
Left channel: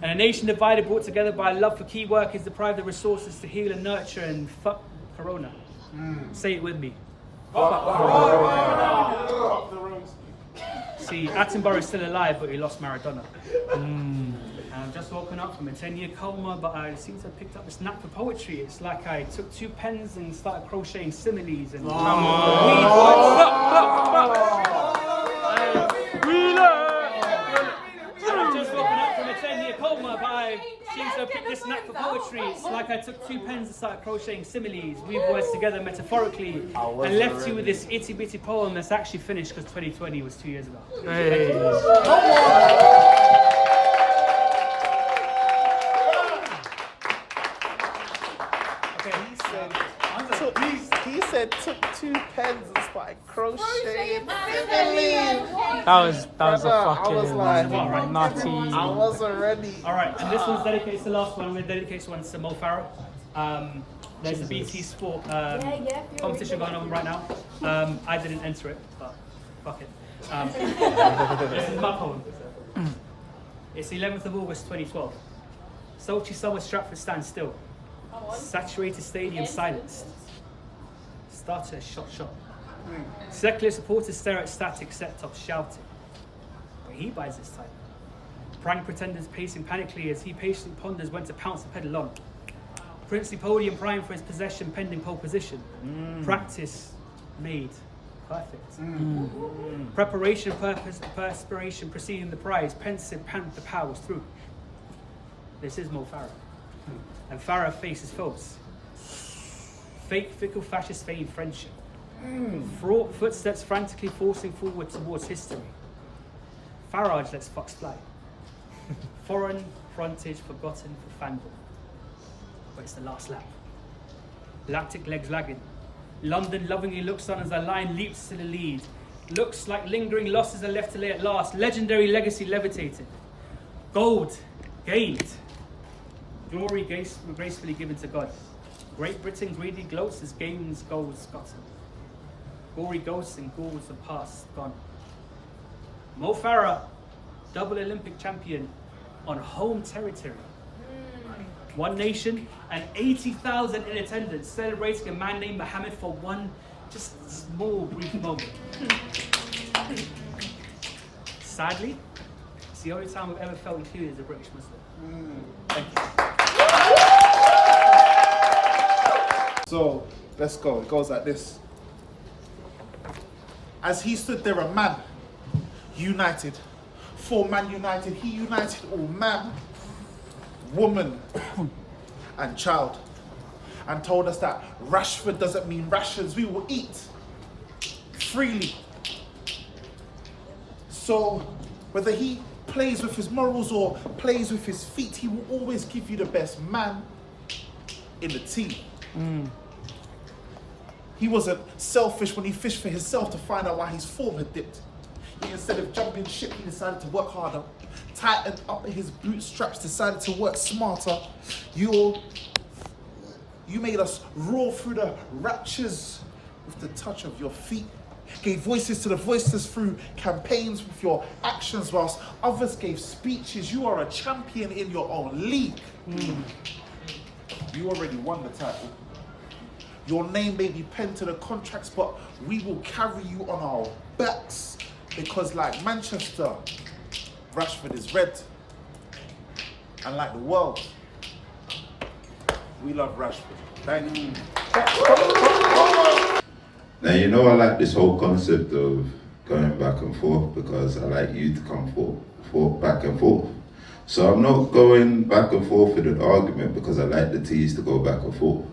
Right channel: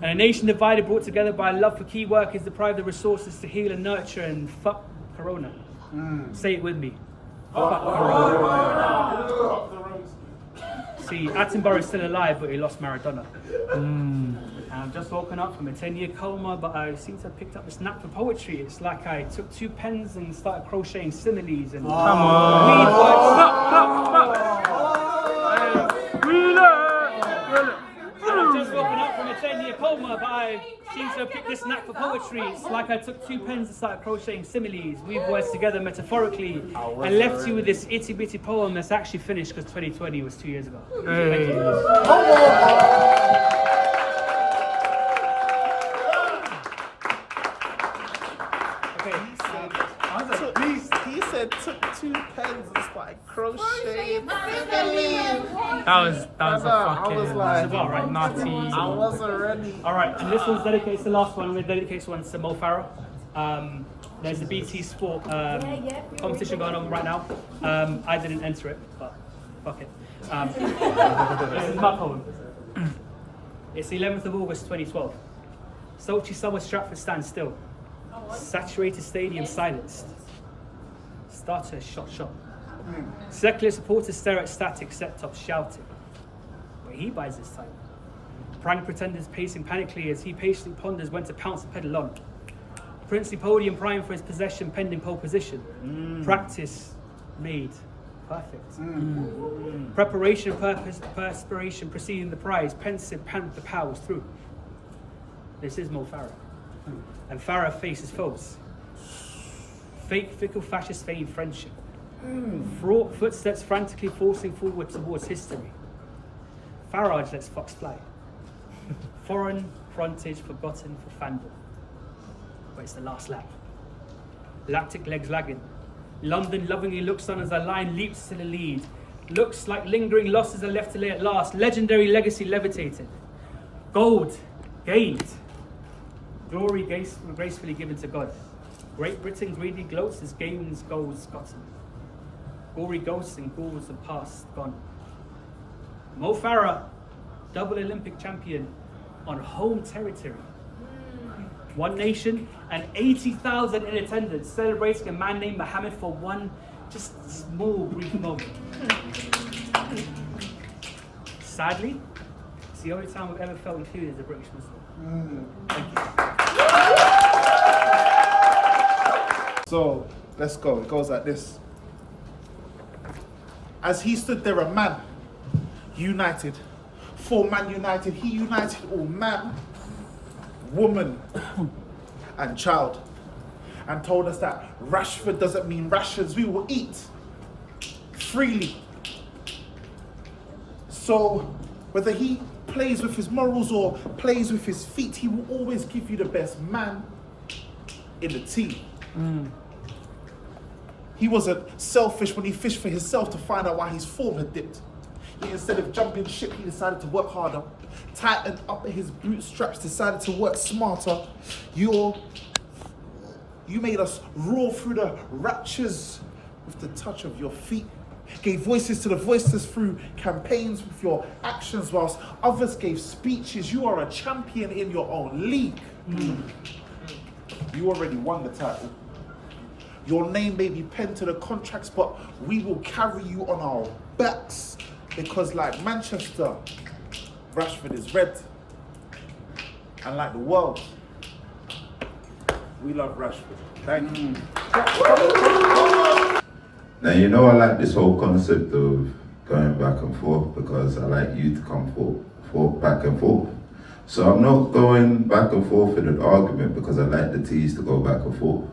And a nation divided, brought together by a love for key work, is deprived of resources to heal and nurture, and fuck Corona. Say it with me. Fuck Corona. See, Attenborough is still alive, but he lost Maradona. I've just woken up from a 10-year coma, but I seem to have picked up this knack for poetry. It's like I took 2 pens and started crocheting similes and come on. I've just woken up from a 10-year coma, but I seem to have picked this knack for poetry. It's like I took 2 pens and started crocheting similes, weave words together metaphorically, and left you with this itty-bitty poem that's actually finished because 2020 was 2 years ago. Thank you. He said took 2 pens and started crocheting. That was a fucking naughty. I wasn't ready. Alright, and this one's dedicated to the last one. I'm going to dedicate this one to Mo Farah. There's a BT Sport competition going on right now. I didn't enter it, but fuck it. This is my poem. It's the 11th of August 2012. Sultry summer Stratford stands still. Saturated stadium silenced. Starter shot. Secular supporters stare at static set-tops shouting. But he buys this time. Prank pretenders pacing panically as he patiently ponders when to pounce and pedal on. Princely podium prime for his possession pending pole position. Practice made perfect. Preparation, purpose, perspiration preceding the prize. Pensive pant the powers through. This is Mo Farah. And Farah faces foes. Fake, fickle, fascist, feigned friendship. Fraught footsteps frantically forcing forward towards history. Farage lets fox fly. Foreign frontage forgotten for fandom. But it's the last lap. Lactic legs lagging. London lovingly looks on as a line leaps to the lead. Looks like lingering losses are left to lay at last. Legendary legacy levitated. Gold gained. Glory gracefully given to God. Great Britain greedy gloats as gains goals gotten. Gory ghosts and ghouls of past gone. Mo Farah, double Olympic champion on home territory. One nation and 80,000 in attendance, celebrating a man named Mohammed for one just small brief moment. Sadly, it's the only time we've ever felt included as a British Muslim. Thank you. So let's go. It goes like this. As he stood there, a man united, for man united, he united all man, woman, and child, and told us that Rashford doesn't mean rations. We will eat freely. So whether he plays with his morals or plays with his feet, he will always give you the best man in the team. He wasn't selfish when he fished for himself to find out why his form had dipped. Instead of jumping ship, he decided to work harder. Tightened up his bootstraps, decided to work smarter. You made us roar through the raptures with the touch of your feet. Gave voices to the voiceless through campaigns with your actions, whilst others gave speeches. You are a champion in your own league. You already won the title. Your name may be penned to the contracts, but we will carry you on our backs, because like Manchester, Rashford is red. And like the world, we love Rashford. Thank you. Now, you know, I like this whole concept of going back and forth, because I like you to come forth, back and forth. So I'm not going back and forth in an argument because I like the T's to go back and forth.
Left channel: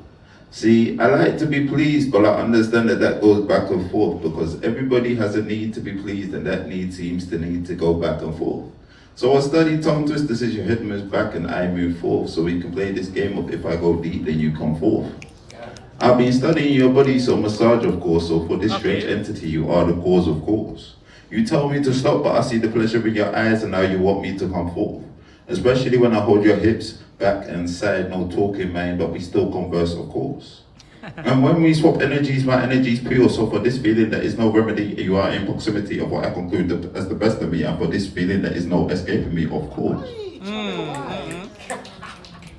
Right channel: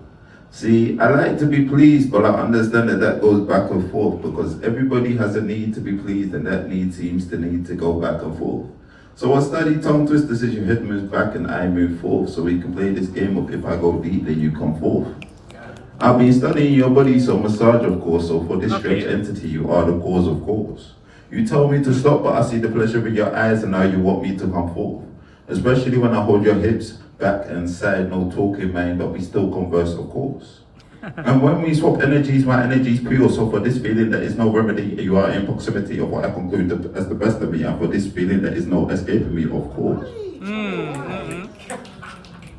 See, I like to be pleased, but I understand that goes back and forth because everybody has a need to be pleased, and that need seems to need to go back and forth. So I study tongue twisters as your head moves back and I move forth, so we can play this game of if I go deep, then you come forth. I've been studying your body, so massage, of course, so for this strange entity, you are the cause, of course. You tell me to stop, but I see the pleasure in your eyes, and now you want me to come forth. Especially when I hold your hips back and side, no talking, man, but we still converse, of course. And when we swap energies, my energy's pure, so for this feeling there is no remedy, you are in proximity of what I conclude as the best of me, and for this feeling there is no escaping me, of course.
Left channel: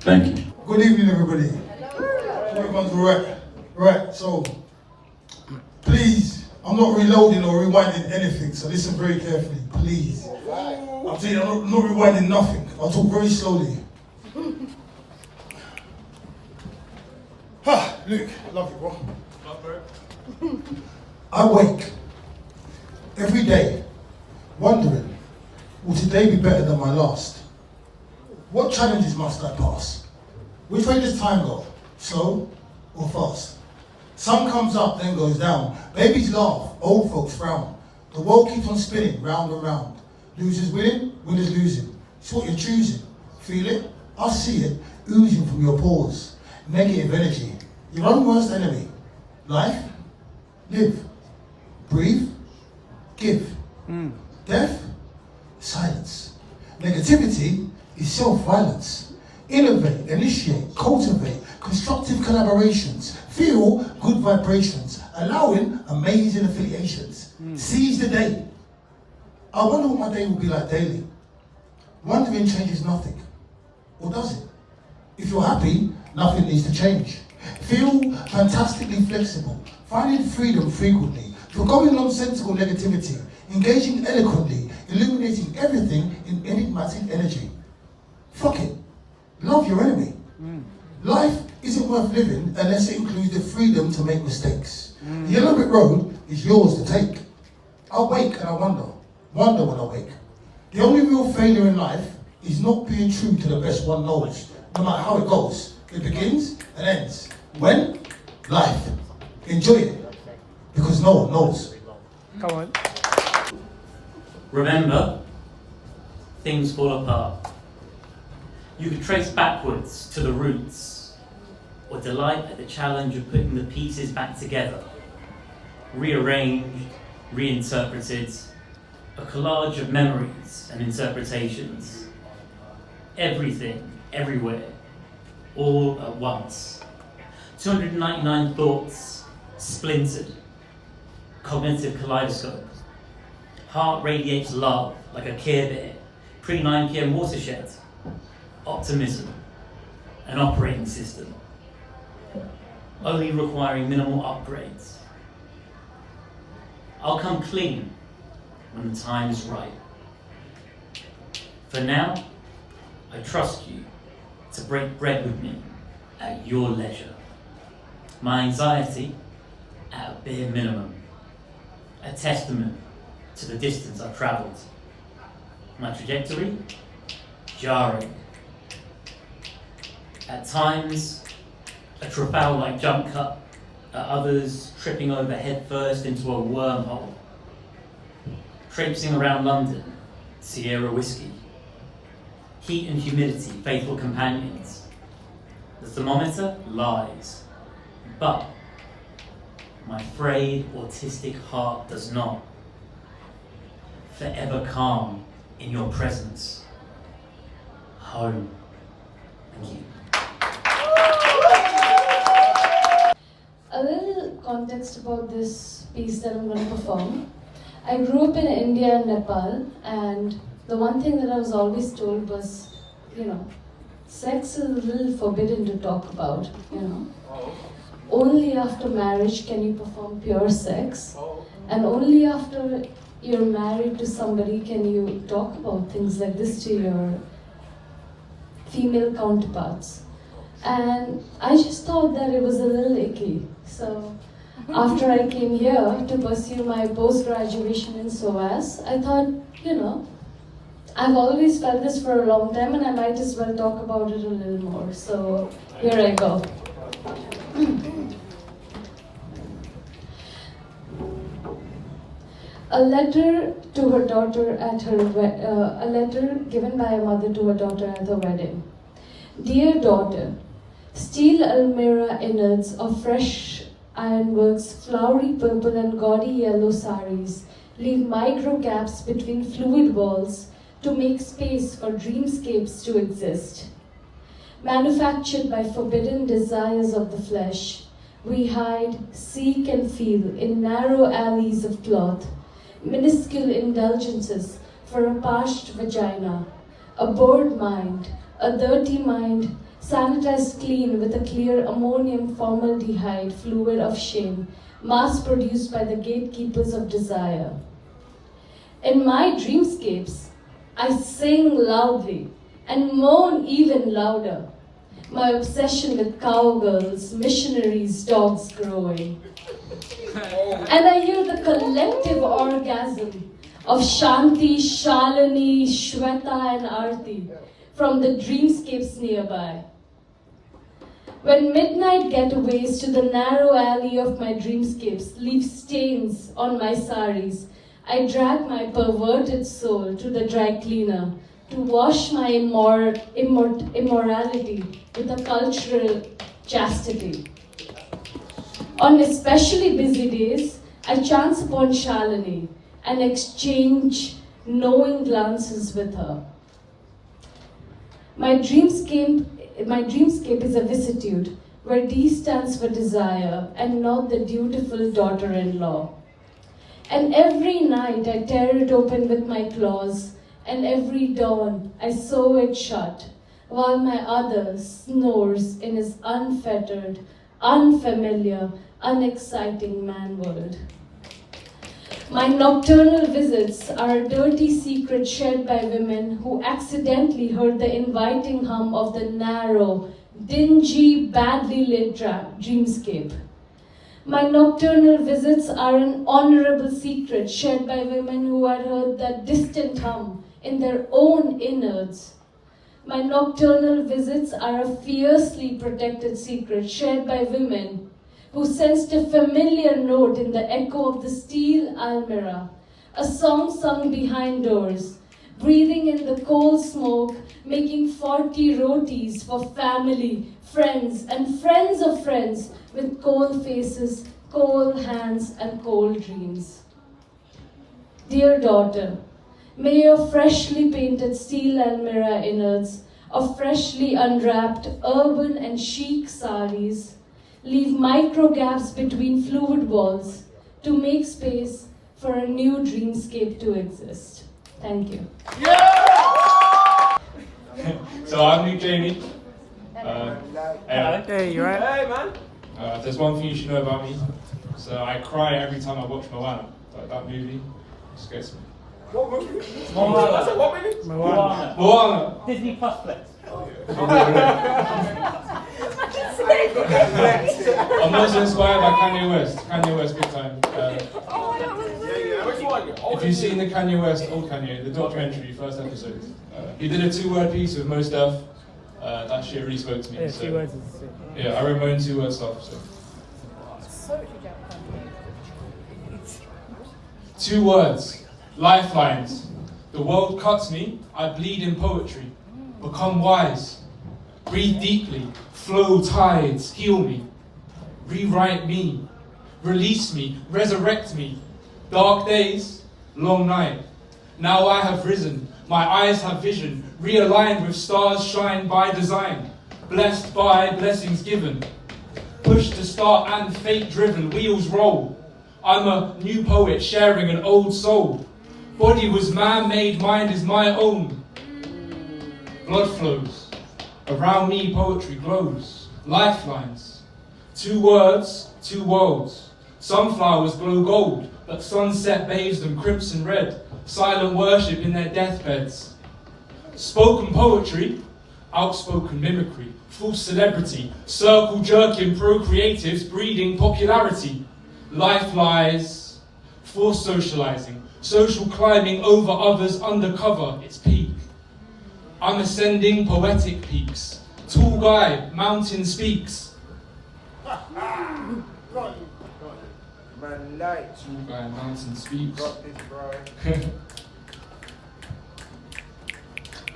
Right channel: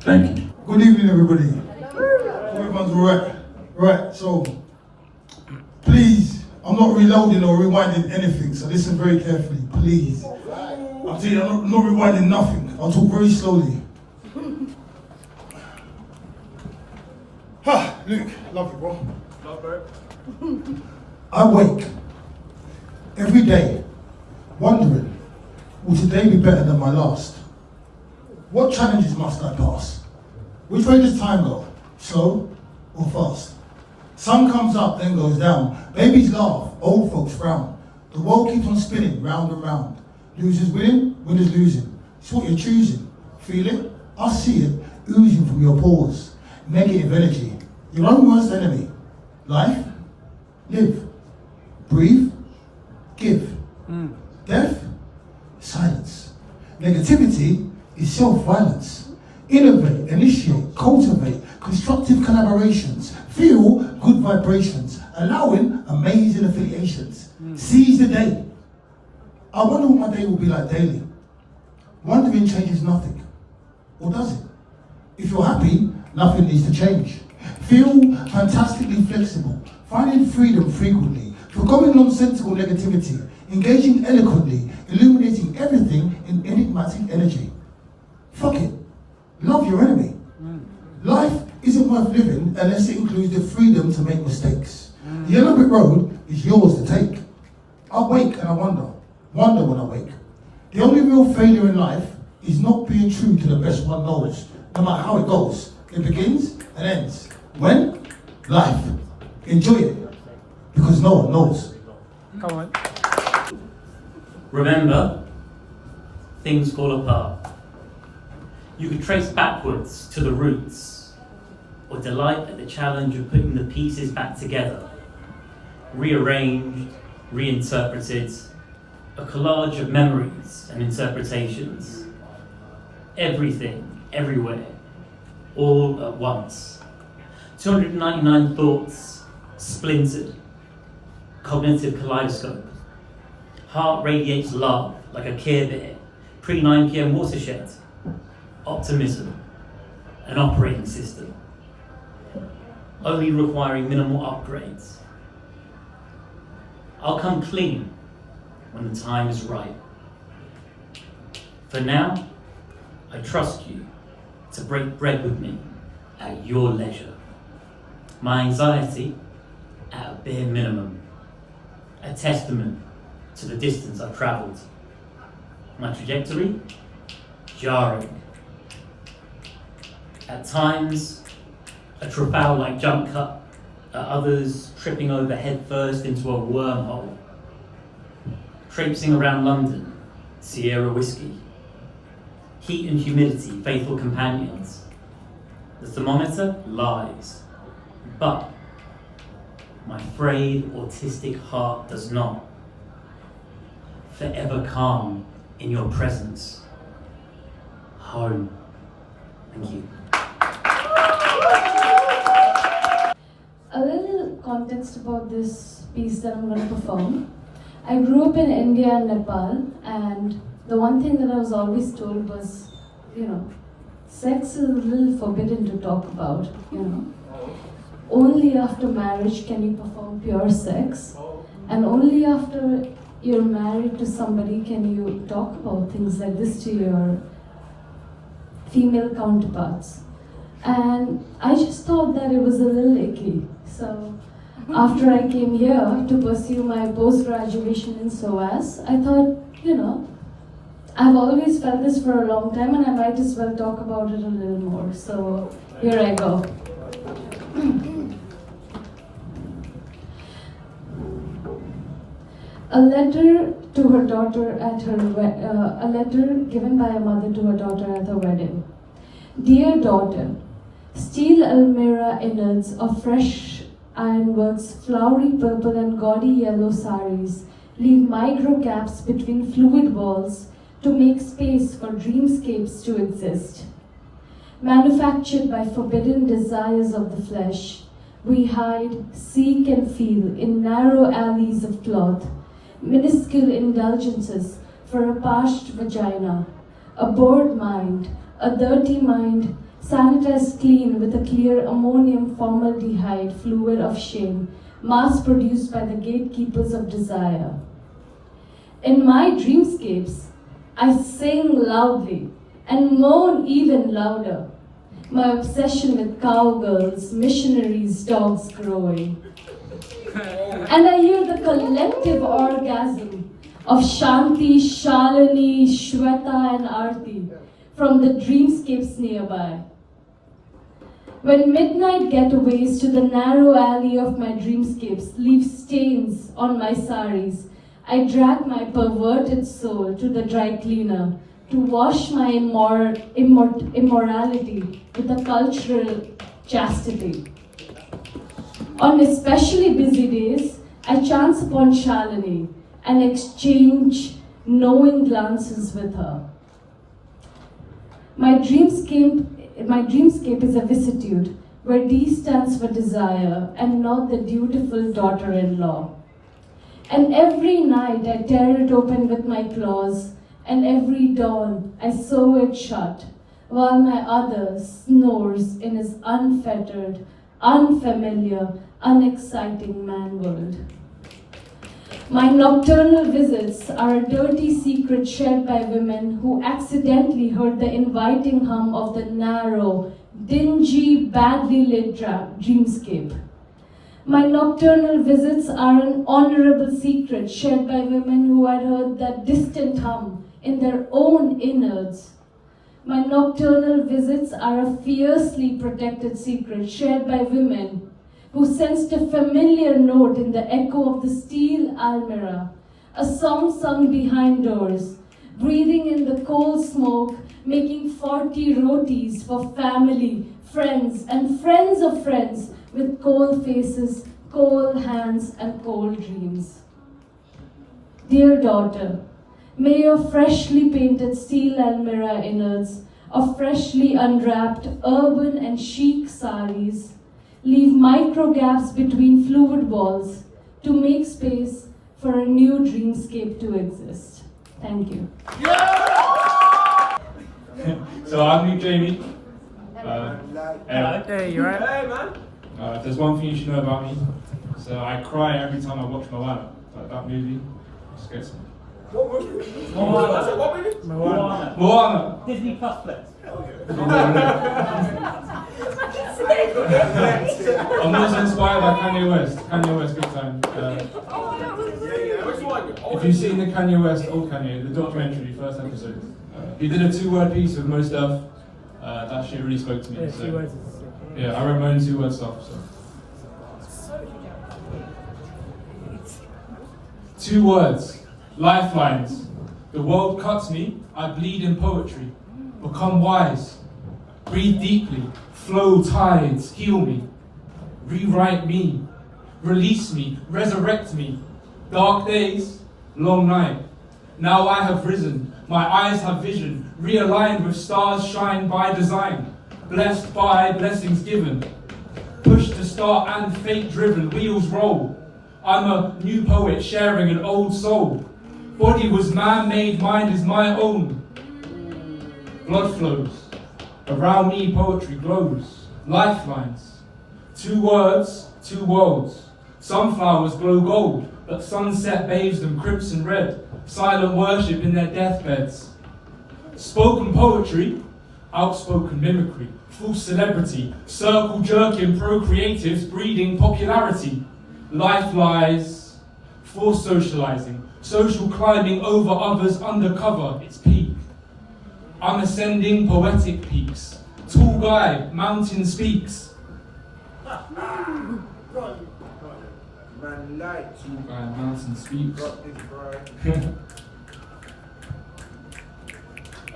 Thank you. Good evening, everybody. Everyone's right. Right, so please, I'm not reloading or rewinding anything, so listen very carefully, please. I'm telling you, I'm not rewinding nothing. I'll talk very slowly. Luke, love you, bro. Love, bro. I wake every day wondering, will today be better than my last? What challenges must I pass? Which way does time go? Slow or fast? Sun comes up, then goes down. Babies laugh, old folks frown. The world keeps on spinning round and round. Losers winning, winners losing. It's what you're choosing. Feel it? I see it oozing from your pores. Negative energy, your own worst enemy. Life, live, breathe, give. Death, silence. Negativity is self-violence. Innovate, initiate, cultivate constructive collaborations. Feel good vibrations, allowing amazing affiliations. Seize the day, I wonder what my day will be like daily. Wondering changes nothing. Or does it? If you're happy, nothing needs to change. Feel fantastically flexible, finding freedom frequently, forgoing nonsensical negativity, engaging eloquently, illuminating everything in enigmatic energy. Fuck it. Love your enemy. Life isn't worth living unless it includes the freedom to make mistakes. The yellow brick road is yours to take. I wake and I wonder when I wake. The only real failure in life is not being true to the best one knows, no matter how it goes. It begins and ends. When? Life. Enjoy it, because no one knows. Come on. Remember, things fall apart. You could trace backwards to the roots, or delight at the challenge of putting the pieces back together. Rearranged, reinterpreted, a collage of memories and interpretations. Everything, everywhere, all at once. 299 thoughts, splintered. Cognitive kaleidoscope. Heart radiates love like a Care Bear. Pre-9 PM watershed. Optimism. An operating system. Only requiring minimal upgrades. I'll come clean when the time is right. For now, I trust you to break bread with me at your leisure. My anxiety at a bare minimum. A testament to the distance I've travelled. My trajectory, jarring. At times, a Trafalgar-like jump cut. At others, tripping over headfirst into a wormhole. Traipsing around London, Sierra whiskey. Heat and humidity, faithful companions. The thermometer lies, but my frayed, autistic heart does not. Forever calm in your presence. Home. Thank you. A little context about this piece that I'm going to perform. I grew up in India and Nepal, and the one thing that I was always told was, sex is a little forbidden to talk about, Only after marriage can you perform pure sex, and only after you're married to somebody can you talk about things like this to your female counterparts. And I just thought that it was a little icky. So after I came here to pursue my post-graduation in SOAS, I thought, I've always felt this for a long time and I might as well talk about it a little more. So here I go. A letter to her daughter at her a letter given by a mother to her daughter at her wedding. Dear daughter, steel almirah innards of fresh ironworks, flowery purple and gaudy yellow saris leave micro gaps between fluid walls to make space for dreamscapes to exist. Manufactured by forbidden desires of the flesh, we hide, seek and feel in narrow alleys of cloth, minuscule indulgences for a parched vagina, a bored mind, a dirty mind, sanitized clean with a clear ammonium formaldehyde fluid of shame, mass-produced by the gatekeepers of desire. In my dreamscapes, I sing loudly and moan even louder, my obsession with cowgirls, missionaries, dogs growing. And I hear the collective orgasm of Shanti, Shalini, Shweta and Arti from the dreamscapes nearby. When midnight getaways to the narrow alley of my dreamscapes leave stains on my saris, I drag my perverted soul to the dry cleaner to wash my immorality with a cultural chastity. On especially busy days, I chance upon Shalini and exchange knowing glances with her. My dreamscape is a vicissitude where D stands for desire and not the dutiful daughter-in-law. And every night I tear it open with my claws, and every dawn I sew it shut, while my other snores in his unfettered, unfamiliar, unexciting man-world. My nocturnal visits are a dirty secret shared by women who accidentally heard the inviting hum of the narrow, dingy, badly lit dreamscape. My nocturnal visits are an honorable secret shared by women who had heard that distant hum in their own innards. My nocturnal visits are a fiercely protected secret shared by women who sensed a familiar note in the echo of the steel almirah, a song sung behind doors, breathing in the coal smoke, making 40 rotis for family, friends, and friends of friends with cold faces, cold hands, and cold dreams. Dear daughter, may your freshly painted steel almirah innards of freshly unwrapped urban and chic saris leave micro gaps between fluid walls to make space for a new dreamscape to exist. Thank you. So I'm lukejaime. Hey, you right? Hey, man. There's one thing you should know about me. So I cry every time I watch Moana. Like that movie just gets me. What movie? Moana. Moana. Disney Plus Flex. I'm also inspired by Kanye West. Kanye West, big time. If you've seen the Kanye West, old Kanye, the documentary, first episode, he did a 2-word piece with Mosh. That shit really spoke to me. Yeah, So, 2 words. yeah, I wrote my own 2-word stuff. So. 2 words, lifelines. The world cuts me, I bleed in poetry. Become wise, breathe deeply, flow tides, heal me, rewrite me, release me, resurrect me. Dark days, long night. Now I have risen, my eyes have vision, realigned with stars shine by design, blessed by blessings given, pushed to start and fate driven, wheels roll. I'm a new poet sharing an old soul. Body was man-made, mind is my own. Blood flows, around me poetry glows. Lifelines, 2 words, 2 worlds. Sunflowers glow gold, but sunset bathes them crimson red. Silent worship in their deathbeds. Spoken poetry, outspoken mimicry. False celebrity, circle jerking procreatives breeding popularity. Life lies, forced socializing, social climbing over others undercover, its peak. I'm ascending poetic peaks. Tall guy, mountain speaks. Man, like. Tall guy, mountain speaks.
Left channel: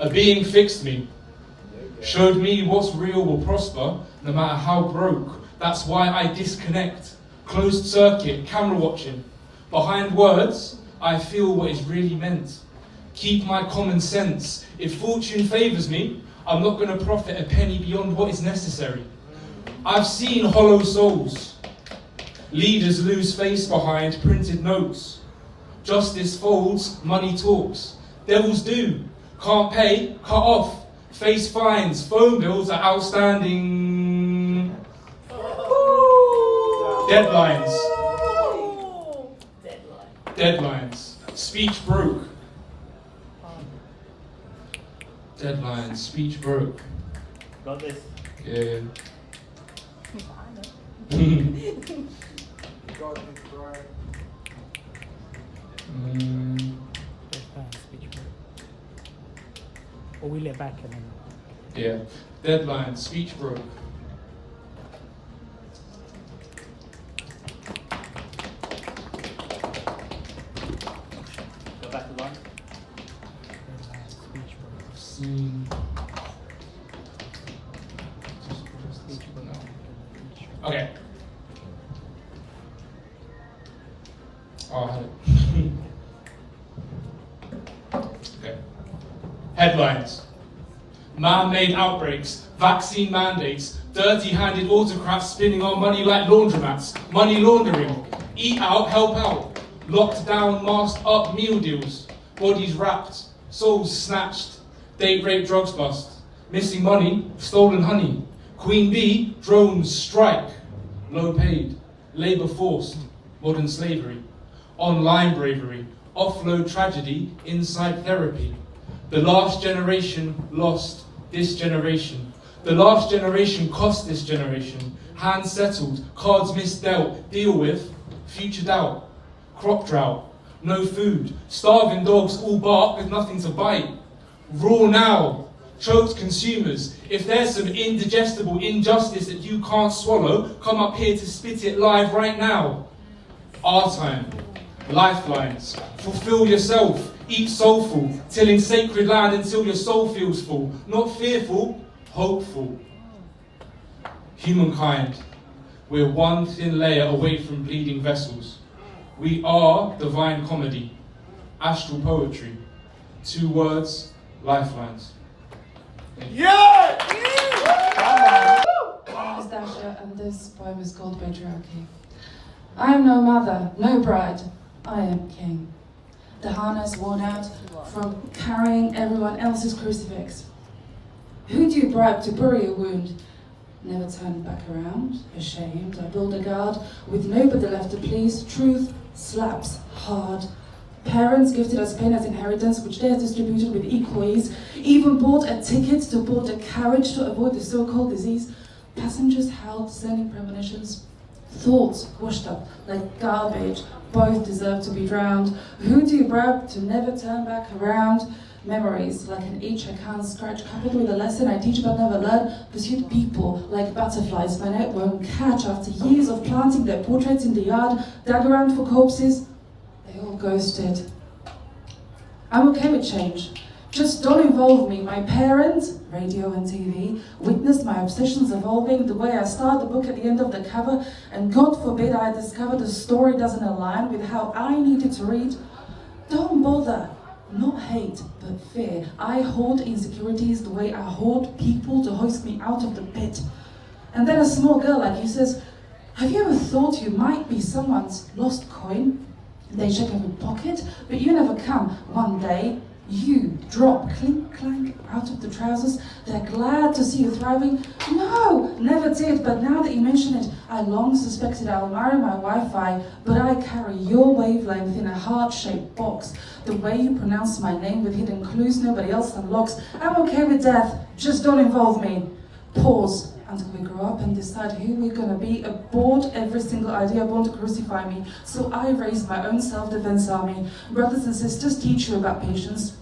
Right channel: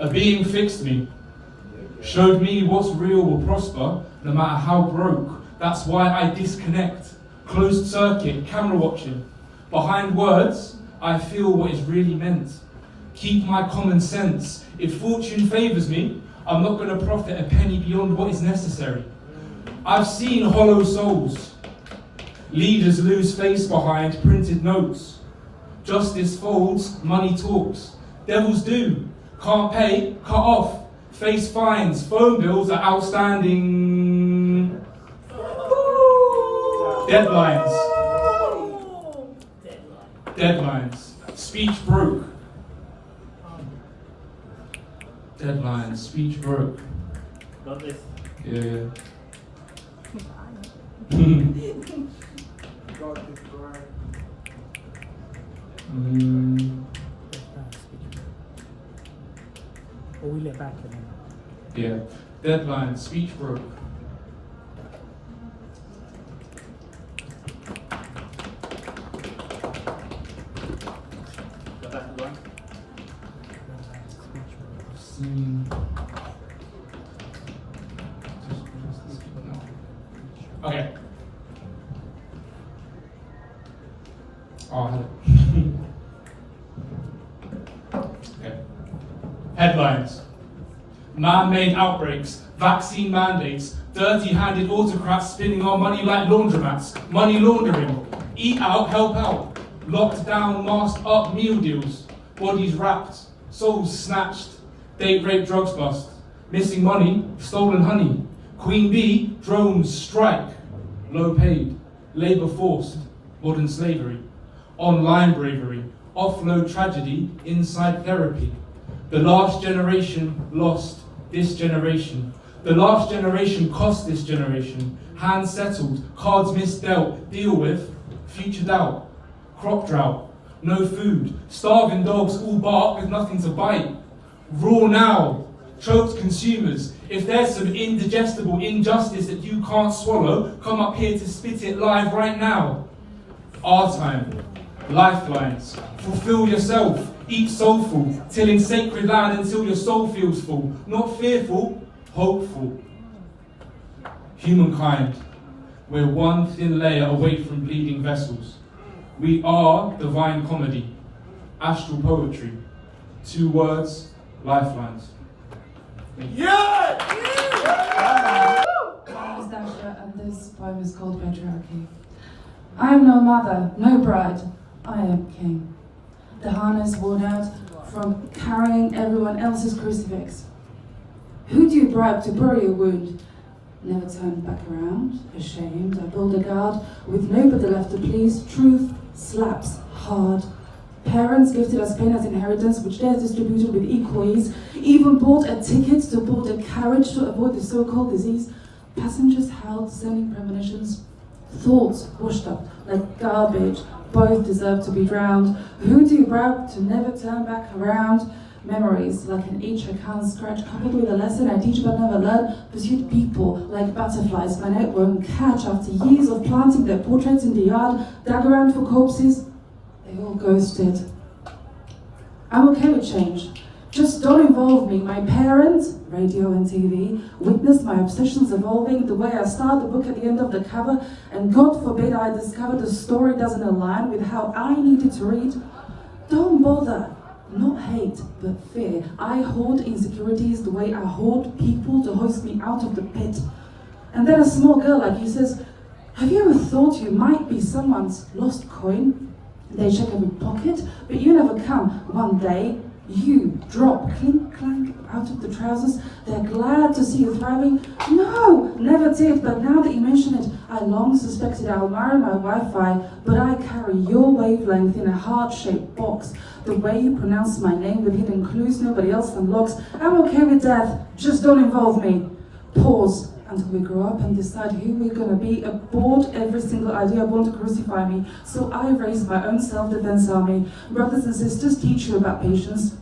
A being fixed me, showed me what's real will prosper, no matter how broke. That's why I disconnect. Closed circuit, camera watching. Behind words, I feel what is really meant. Keep my common sense. If fortune favours me, I'm not going to profit a penny beyond what is necessary. I've seen hollow souls. Leaders lose face behind printed notes. Justice folds, money talks. Devils do. Can't pay, cut off. Face fines, phone bills are outstanding. Deadlines. Deadlines. Speech broke. Deadlines. Speech broke. Got this. Yeah. Or we let back and then. Yeah. Deadline. Speech broke. Go back to line. Okay. Oh, I had it. Okay. Headlines. Man-made outbreaks, vaccine mandates, dirty-handed autocrats spinning our money like laundromats, money laundering, eat out, help out, Locked down, masked up meal deals, bodies wrapped, souls snatched, date rape, drugs bust, missing money, stolen honey, Queen Bee, drones strike, low paid, labour forced, modern slavery, online bravery, offload tragedy, inside therapy. The last generation lost this generation. The last generation cost this generation. Hands settled, cards misdealt, deal with, future doubt, crop drought, no food, starving dogs all bark with nothing to bite. Raw now, choked consumers. If there's some indigestible injustice that you can't swallow, come up here to spit it live right now. Our time, lifelines, fulfill yourself, eat soulful, tilling sacred land until your soul feels full, not fearful, hopeful. Humankind, we're one thin layer away from bleeding vessels. We are divine comedy, astral poetry, 2 words, lifelines. Yeah! My name is Dasha, and this poem is called Patriarchy. I am no mother, no bride, I am king. The harness worn out from carrying everyone else's crucifix. Who do you bribe to bury your wound? Never turn back around, ashamed, I build a guard with nobody left to please. Truth slaps hard. Parents gifted us pain as inheritance, which they distributed with equal ease. Even bought a ticket to board a carriage to avoid the so-called disease. Passengers held sending premonitions. Thoughts washed up like garbage. Both deserve to be drowned. Who do you bribe to never turn back around? Memories like an itch I can't scratch, coupled with a lesson I teach but never learn. Pursued people like butterflies my net won't catch. After years of planting their portraits in the yard, dug around for corpses, they all ghosted. I'm okay with change. Just don't involve me. My parents, radio and TV, witnessed my obsessions evolving the way I start the book at the end of the cover, and God forbid I discover the story doesn't align with how I needed to read. Don't bother. Not hate, but fear. I hoard insecurities the way I hoard people to hoist me out of the pit. And then a small girl like you says, have you ever thought you might be someone's lost coin? They check every pocket, but you never come. One day, you drop clink clank out of the trousers. They're glad to see you thriving. No, never did, but now that you mention it, I long suspected I'll marry my Wi-Fi, but I carry your wavelength in a heart-shaped box. The way you pronounce my name with hidden clues nobody else unlocks. I'm okay with death, just don't involve me. Pause until we grow up and decide who we're gonna be. Abort every single idea born to crucify me. So I raise my own self-defense army. Brothers and sisters, teach you about patience.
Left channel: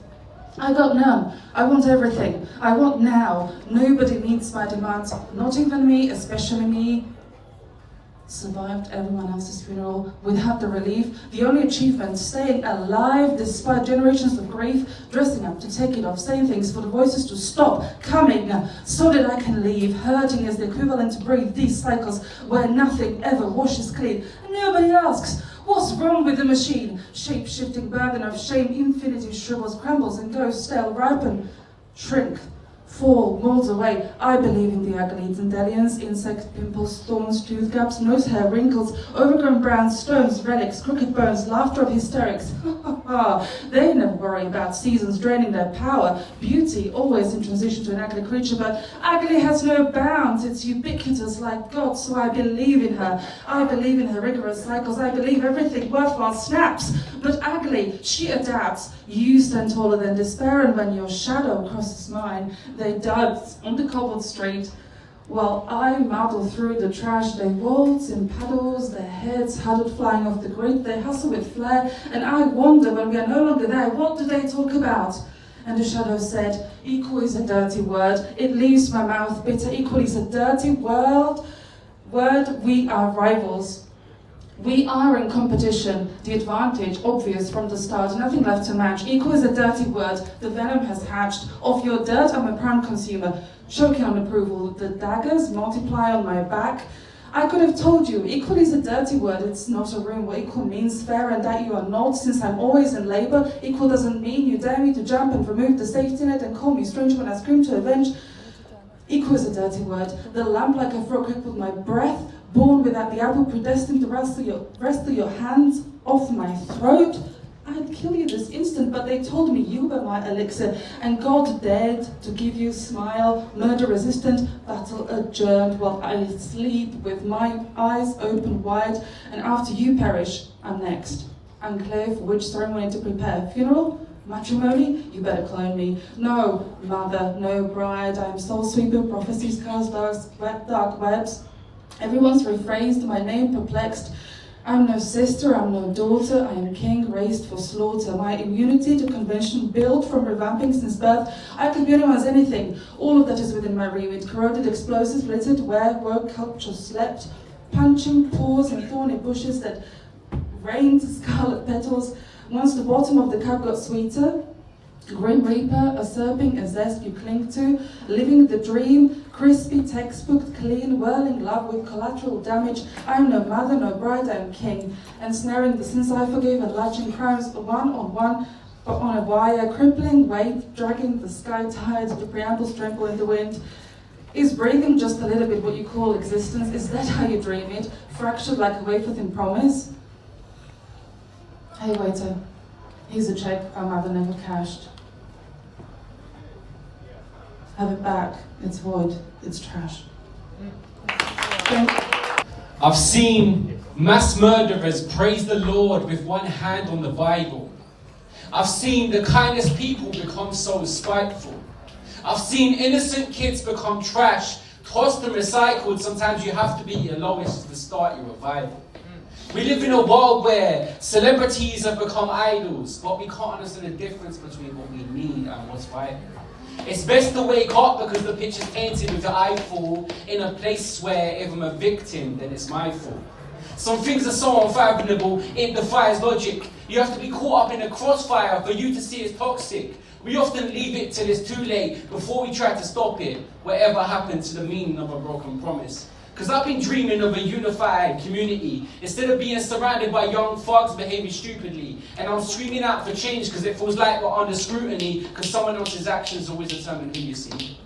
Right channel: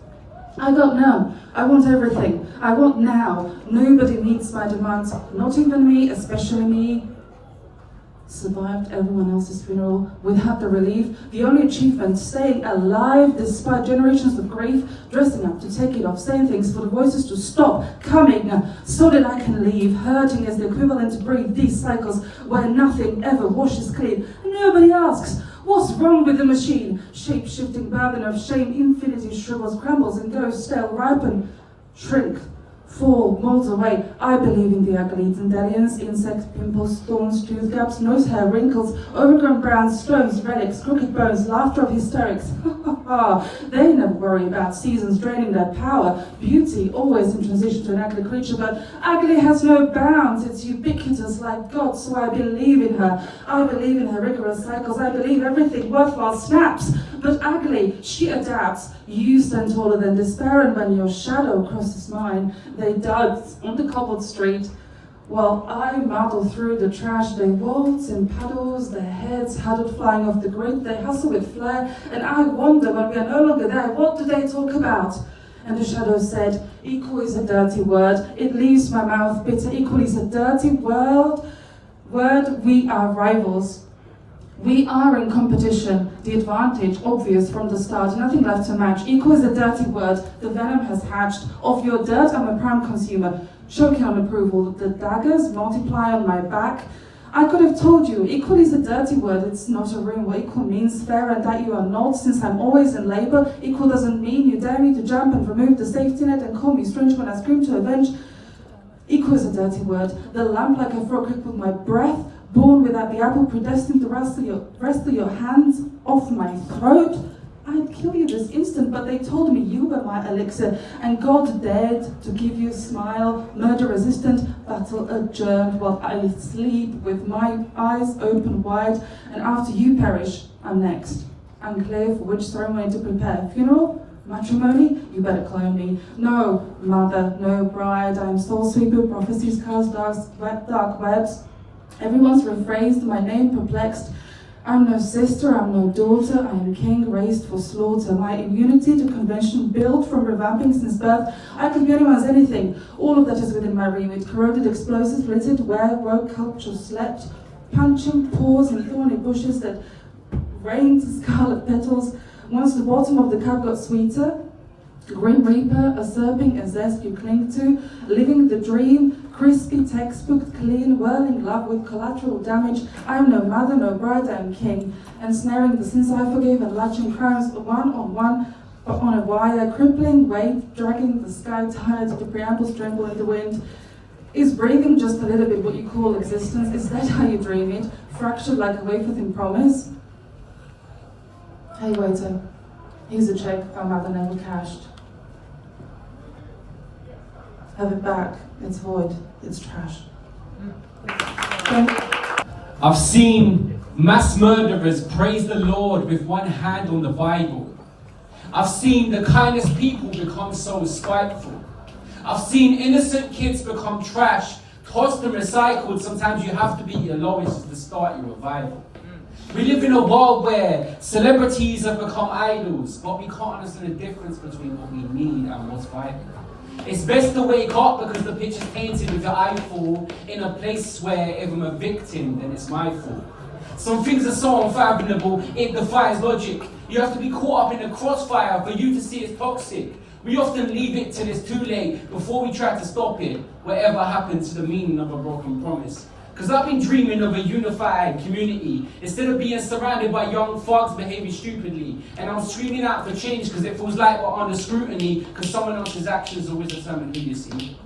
I don't know. I want everything. I want now. Nobody meets my demands. Not even me, especially me. Survived everyone else's funeral without the relief. The only achievement, staying alive despite generations of grief, dressing up to take it off, saying things for the voices to stop coming so that I can leave. Hurting is the equivalent to breathe these cycles where nothing ever washes clean. And nobody asks, what's wrong with the machine? Shape-shifting burden of shame, infinity shrivels, crumbles and goes stale, ripen, shrink, fall, molds away. I believe in the ugly, dandelions, insects, pimples, thorns, tooth gaps, nose hair, wrinkles, overgrown browns, stones, relics, crooked bones, laughter of hysterics. They never worry about seasons draining their power. Beauty always in transition to an ugly creature, but ugly has no bounds. It's ubiquitous like God, so I believe in her. I believe in her rigorous cycles. I believe everything worthwhile snaps. But ugly, she adapts. You stand taller than despair, and when your shadow crosses mine, they dug on the cobbled street, while I muddle through the trash. They waltz in paddles, their heads huddled flying off the grid. They hustle with flair, and I wonder when we are no longer there, what do they talk about? And the shadow said, equal is a dirty word. It leaves my mouth bitter. Equal is a dirty word. We are rivals. We are in competition, the advantage obvious from the start, nothing left to match. Equal is a dirty word, the venom has hatched. Of your dirt, I'm a prime consumer, choking on approval. The daggers multiply on my back. I could have told you, equal is a dirty word, it's not a room where equal means fair and that you are not, since I'm always in labor. Equal doesn't mean you dare me to jump and remove the safety net and call me strange when I scream to avenge. Equal is a dirty word, the lamp like a frog crippled my breath, born without the apple predestined to wrestle your hands off my throat, I'd kill you this instant, but they told me you were my elixir, and God dared to give you a smile, murder resistant, battle adjourned, while I sleep with my eyes open wide, and after you perish, I'm next. Enclave for which ceremony to prepare? Funeral? Matrimony? You better clone me. No mother, no bride, I am soul sweeper, prophecies cast dark webs. Everyone's rephrased, my name perplexed. I'm no sister, I'm no daughter, I am king raised for slaughter. My immunity to convention built from revamping since birth. I could be anyone's anything. All of that is within my remit. Corroded explosives littered where woke culture slept. Punching paws in thorny bushes that rained scarlet petals. Once the bottom of the cup got sweeter, Grim Reaper, usurping a zest you cling to, living the dream, crispy textbook, clean, whirling love with collateral damage. I am no mother, no bride, I am king, ensnaring the sins I forgive and latching crimes one on one, but on a wire, crippling weight, dragging the sky tired, the preambles tremble in the wind. Is breathing just a little bit what you call existence? Is that how you dream it? Fractured like a wafer thin promise? Hey waiter, here's a check our mother never cashed. Have it back, it's void, it's trash. I've seen mass murderers praise the Lord with one hand on the Bible. I've seen the kindest people become so spiteful. I've seen innocent kids become trash, tossed and recycled. Sometimes you have to be your lowest to start your revival. We live in a world where celebrities have become idols, but we can't understand the difference between what we need and what's vital. It's best to wake up because the picture's painted with your eyeful in a place where if I'm a victim, then it's my fault. Some things are so unfathomable, it defies logic. You have to be caught up in a crossfire for you to see it's toxic. We often leave it till it's too late before we try to stop it, whatever happened to the meaning of a broken promise. Because I've been dreaming of a unified community instead of being surrounded by young thugs behaving stupidly. And I'm screaming out for change because it feels like we're under scrutiny because someone else's actions always determine who you see.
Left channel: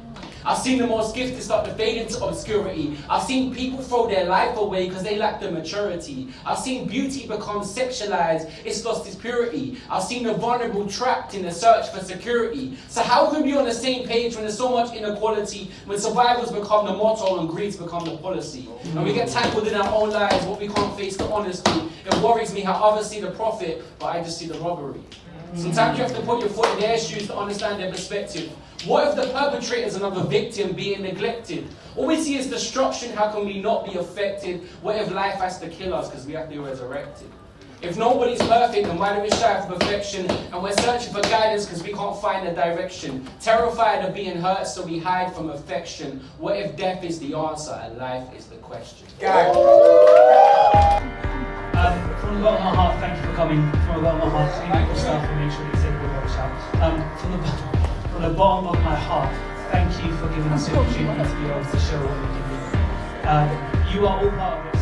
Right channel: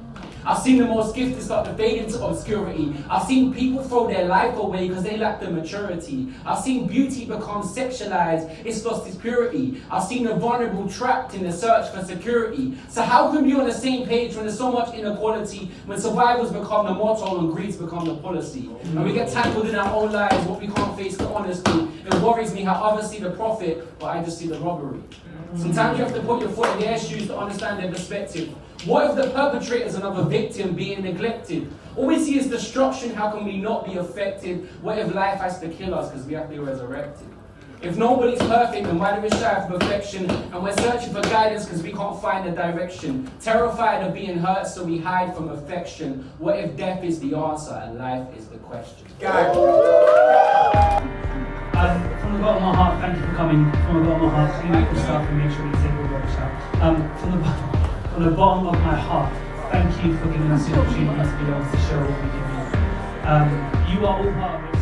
I've seen the most gifted start to fade into obscurity. I've seen people throw their life away because they lack the maturity. I've seen beauty become sexualized, it's lost its purity. I've seen the vulnerable trapped in the search for security. So how can we be on the same page when there's so much inequality, when survivors become the motto and greeds become the policy? And we get tangled in our own lives, what we can't face the honesty. It worries me how others see the profit, but I just see the robbery. Sometimes you have to put your foot in their shoes to understand their perspective. What if the perpetrator is another victim being neglected? All we see is destruction, how can we not be affected? What if life has to kill us because we have to be resurrected? If nobody's perfect, then why do we strive for perfection? And we're searching for guidance because we can't find a direction. Terrified of being hurt, so we hide from affection. What if death is the answer and life is the question? From the bottom of my heart, thank you for coming. From the bottom of my heart, clean up yourself and make sure you take the workshop. From the bottom of my heart, thank you for giving us the opportunity to be able to show what we can do. You are all part of it.